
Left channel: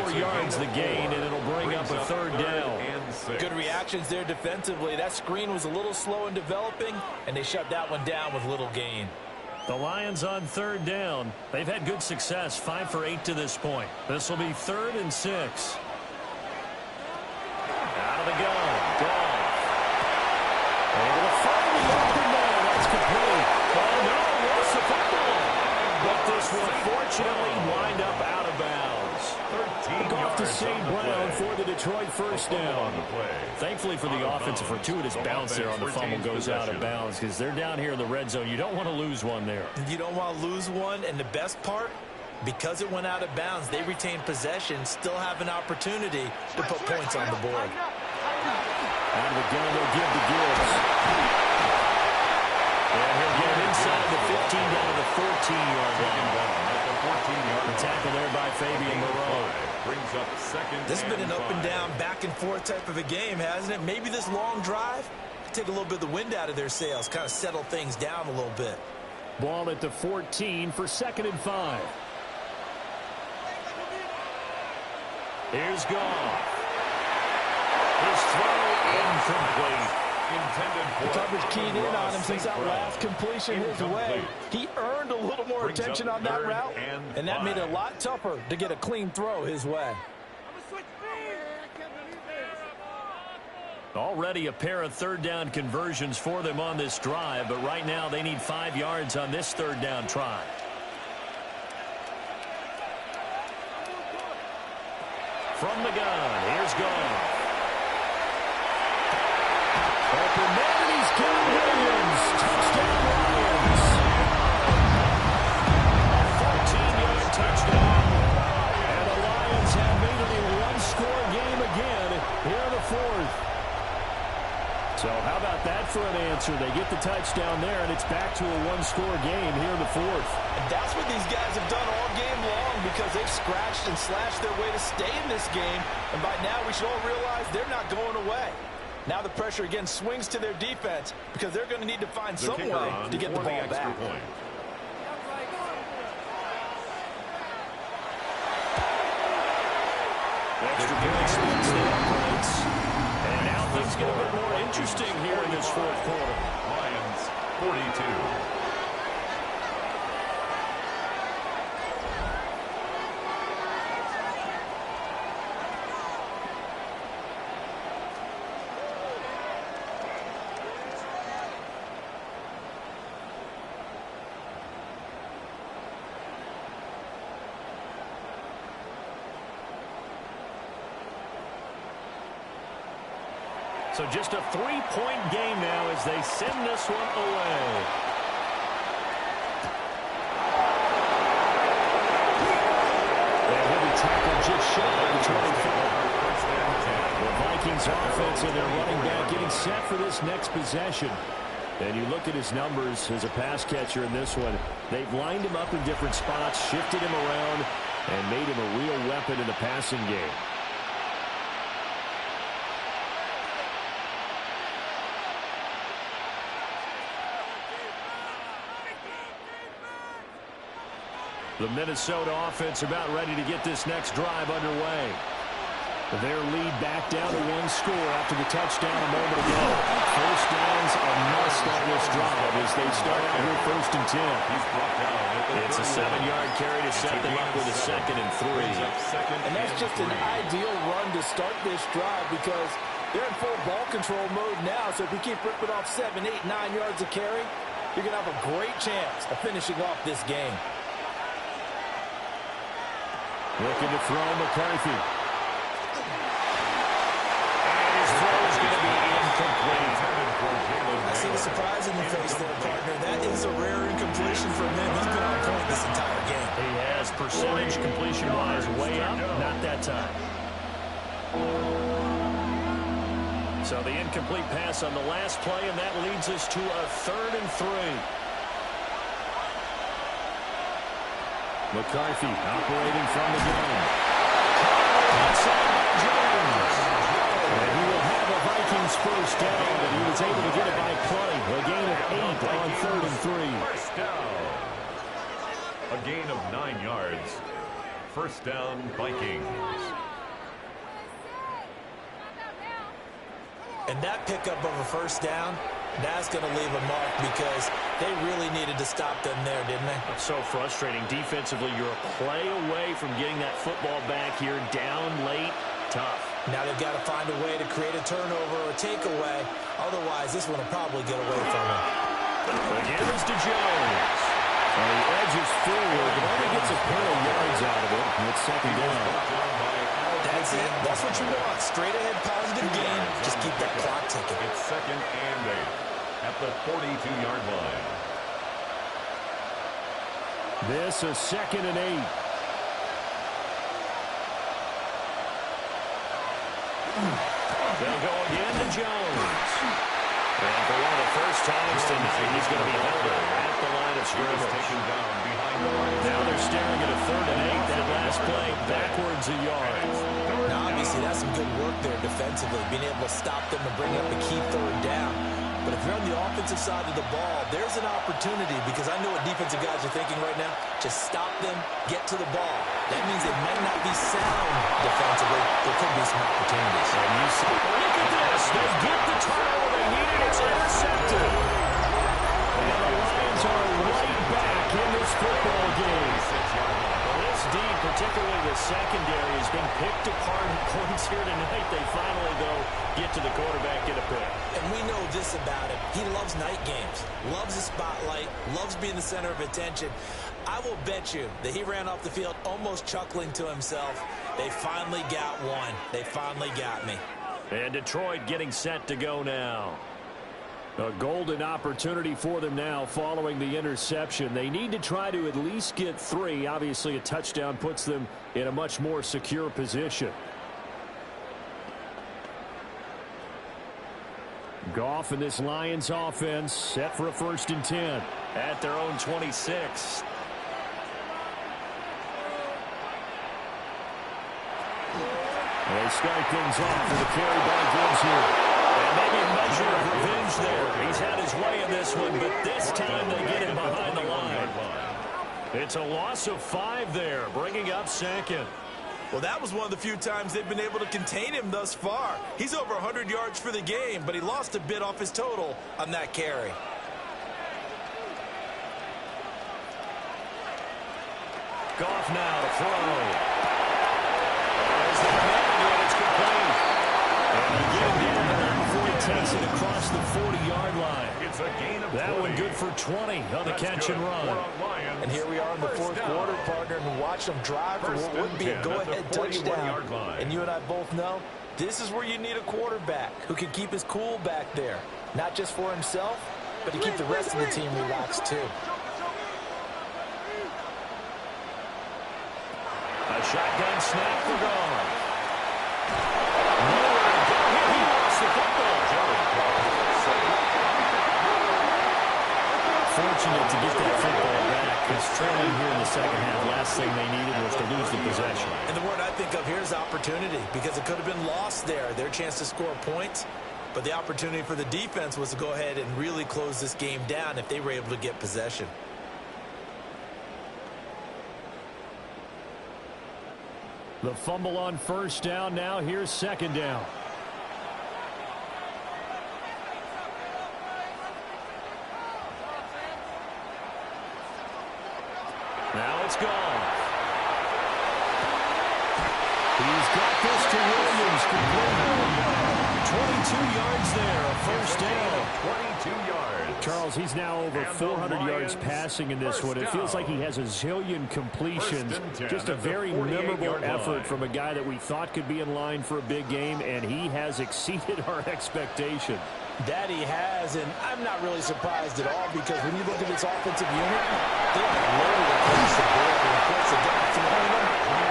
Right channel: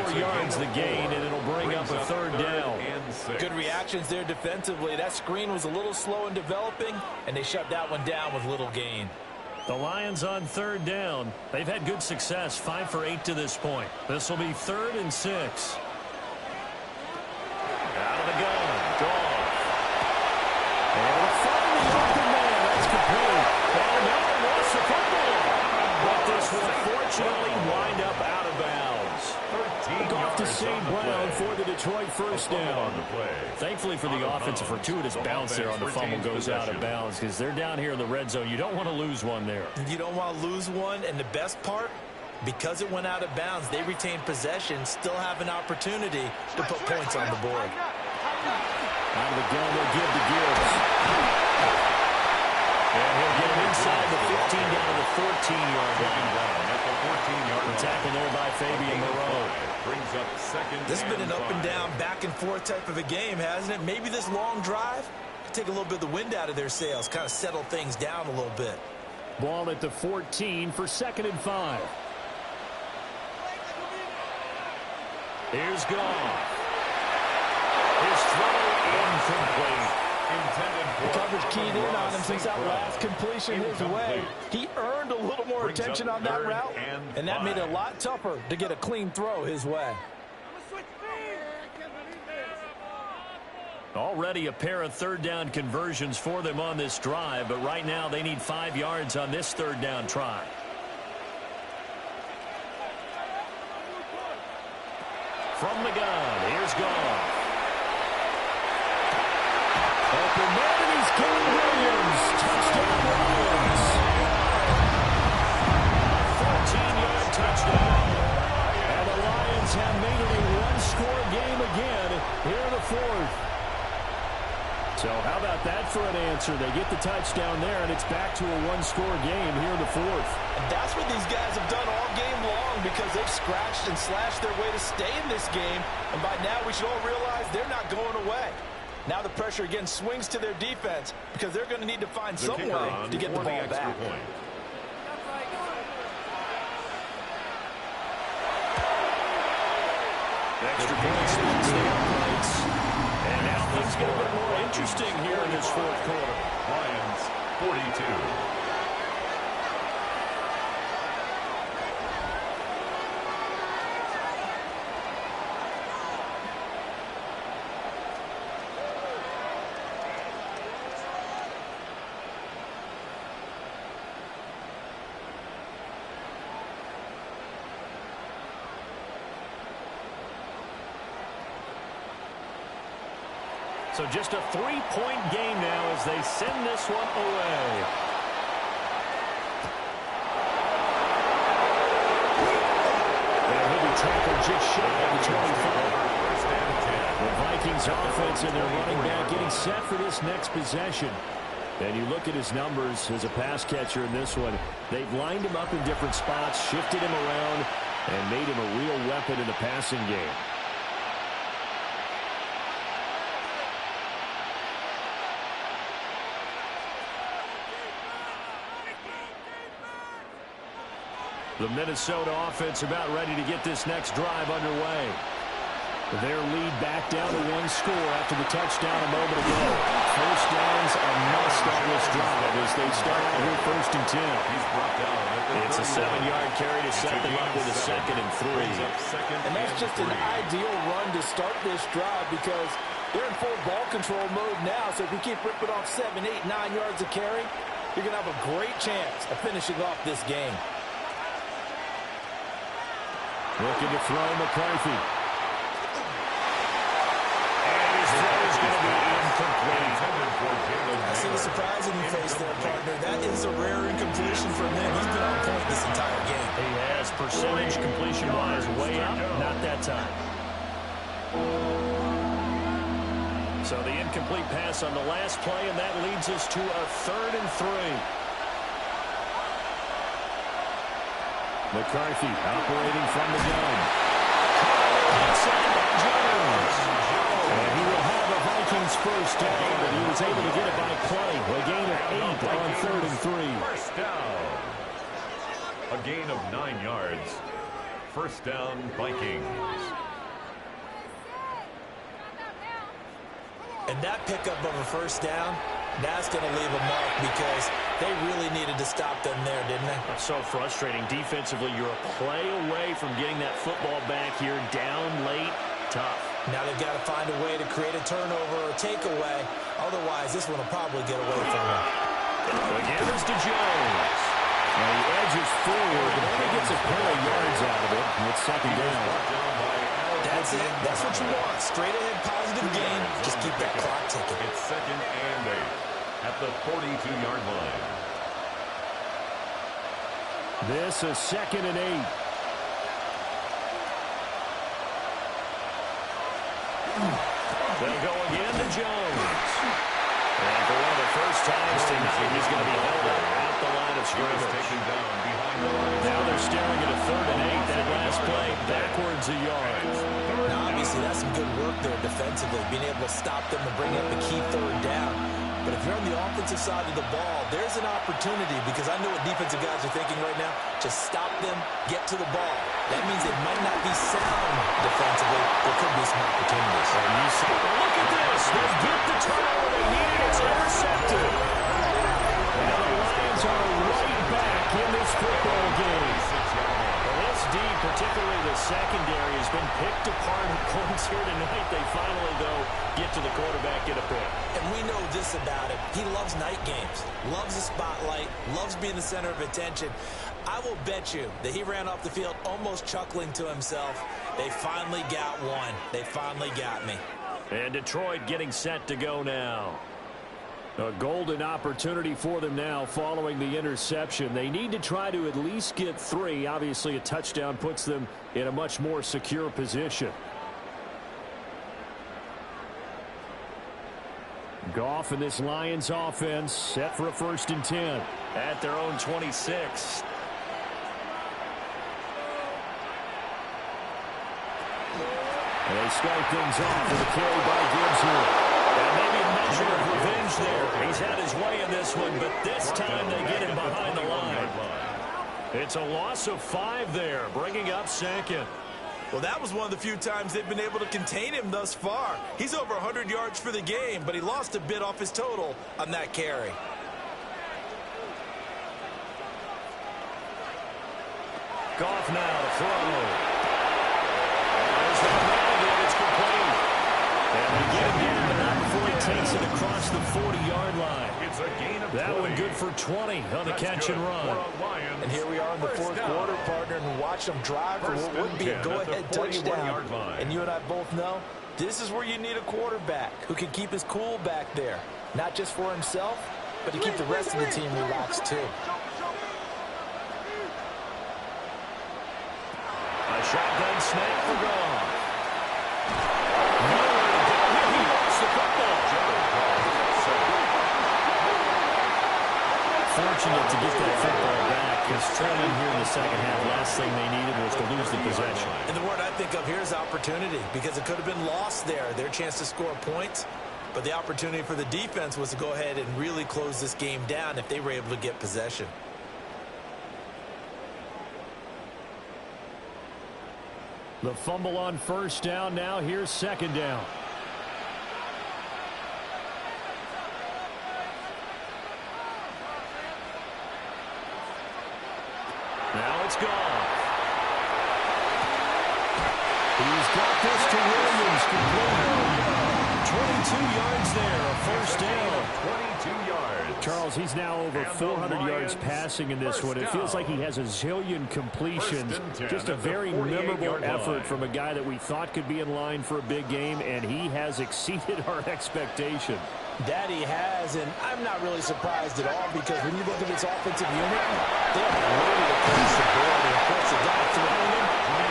4 yards the gain, and it'll bring up a 3rd down. Good reactions there defensively. That screen was a little slow in developing, and they shut that one down with little gain. The Lions on 3rd down. They've had good success, 5 for 8 to this point. This will be 3rd and 6. Out of the gun, Goff. Able to find the open man. That's complete. Oh, no, lost the football. But this will fortunately wind up out of bounds. 13 Goff to St. Brown play. for the Detroit first down. On the play. Thankfully for the offense, a fortuitous bounce there on the fumble goes out of bounds because they're down here in the red zone. You don't want to lose one there. You don't want to lose one, and the best part, because it went out of bounds, they retained possession, still have an opportunity to put points on the board. Out of the gun, they'll give to Gibbs. And he'll get it inside the 15 down to the 14-yard line. At the 14-yard line. Tackle there by Fabian Moreau. Brings up second. This has been an 5. up and down, back and forth type of a game, hasn't it? Maybe this long drive could take a little bit of the wind out of their sails, kind of settle things down a little bit. Ball at the 14 for 2nd and 5. Here's Goff. His throw incomplete. Intended for The coverage keyed in on him since that last completion his way. He earned a little more attention on that route, and that made it a lot tougher to get a clean throw his way. Already a pair of third down conversions for them on this drive, but right now they need 5 yards on this third down try. From the gun, here's Goff. Open man, and he's Kevin Williams. Touchdown, Lions. A 14-yard touchdown. And the Lions have made it a one-score game again here in the 4th. So how about that for an answer? They get the touchdown there, and it's back to a one-score game here in the 4th. And that's what these guys have done all game long, because they've scratched and slashed their way to stay in this game. And by now we should all realize they're not going away. Now the pressure again swings to their defense, because they're going to need to find some way to get the ball back. Extra point splits the uprights. And now things get a bit more interesting here in this 4th quarter. Lions 42. So just a 3-point game now as they send this one away. And he'll be tackled just shy of the 25. The Vikings offense and their running back getting set for this next possession. And you look at his numbers as a pass catcher in this one. They've lined him up in different spots, shifted him around, and made him a real weapon in the passing game. The Minnesota offense about ready to get this next drive underway. Their lead back down to 1 score after the touchdown a moment ago. First down's a must on this drive as they start out here 1st and 10. He's brought down at the It's a 7-yard carry to set them up with a 2nd and 3. And that's just an ideal run to start this drive, because they're in full ball control mode now. So if you keep ripping off 7, 8, 9 yards of carry, you're going to have a great chance of finishing off this game. Looking to throw McCarthy. And his throw is going to be incomplete. I see the surprise in your face there, partner. That is a rare incompletion from him. He's been on point this entire game. He has percentage completion-wise way up, not that time. So the incomplete pass on the last play, and that leads us to a 3rd and 3. McCarthy operating from the gun. Outside by Jones. And he will have a Vikings first down, and he was able to get it by play. A gain of 8 on 3rd and 3. First down. A gain of 9 yards. First down, Vikings. And that pickup of a first down, that's going to leave a mark, because they really needed to stop them there, didn't they? So frustrating. Defensively, you're a play away from getting that football back here, down late, tough. Now they've got to find a way to create a turnover or a takeaway. Otherwise, this one will probably get away from them. Again is to Jones. And he edges forward, but only gets a pair of yards out of it. And it's 2nd down. That's it. That's what you want. Straight ahead, positive gain. Just keep that clock ticking. It's 2nd and 8 at the 42-yard line. This is 2nd and 8. They'll go again to Jones. And for one of the first times tonight, he's going to be held at the line of scrimmage. Taken down behind the line. Now they're staring at a 3rd and 8. That last play backwards a yard. Now, obviously, that's some good work there defensively, being able to stop them and bring up a key 3rd down. But if you're on the offensive side of the ball, there's an opportunity, because I know what defensive guys are thinking right now. Just stop them, get to the ball. That means they might not be sound defensively. There could be some opportunities. And you see, look at this. They get the turnover they needed. It's intercepted. And the Lions are right back in this football game. Well, this D, particularly the secondary, has been picked apart at points here tonight. They finally, though, get to the quarterback, get a pick. And we know this about him. He loves night games, loves the spotlight, loves being the center of attention. I will bet you that he ran off the field almost chuckling to himself. They finally got one. They finally got me. And Detroit getting set to go now. A golden opportunity for them now following the interception. They need to try to at least get 3. Obviously, a touchdown puts them in a much more secure position. Goff and this Lions offense set for a 1st and 10. At their own 26. They start things off with a carry by Gibbs here. And maybe a measure of revenge there. He's had his way in this one, but this time they get him behind the line. It's a loss of 5 there, bringing up 2nd. Well, that was one of the few times they've been able to contain him thus far. He's over 100 yards for the game, but he lost a bit off his total on that carry. Goff now to throw. There's that man again. It's complete. And they get him down, but not before he takes it across the 40-yard line. It's a gain of 20. That one good for 20 on the catch and run. And here we are in the 4th quarter, partner, and watch them drive for what would be a go-ahead touchdown. And you and I both know this is where you need a quarterback who can keep his cool back there. Not just for himself, but to keep the rest of the team relaxed, too. A shotgun snap for Goff. Nowhere to go here. He lost the football. Fortunate to get that football back, because trailing here in the second half, last thing they needed was to lose the possession. And the word I think of here is opportunity, because it could have been lost there. Their chance to score points, but the opportunity for the defense was to go ahead and really close this game down if they were able to get possession. The fumble on 1st down. Now here's 2nd down. Now it's gone. He's got this to Williams, complete. 22 yards there, a 1st down. 22 yards. Charles, he's now over 400 yards passing in this one. It feels like he has a zillion completions. Just a very memorable effort from a guy that we thought could be in line for a big game, and he has exceeded our expectation. That he has, and I'm not really surprised at all, because when you look at this offensive unit, they are loaded across the board. And of course, the guy throwing them,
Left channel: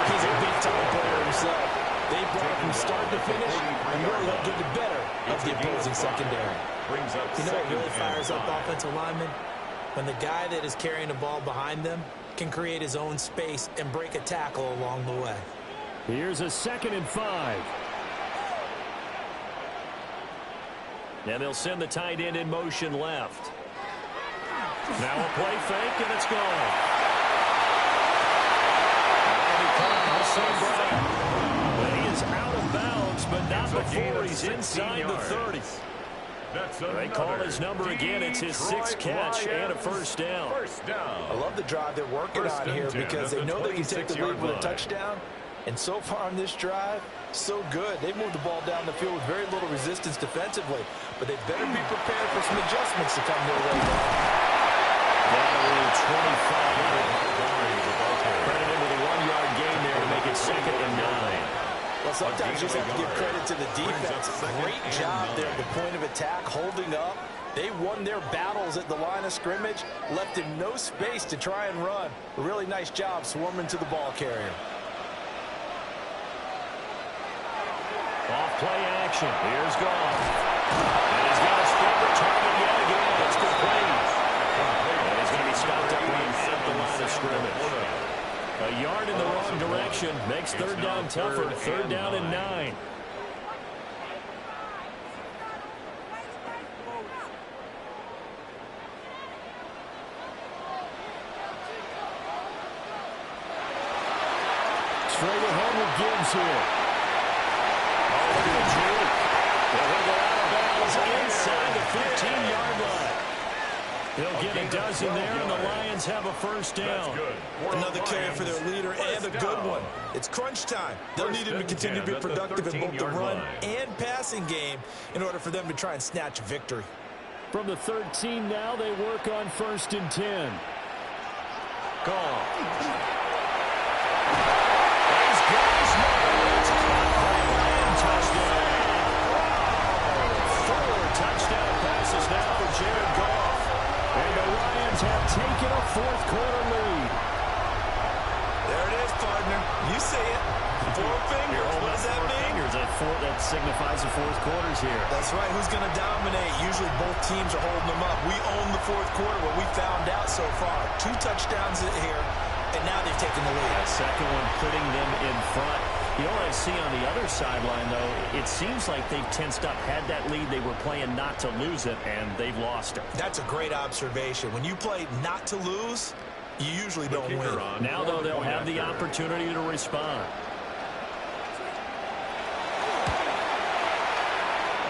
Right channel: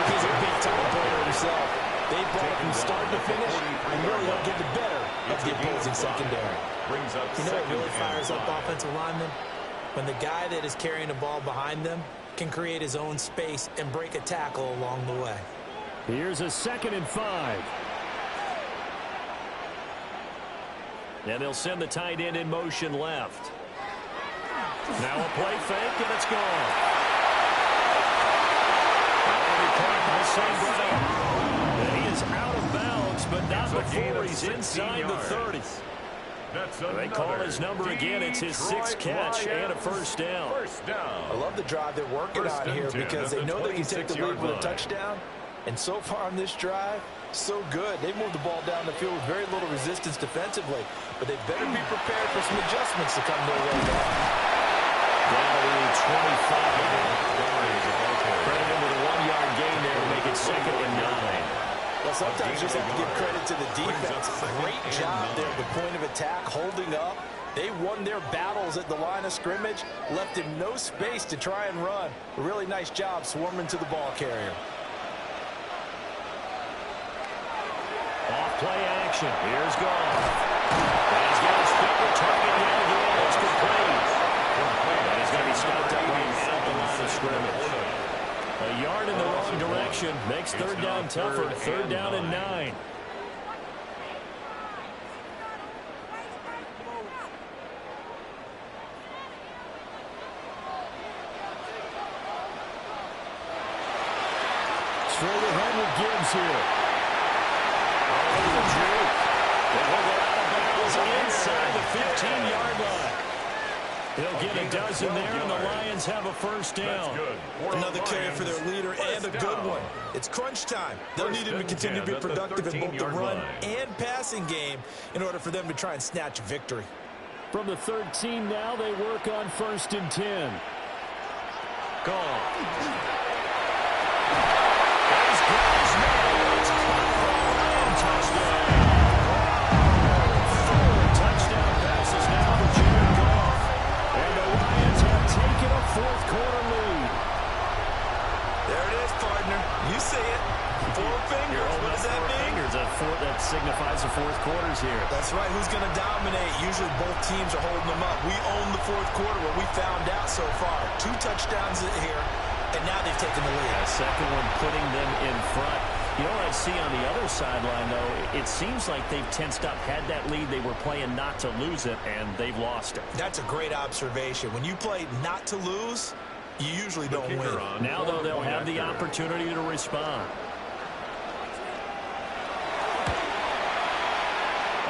he's a big-time player himself. They brought it from start to finish and really helped get the better of the opposing secondary. You know what really fires up offensive linemen? When the guy that is carrying the ball behind them can create his own space and break a tackle along the way. Here's a 2nd and 5. And they'll send the tight end in motion left. Now a play fake, and it's gone. That'll be caught by St. Brown. And he is out of bounds, but not before he's inside the 30. They call his number again. It's his 6th catch and a 1st down. I love the drive they're working on here, because they know they can take the lead with a touchdown. And so far on this drive, so good. They moved the ball down the field with very little resistance defensively, but they better be prepared for some adjustments to come their way now. Down to 25. Credit him with a 1-yard gain there to make it 2nd and 9. Well, sometimes you just have to give credit to the defense. Great job there at the point of attack, holding up. They won their battles at the line of scrimmage, left him no space to try and run. A really nice job swarming to the ball carrier. Off play action. Here's Goff. And he's got his favorite target yet again. It's complete. And he's going to be stopped up right at the line of scrimmage. A yard in the wrong direction makes third down tougher. Third down and 9. Straight ahead with Gibbs here. Oh, look at the juke. And he'll go out of bounds inside the 15-yard line. He'll get a dozen there, and the Lions have a first down. Another carry for their leader, and a good one. It's crunch time. They'll need him to continue to be productive in both the run and passing game in order for them to try and snatch a victory. From the 13 now, they work on 1st and 10. Gone. These guys know it's caught for a Lion touchdown. 4 touchdown passes now for Jared Goff. And the Lions have taken a fourth-quarter lead. There it is, partner. You see it. 4 fingers. What does that mean? Fingers. That signifies the fourth quarter's here. That's right. Who's going to dominate? Usually both teams are holding them up. We own the fourth quarter, what we found out so far. 2 touchdowns here, and now they've taken the lead. Yeah, second one putting them in front. You know what I see on the other sideline, though? It seems like they've tensed up, had that lead. They were playing not to lose it, and they've lost it. That's a great observation. When you play not to lose, you usually don't win. Now, though, they'll have the opportunity to respond.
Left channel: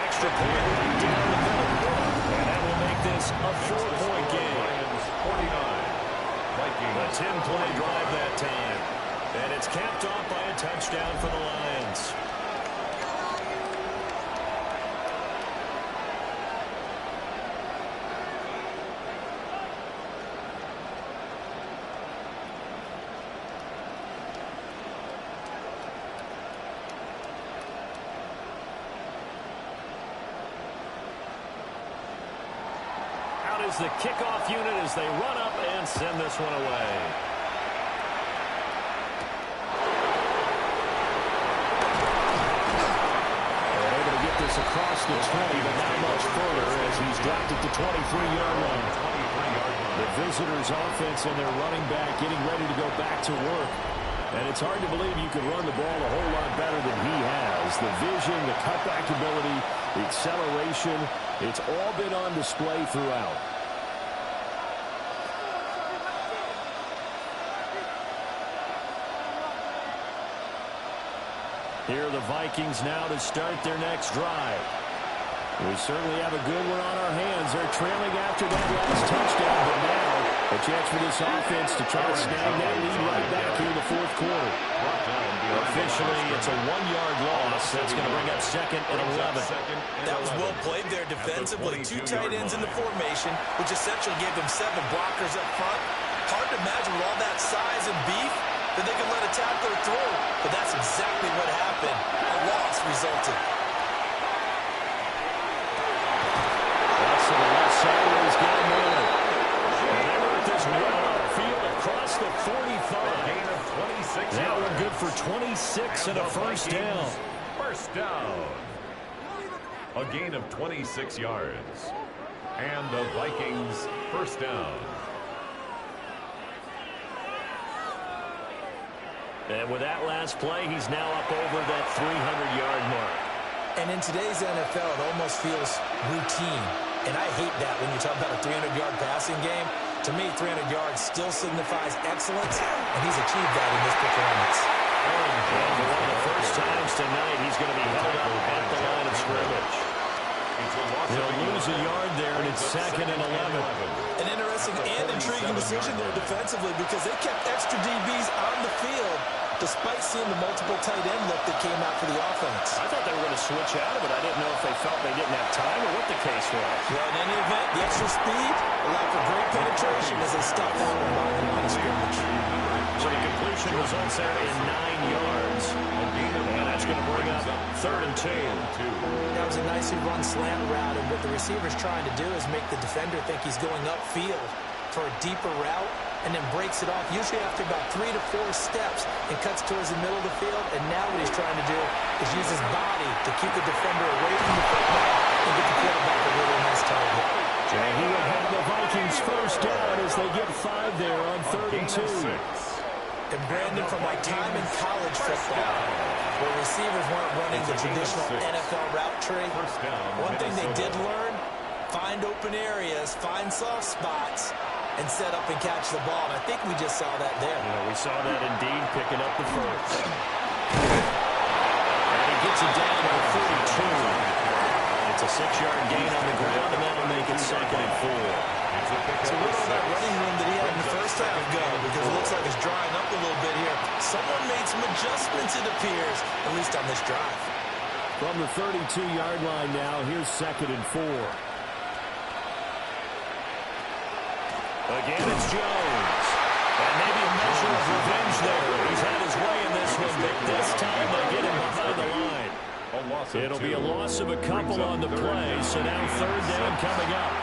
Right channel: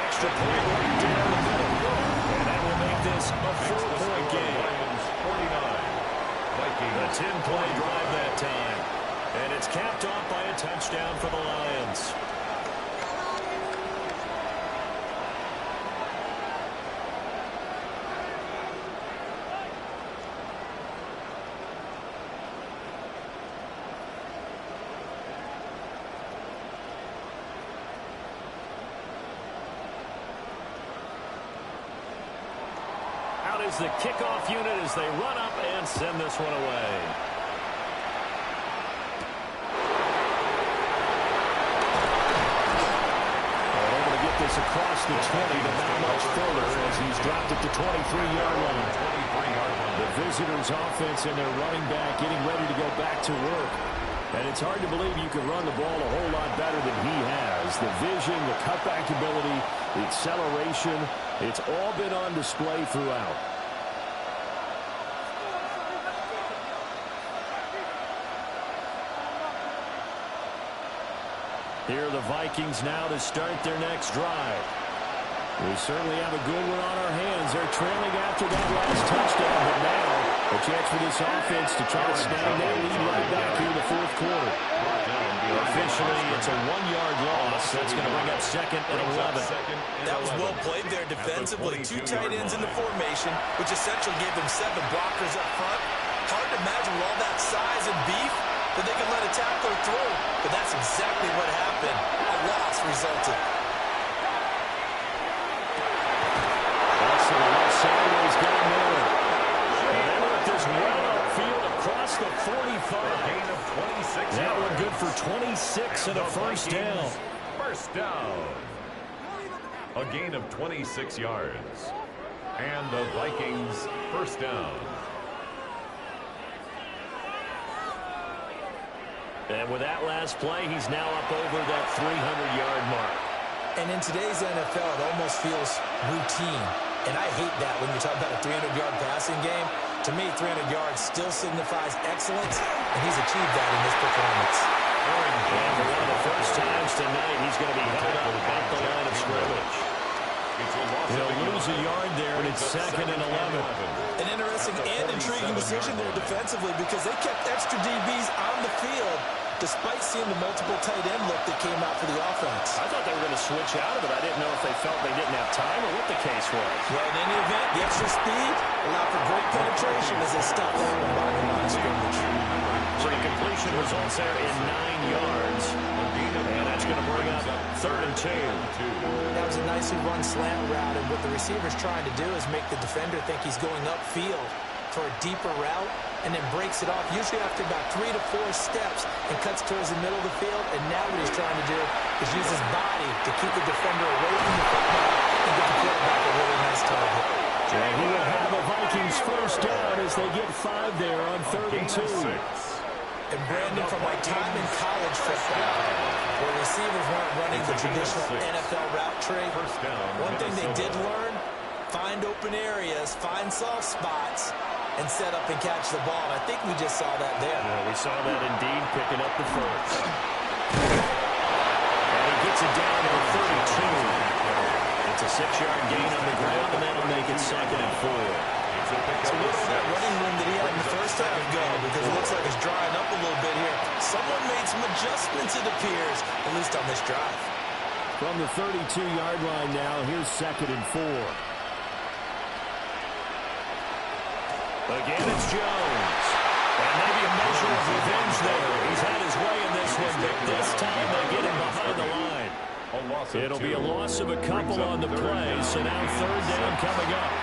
Extra point right down the middle. And that will make this a 4-point game. Lions 49. Vikings. A 10-play drive that time. And it's capped off by a touchdown for the Lions. Out is the kickoff unit as they run up and send this one away. This across the 20, but not much further as he's dropped it to 23-yard line. The visitors' offense and their running back getting ready to go back to work. And it's hard to believe you can run the ball a whole lot better than he has. The vision, the cutback ability, the acceleration, it's all been on display throughout. Here are the Vikings now to start their next drive. We certainly have a good one on our hands. They're trailing after that last touchdown, but now a chance for this offense to try to snag that lead right back here in the fourth quarter. Officially, it's a 1-yard loss. That's going to bring up 2nd and 11. That was well played there defensively. 2 tight ends in the formation, which essentially gave them 7 blockers up front. Hard to imagine with all that size and beef that they can let a tackler through, but that's exactly what happened. A loss resulted. That's to the left sideways guy Miller. And they work this well upfield across the 45. Gain of 26 that yards. one good for 26 and a first down. First down. A gain of 26 yards. And the Vikings first down. And with that last play, he's now up over that 300-yard mark. And in today's NFL, it almost feels routine. And I hate that when you talk about a 300-yard passing game. To me, 300 yards still signifies excellence, and he's achieved that in this performance. And for one of the first times tonight, he's going to be held up at the line of scrimmage. He'll lose a yard there, and it's 2nd and 11. An interesting and intriguing decision there defensively because they kept extra DBs on the field despite seeing the multiple tight end look that came out for the offense. I thought they were going to switch out of it. I didn't know if they felt they didn't have time or what the case was. Well, in any event, the extra speed allowed for great penetration as they stopped that one by the line of scrimmage. So the completion results there in 9 yards. And that's going to bring up 3rd and 2. That was a nicely run slant route, and what the receiver's trying to do is make the defender think he's going upfield for a deeper route, and then breaks it off, usually after about 3 to 4 steps, and cuts towards the middle of the field. And now what he's trying to do is use his body to keep the defender away from the football and get the quarterback a really nice target. And he will have the Vikings first down as they get 5 there on 3rd and 2. And Brandon, from my time in college football, where receivers weren't running the traditional NFL route tree, one thing they did learn, find open areas, find soft spots, and set up and catch the ball. And I think we just saw that there. Yeah, we saw that indeed, picking up the first. And he gets it down to the 32. It's a 6-yard gain on the ground, and that'll make it 2nd and 4. So where did that running room that he had in the first half go? Because it looks like it's drying up a little bit here. Someone made some adjustments, it appears, at least on this drive. From the 32-yard line now, here's 2nd and 4. Again, it's Jones. And maybe a measure of revenge there. He's had his way in this one, but this time they get him behind the line. It'll be a loss of a couple on the play, so now 3rd down coming up.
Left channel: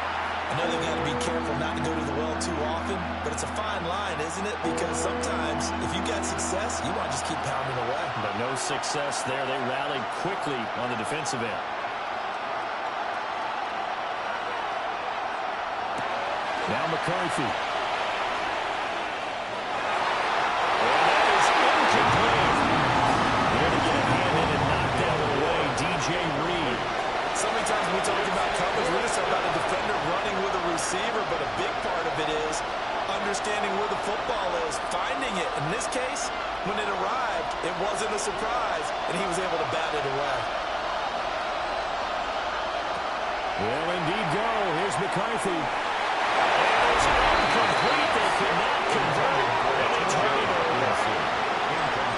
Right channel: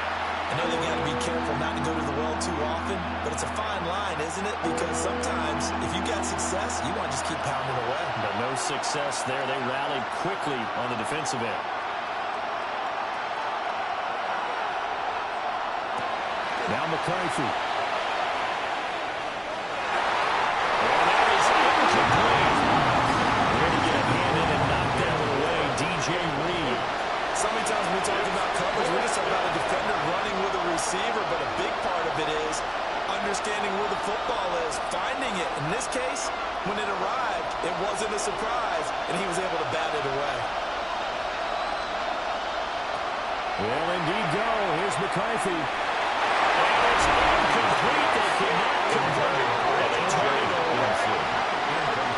I know they've got to be careful not to go to the well too often, but it's a fine line, isn't it? Because sometimes, if you got success, you want to just keep pounding away. But no success there. They rallied quickly on the defensive end. Now McCarthy. And that is incomplete. There to get a hand in and knock that one away, DJ Reed. So many times when we talk about coverage, we're just talking about a defender running with a receiver, but a big part of it is understanding where the football is, finding it. In this case, when it arrived, it wasn't a surprise, and he was able to bat it away. Will indeed go. Here's McCarthy. And it's incomplete. They could not convert, and they turn it over.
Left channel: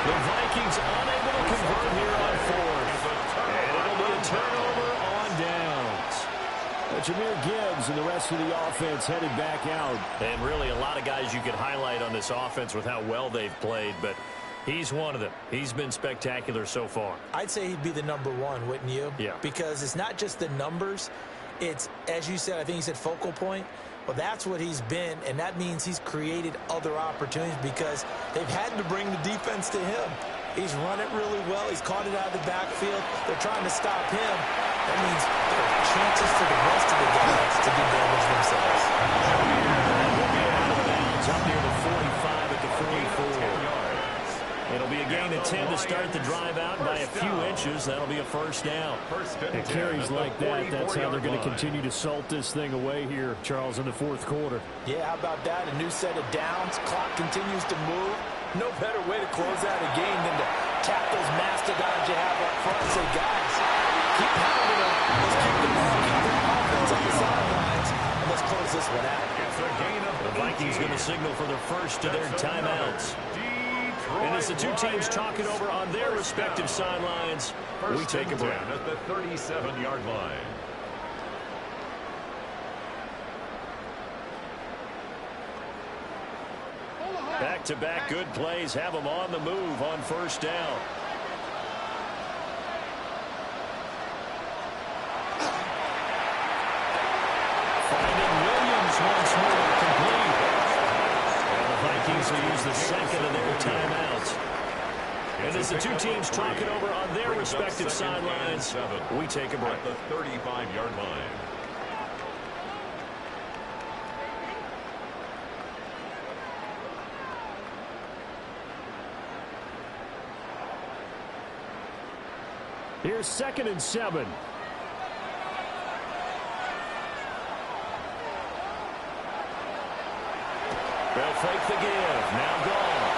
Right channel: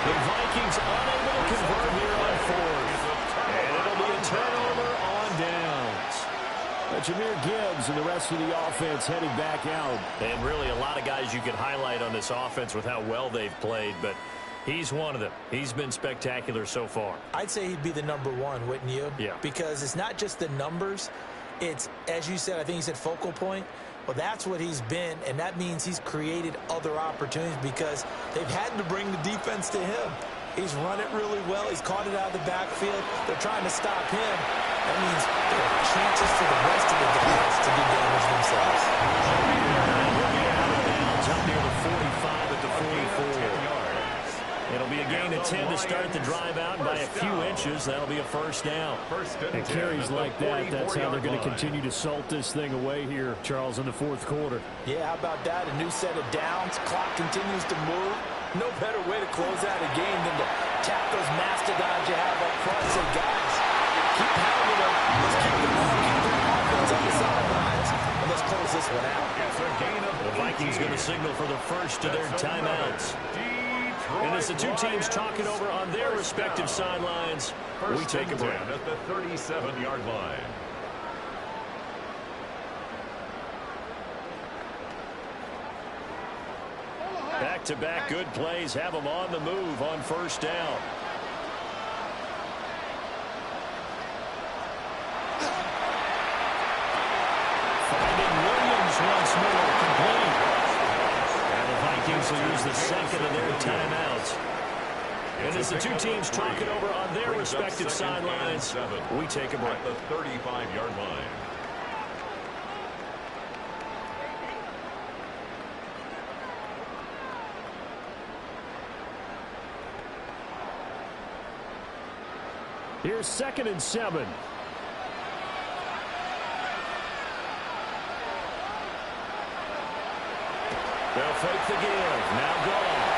The Vikings unable to convert here on 4th. And it'll be a turnover on downs. Jahmyr Gibbs and the rest of the offense headed back out. And really a lot of guys you could highlight on this offense with how well they've played, but he's one of them. He's been spectacular so far. I'd say he'd be the number 1, wouldn't you? Yeah. Because it's not just the numbers. It's, as you said, I think you said focal point. Well, that's what he's been, and that means he's created other opportunities because they've had to bring the defense to him. He's run it really well. He's caught it out of the backfield. They're trying to stop him. That means there are chances for the rest of the guys to do damage themselves. And we'll be out of bounds up near the 45 at the 44. It'll be a gain of 10 to start the drive out by a few inches. That'll be a first down. And carries like that, that's how they're going to continue to salt this thing away here, Charles, in the 4th quarter. Yeah, how about that? A new set of downs. Clock continues to move. No better way to close out a game than to tap those mastodons you have up front. Say, guys, keep pounding them. Let's keep the ball, keep their offense on the sidelines, and let's close this one out. The Vikings going to signal for the first of their timeouts. And as the two teams talk it over on their respective sidelines, we take a break. At the 37-yard line. Back-to-back good plays have them on the move on first down. Finding Williams once more, complete. And the Vikings will use the second of their timeouts. And as the two teams talk it over on their respective sidelines, we take a break. At the 35-yard line. Here's 2nd and 7. They'll fake the give. Now gone.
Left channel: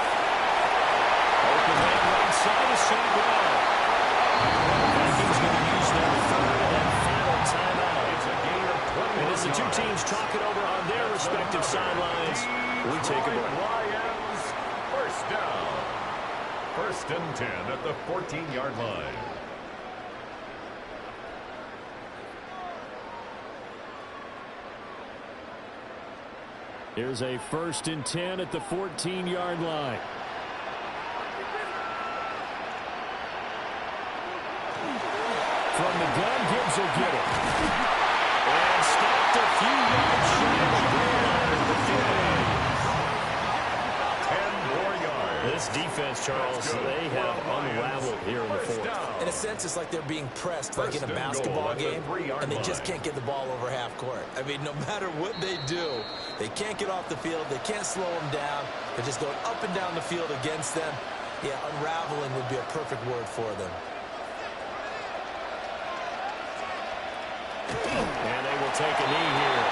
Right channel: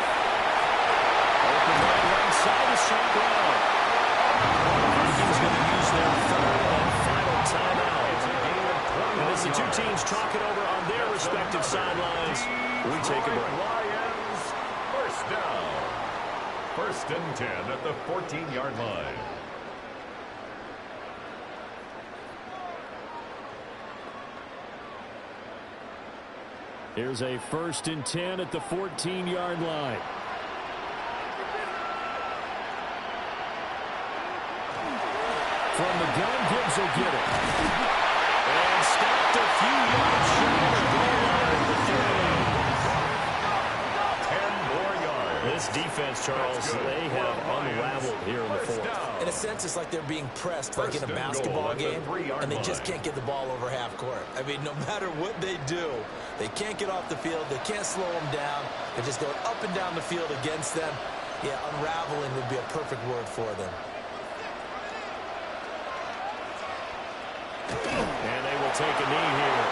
Open man right side is St. Brown. The Vikings going to use their 3rd and final timeout. It's a gain of 20. And as the two teams talk it over on their respective sidelines, we take a break. Lions, first down. 1st and 10 at the 14-yard line. Here's a 1st and 10 at the 14-yard line. From the gun, Gibbs will get it. And stopped a few yards shy of the goal line at the 3. This defense, Charles, they have unraveled here in the fourth. In a sense, it's like they're being pressed like in a basketball game, and they just can't get the ball over half court. I mean, no matter what they do, they can't get off the field. They can't slow them down. They're just going up and down the field against them. Yeah, unraveling would be a perfect word for them. And they will take a knee here.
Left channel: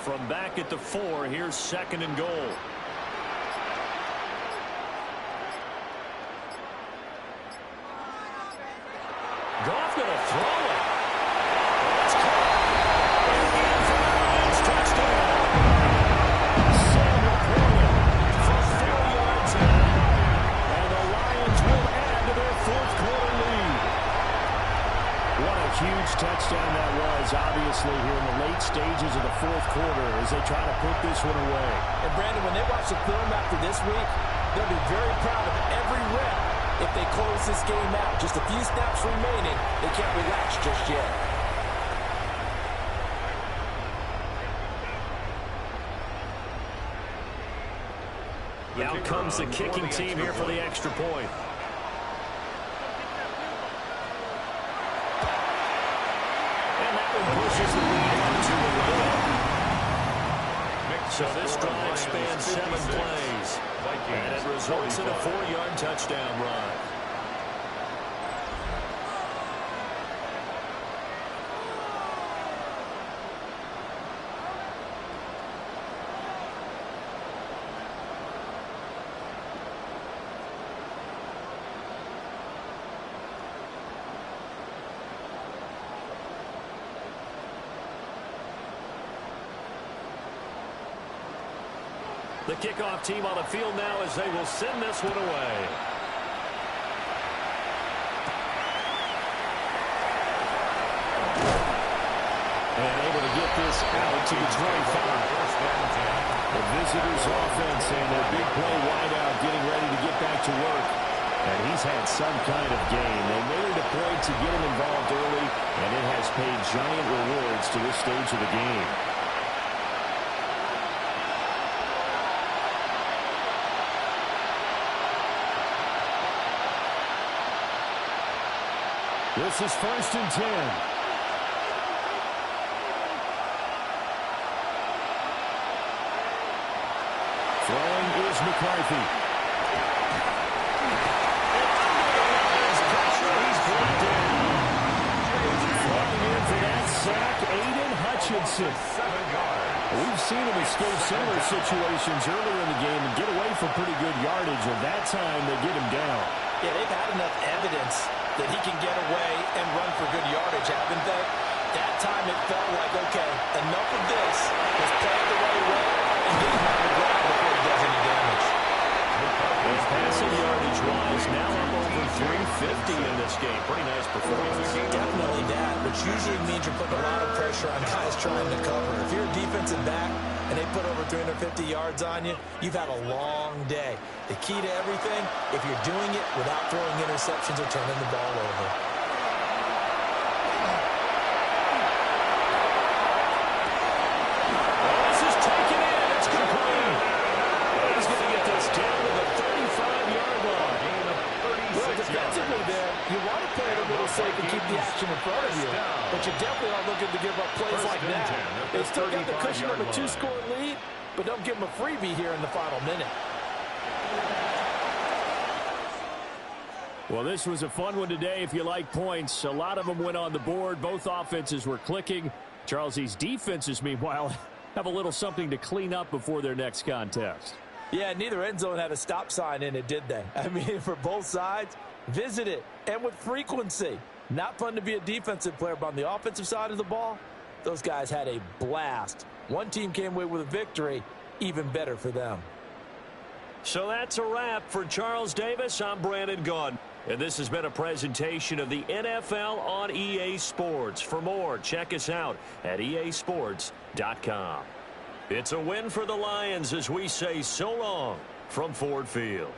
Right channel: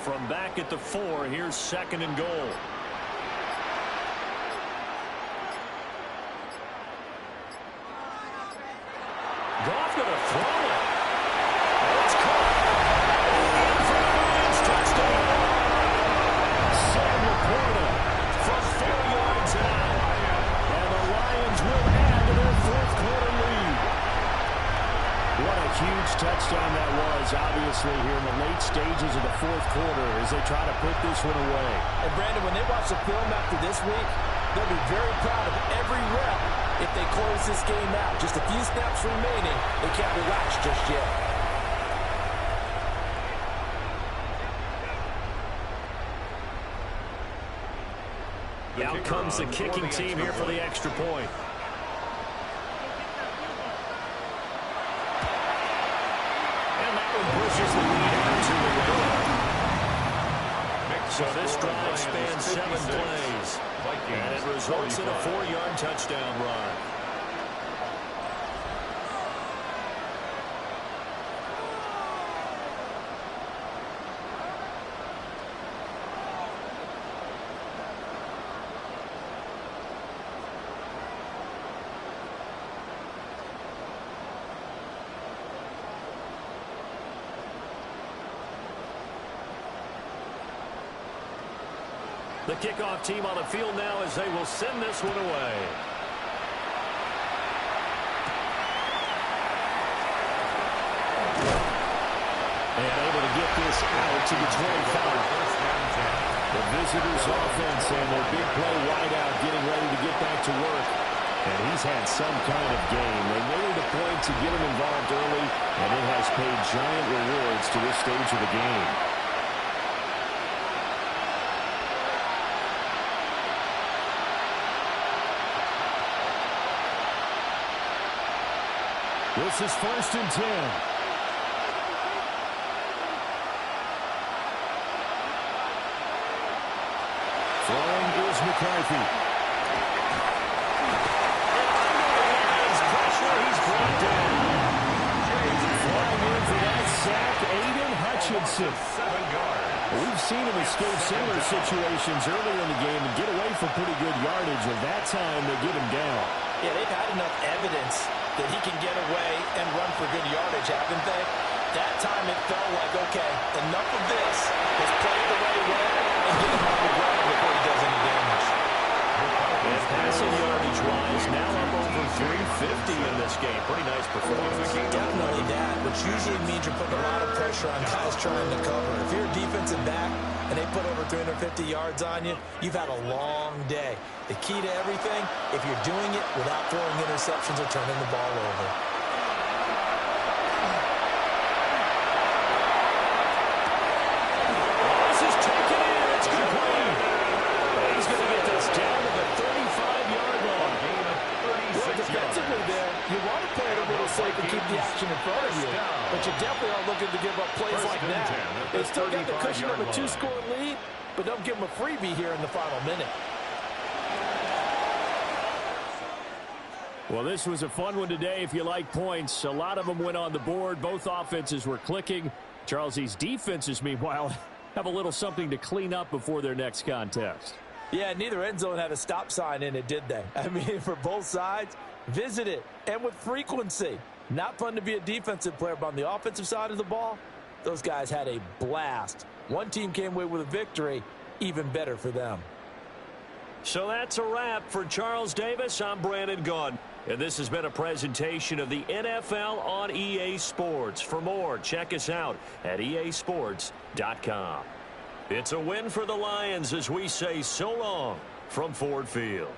From back at the 4, here's 2nd and goal. Goff going to throw it. Oh, it's caught. In for the Lions touchdown. Sam Laporta from 4 yards out. And the Lions will add to their 4th quarter lead. What a huge touchdown that was, obviously, here in the late stages of the 4th quarter as they try to put this one away. And, Brandon, when they watch the film after this week, they'll be very proud of every rep if they close this game out. Just a few snaps remaining. They can't relax just yet. Out comes the kicking team here for the extra point. And that one pushes the lead out to 11. So this drive spans 7 plays. And it results in a 4-yard touchdown run. The kickoff team on the field now as they will send this one away. And able to get this out to the 25. The visitors' offense and their big play wideout getting ready to get back to work. And he's had some kind of game. They made it a point to get him involved early, and it has paid giant rewards to this stage of the game. This is 1st and 10. Throwing is McCarthy. And under the Lions' pressure, he's brought down. Flying in for that sack, Aiden Hutchinson. 7 yards. We've seen him escape similar situations earlier in the game and get away for pretty good yardage, and that time they get him down. Yeah, they've had enough evidence that he can get away and run for good yardage, haven't they? That time it felt like, okay, enough of this. Let's play it the right way and get him on the ground before he does any damage. And passing yardage-wise, now up over 350 in this game. Pretty nice performance. Definitely that, which usually means you're putting a lot of pressure on guys trying to cover. If you're a defensive back and they put over 350 yards on you, you've had a long day. The key to everything, if you're doing it without throwing interceptions or turning the ball over. Oh, this is taken in. It's complete. He's going to get this down to the 35-yard line. Well, defensively there, you want to play it a little safe and keep the action in front of you, but you definitely aren't looking to give up plays like that. They still got the cushion of a 2-score lead, but don't give them a freebie here in the final minute. Well, this was a fun one today if you like points. A lot of them went on the board. Both offenses were clicking. Charles, these defenses, meanwhile, have a little something to clean up before their next contest. Yeah, neither end zone had a stop sign in it, did they? I mean, for both sides, visit it, and with frequency. Not fun to be a defensive player, but on the offensive side of the ball, those guys had a blast. One team came away with a victory, even better for them. So that's a wrap for Charles Davis. I'm Brandon Gaudin. And this has been a presentation of the NFL on EA Sports. For more, check us out at easports.com. It's a win for the Lions as we say so long from Ford Field.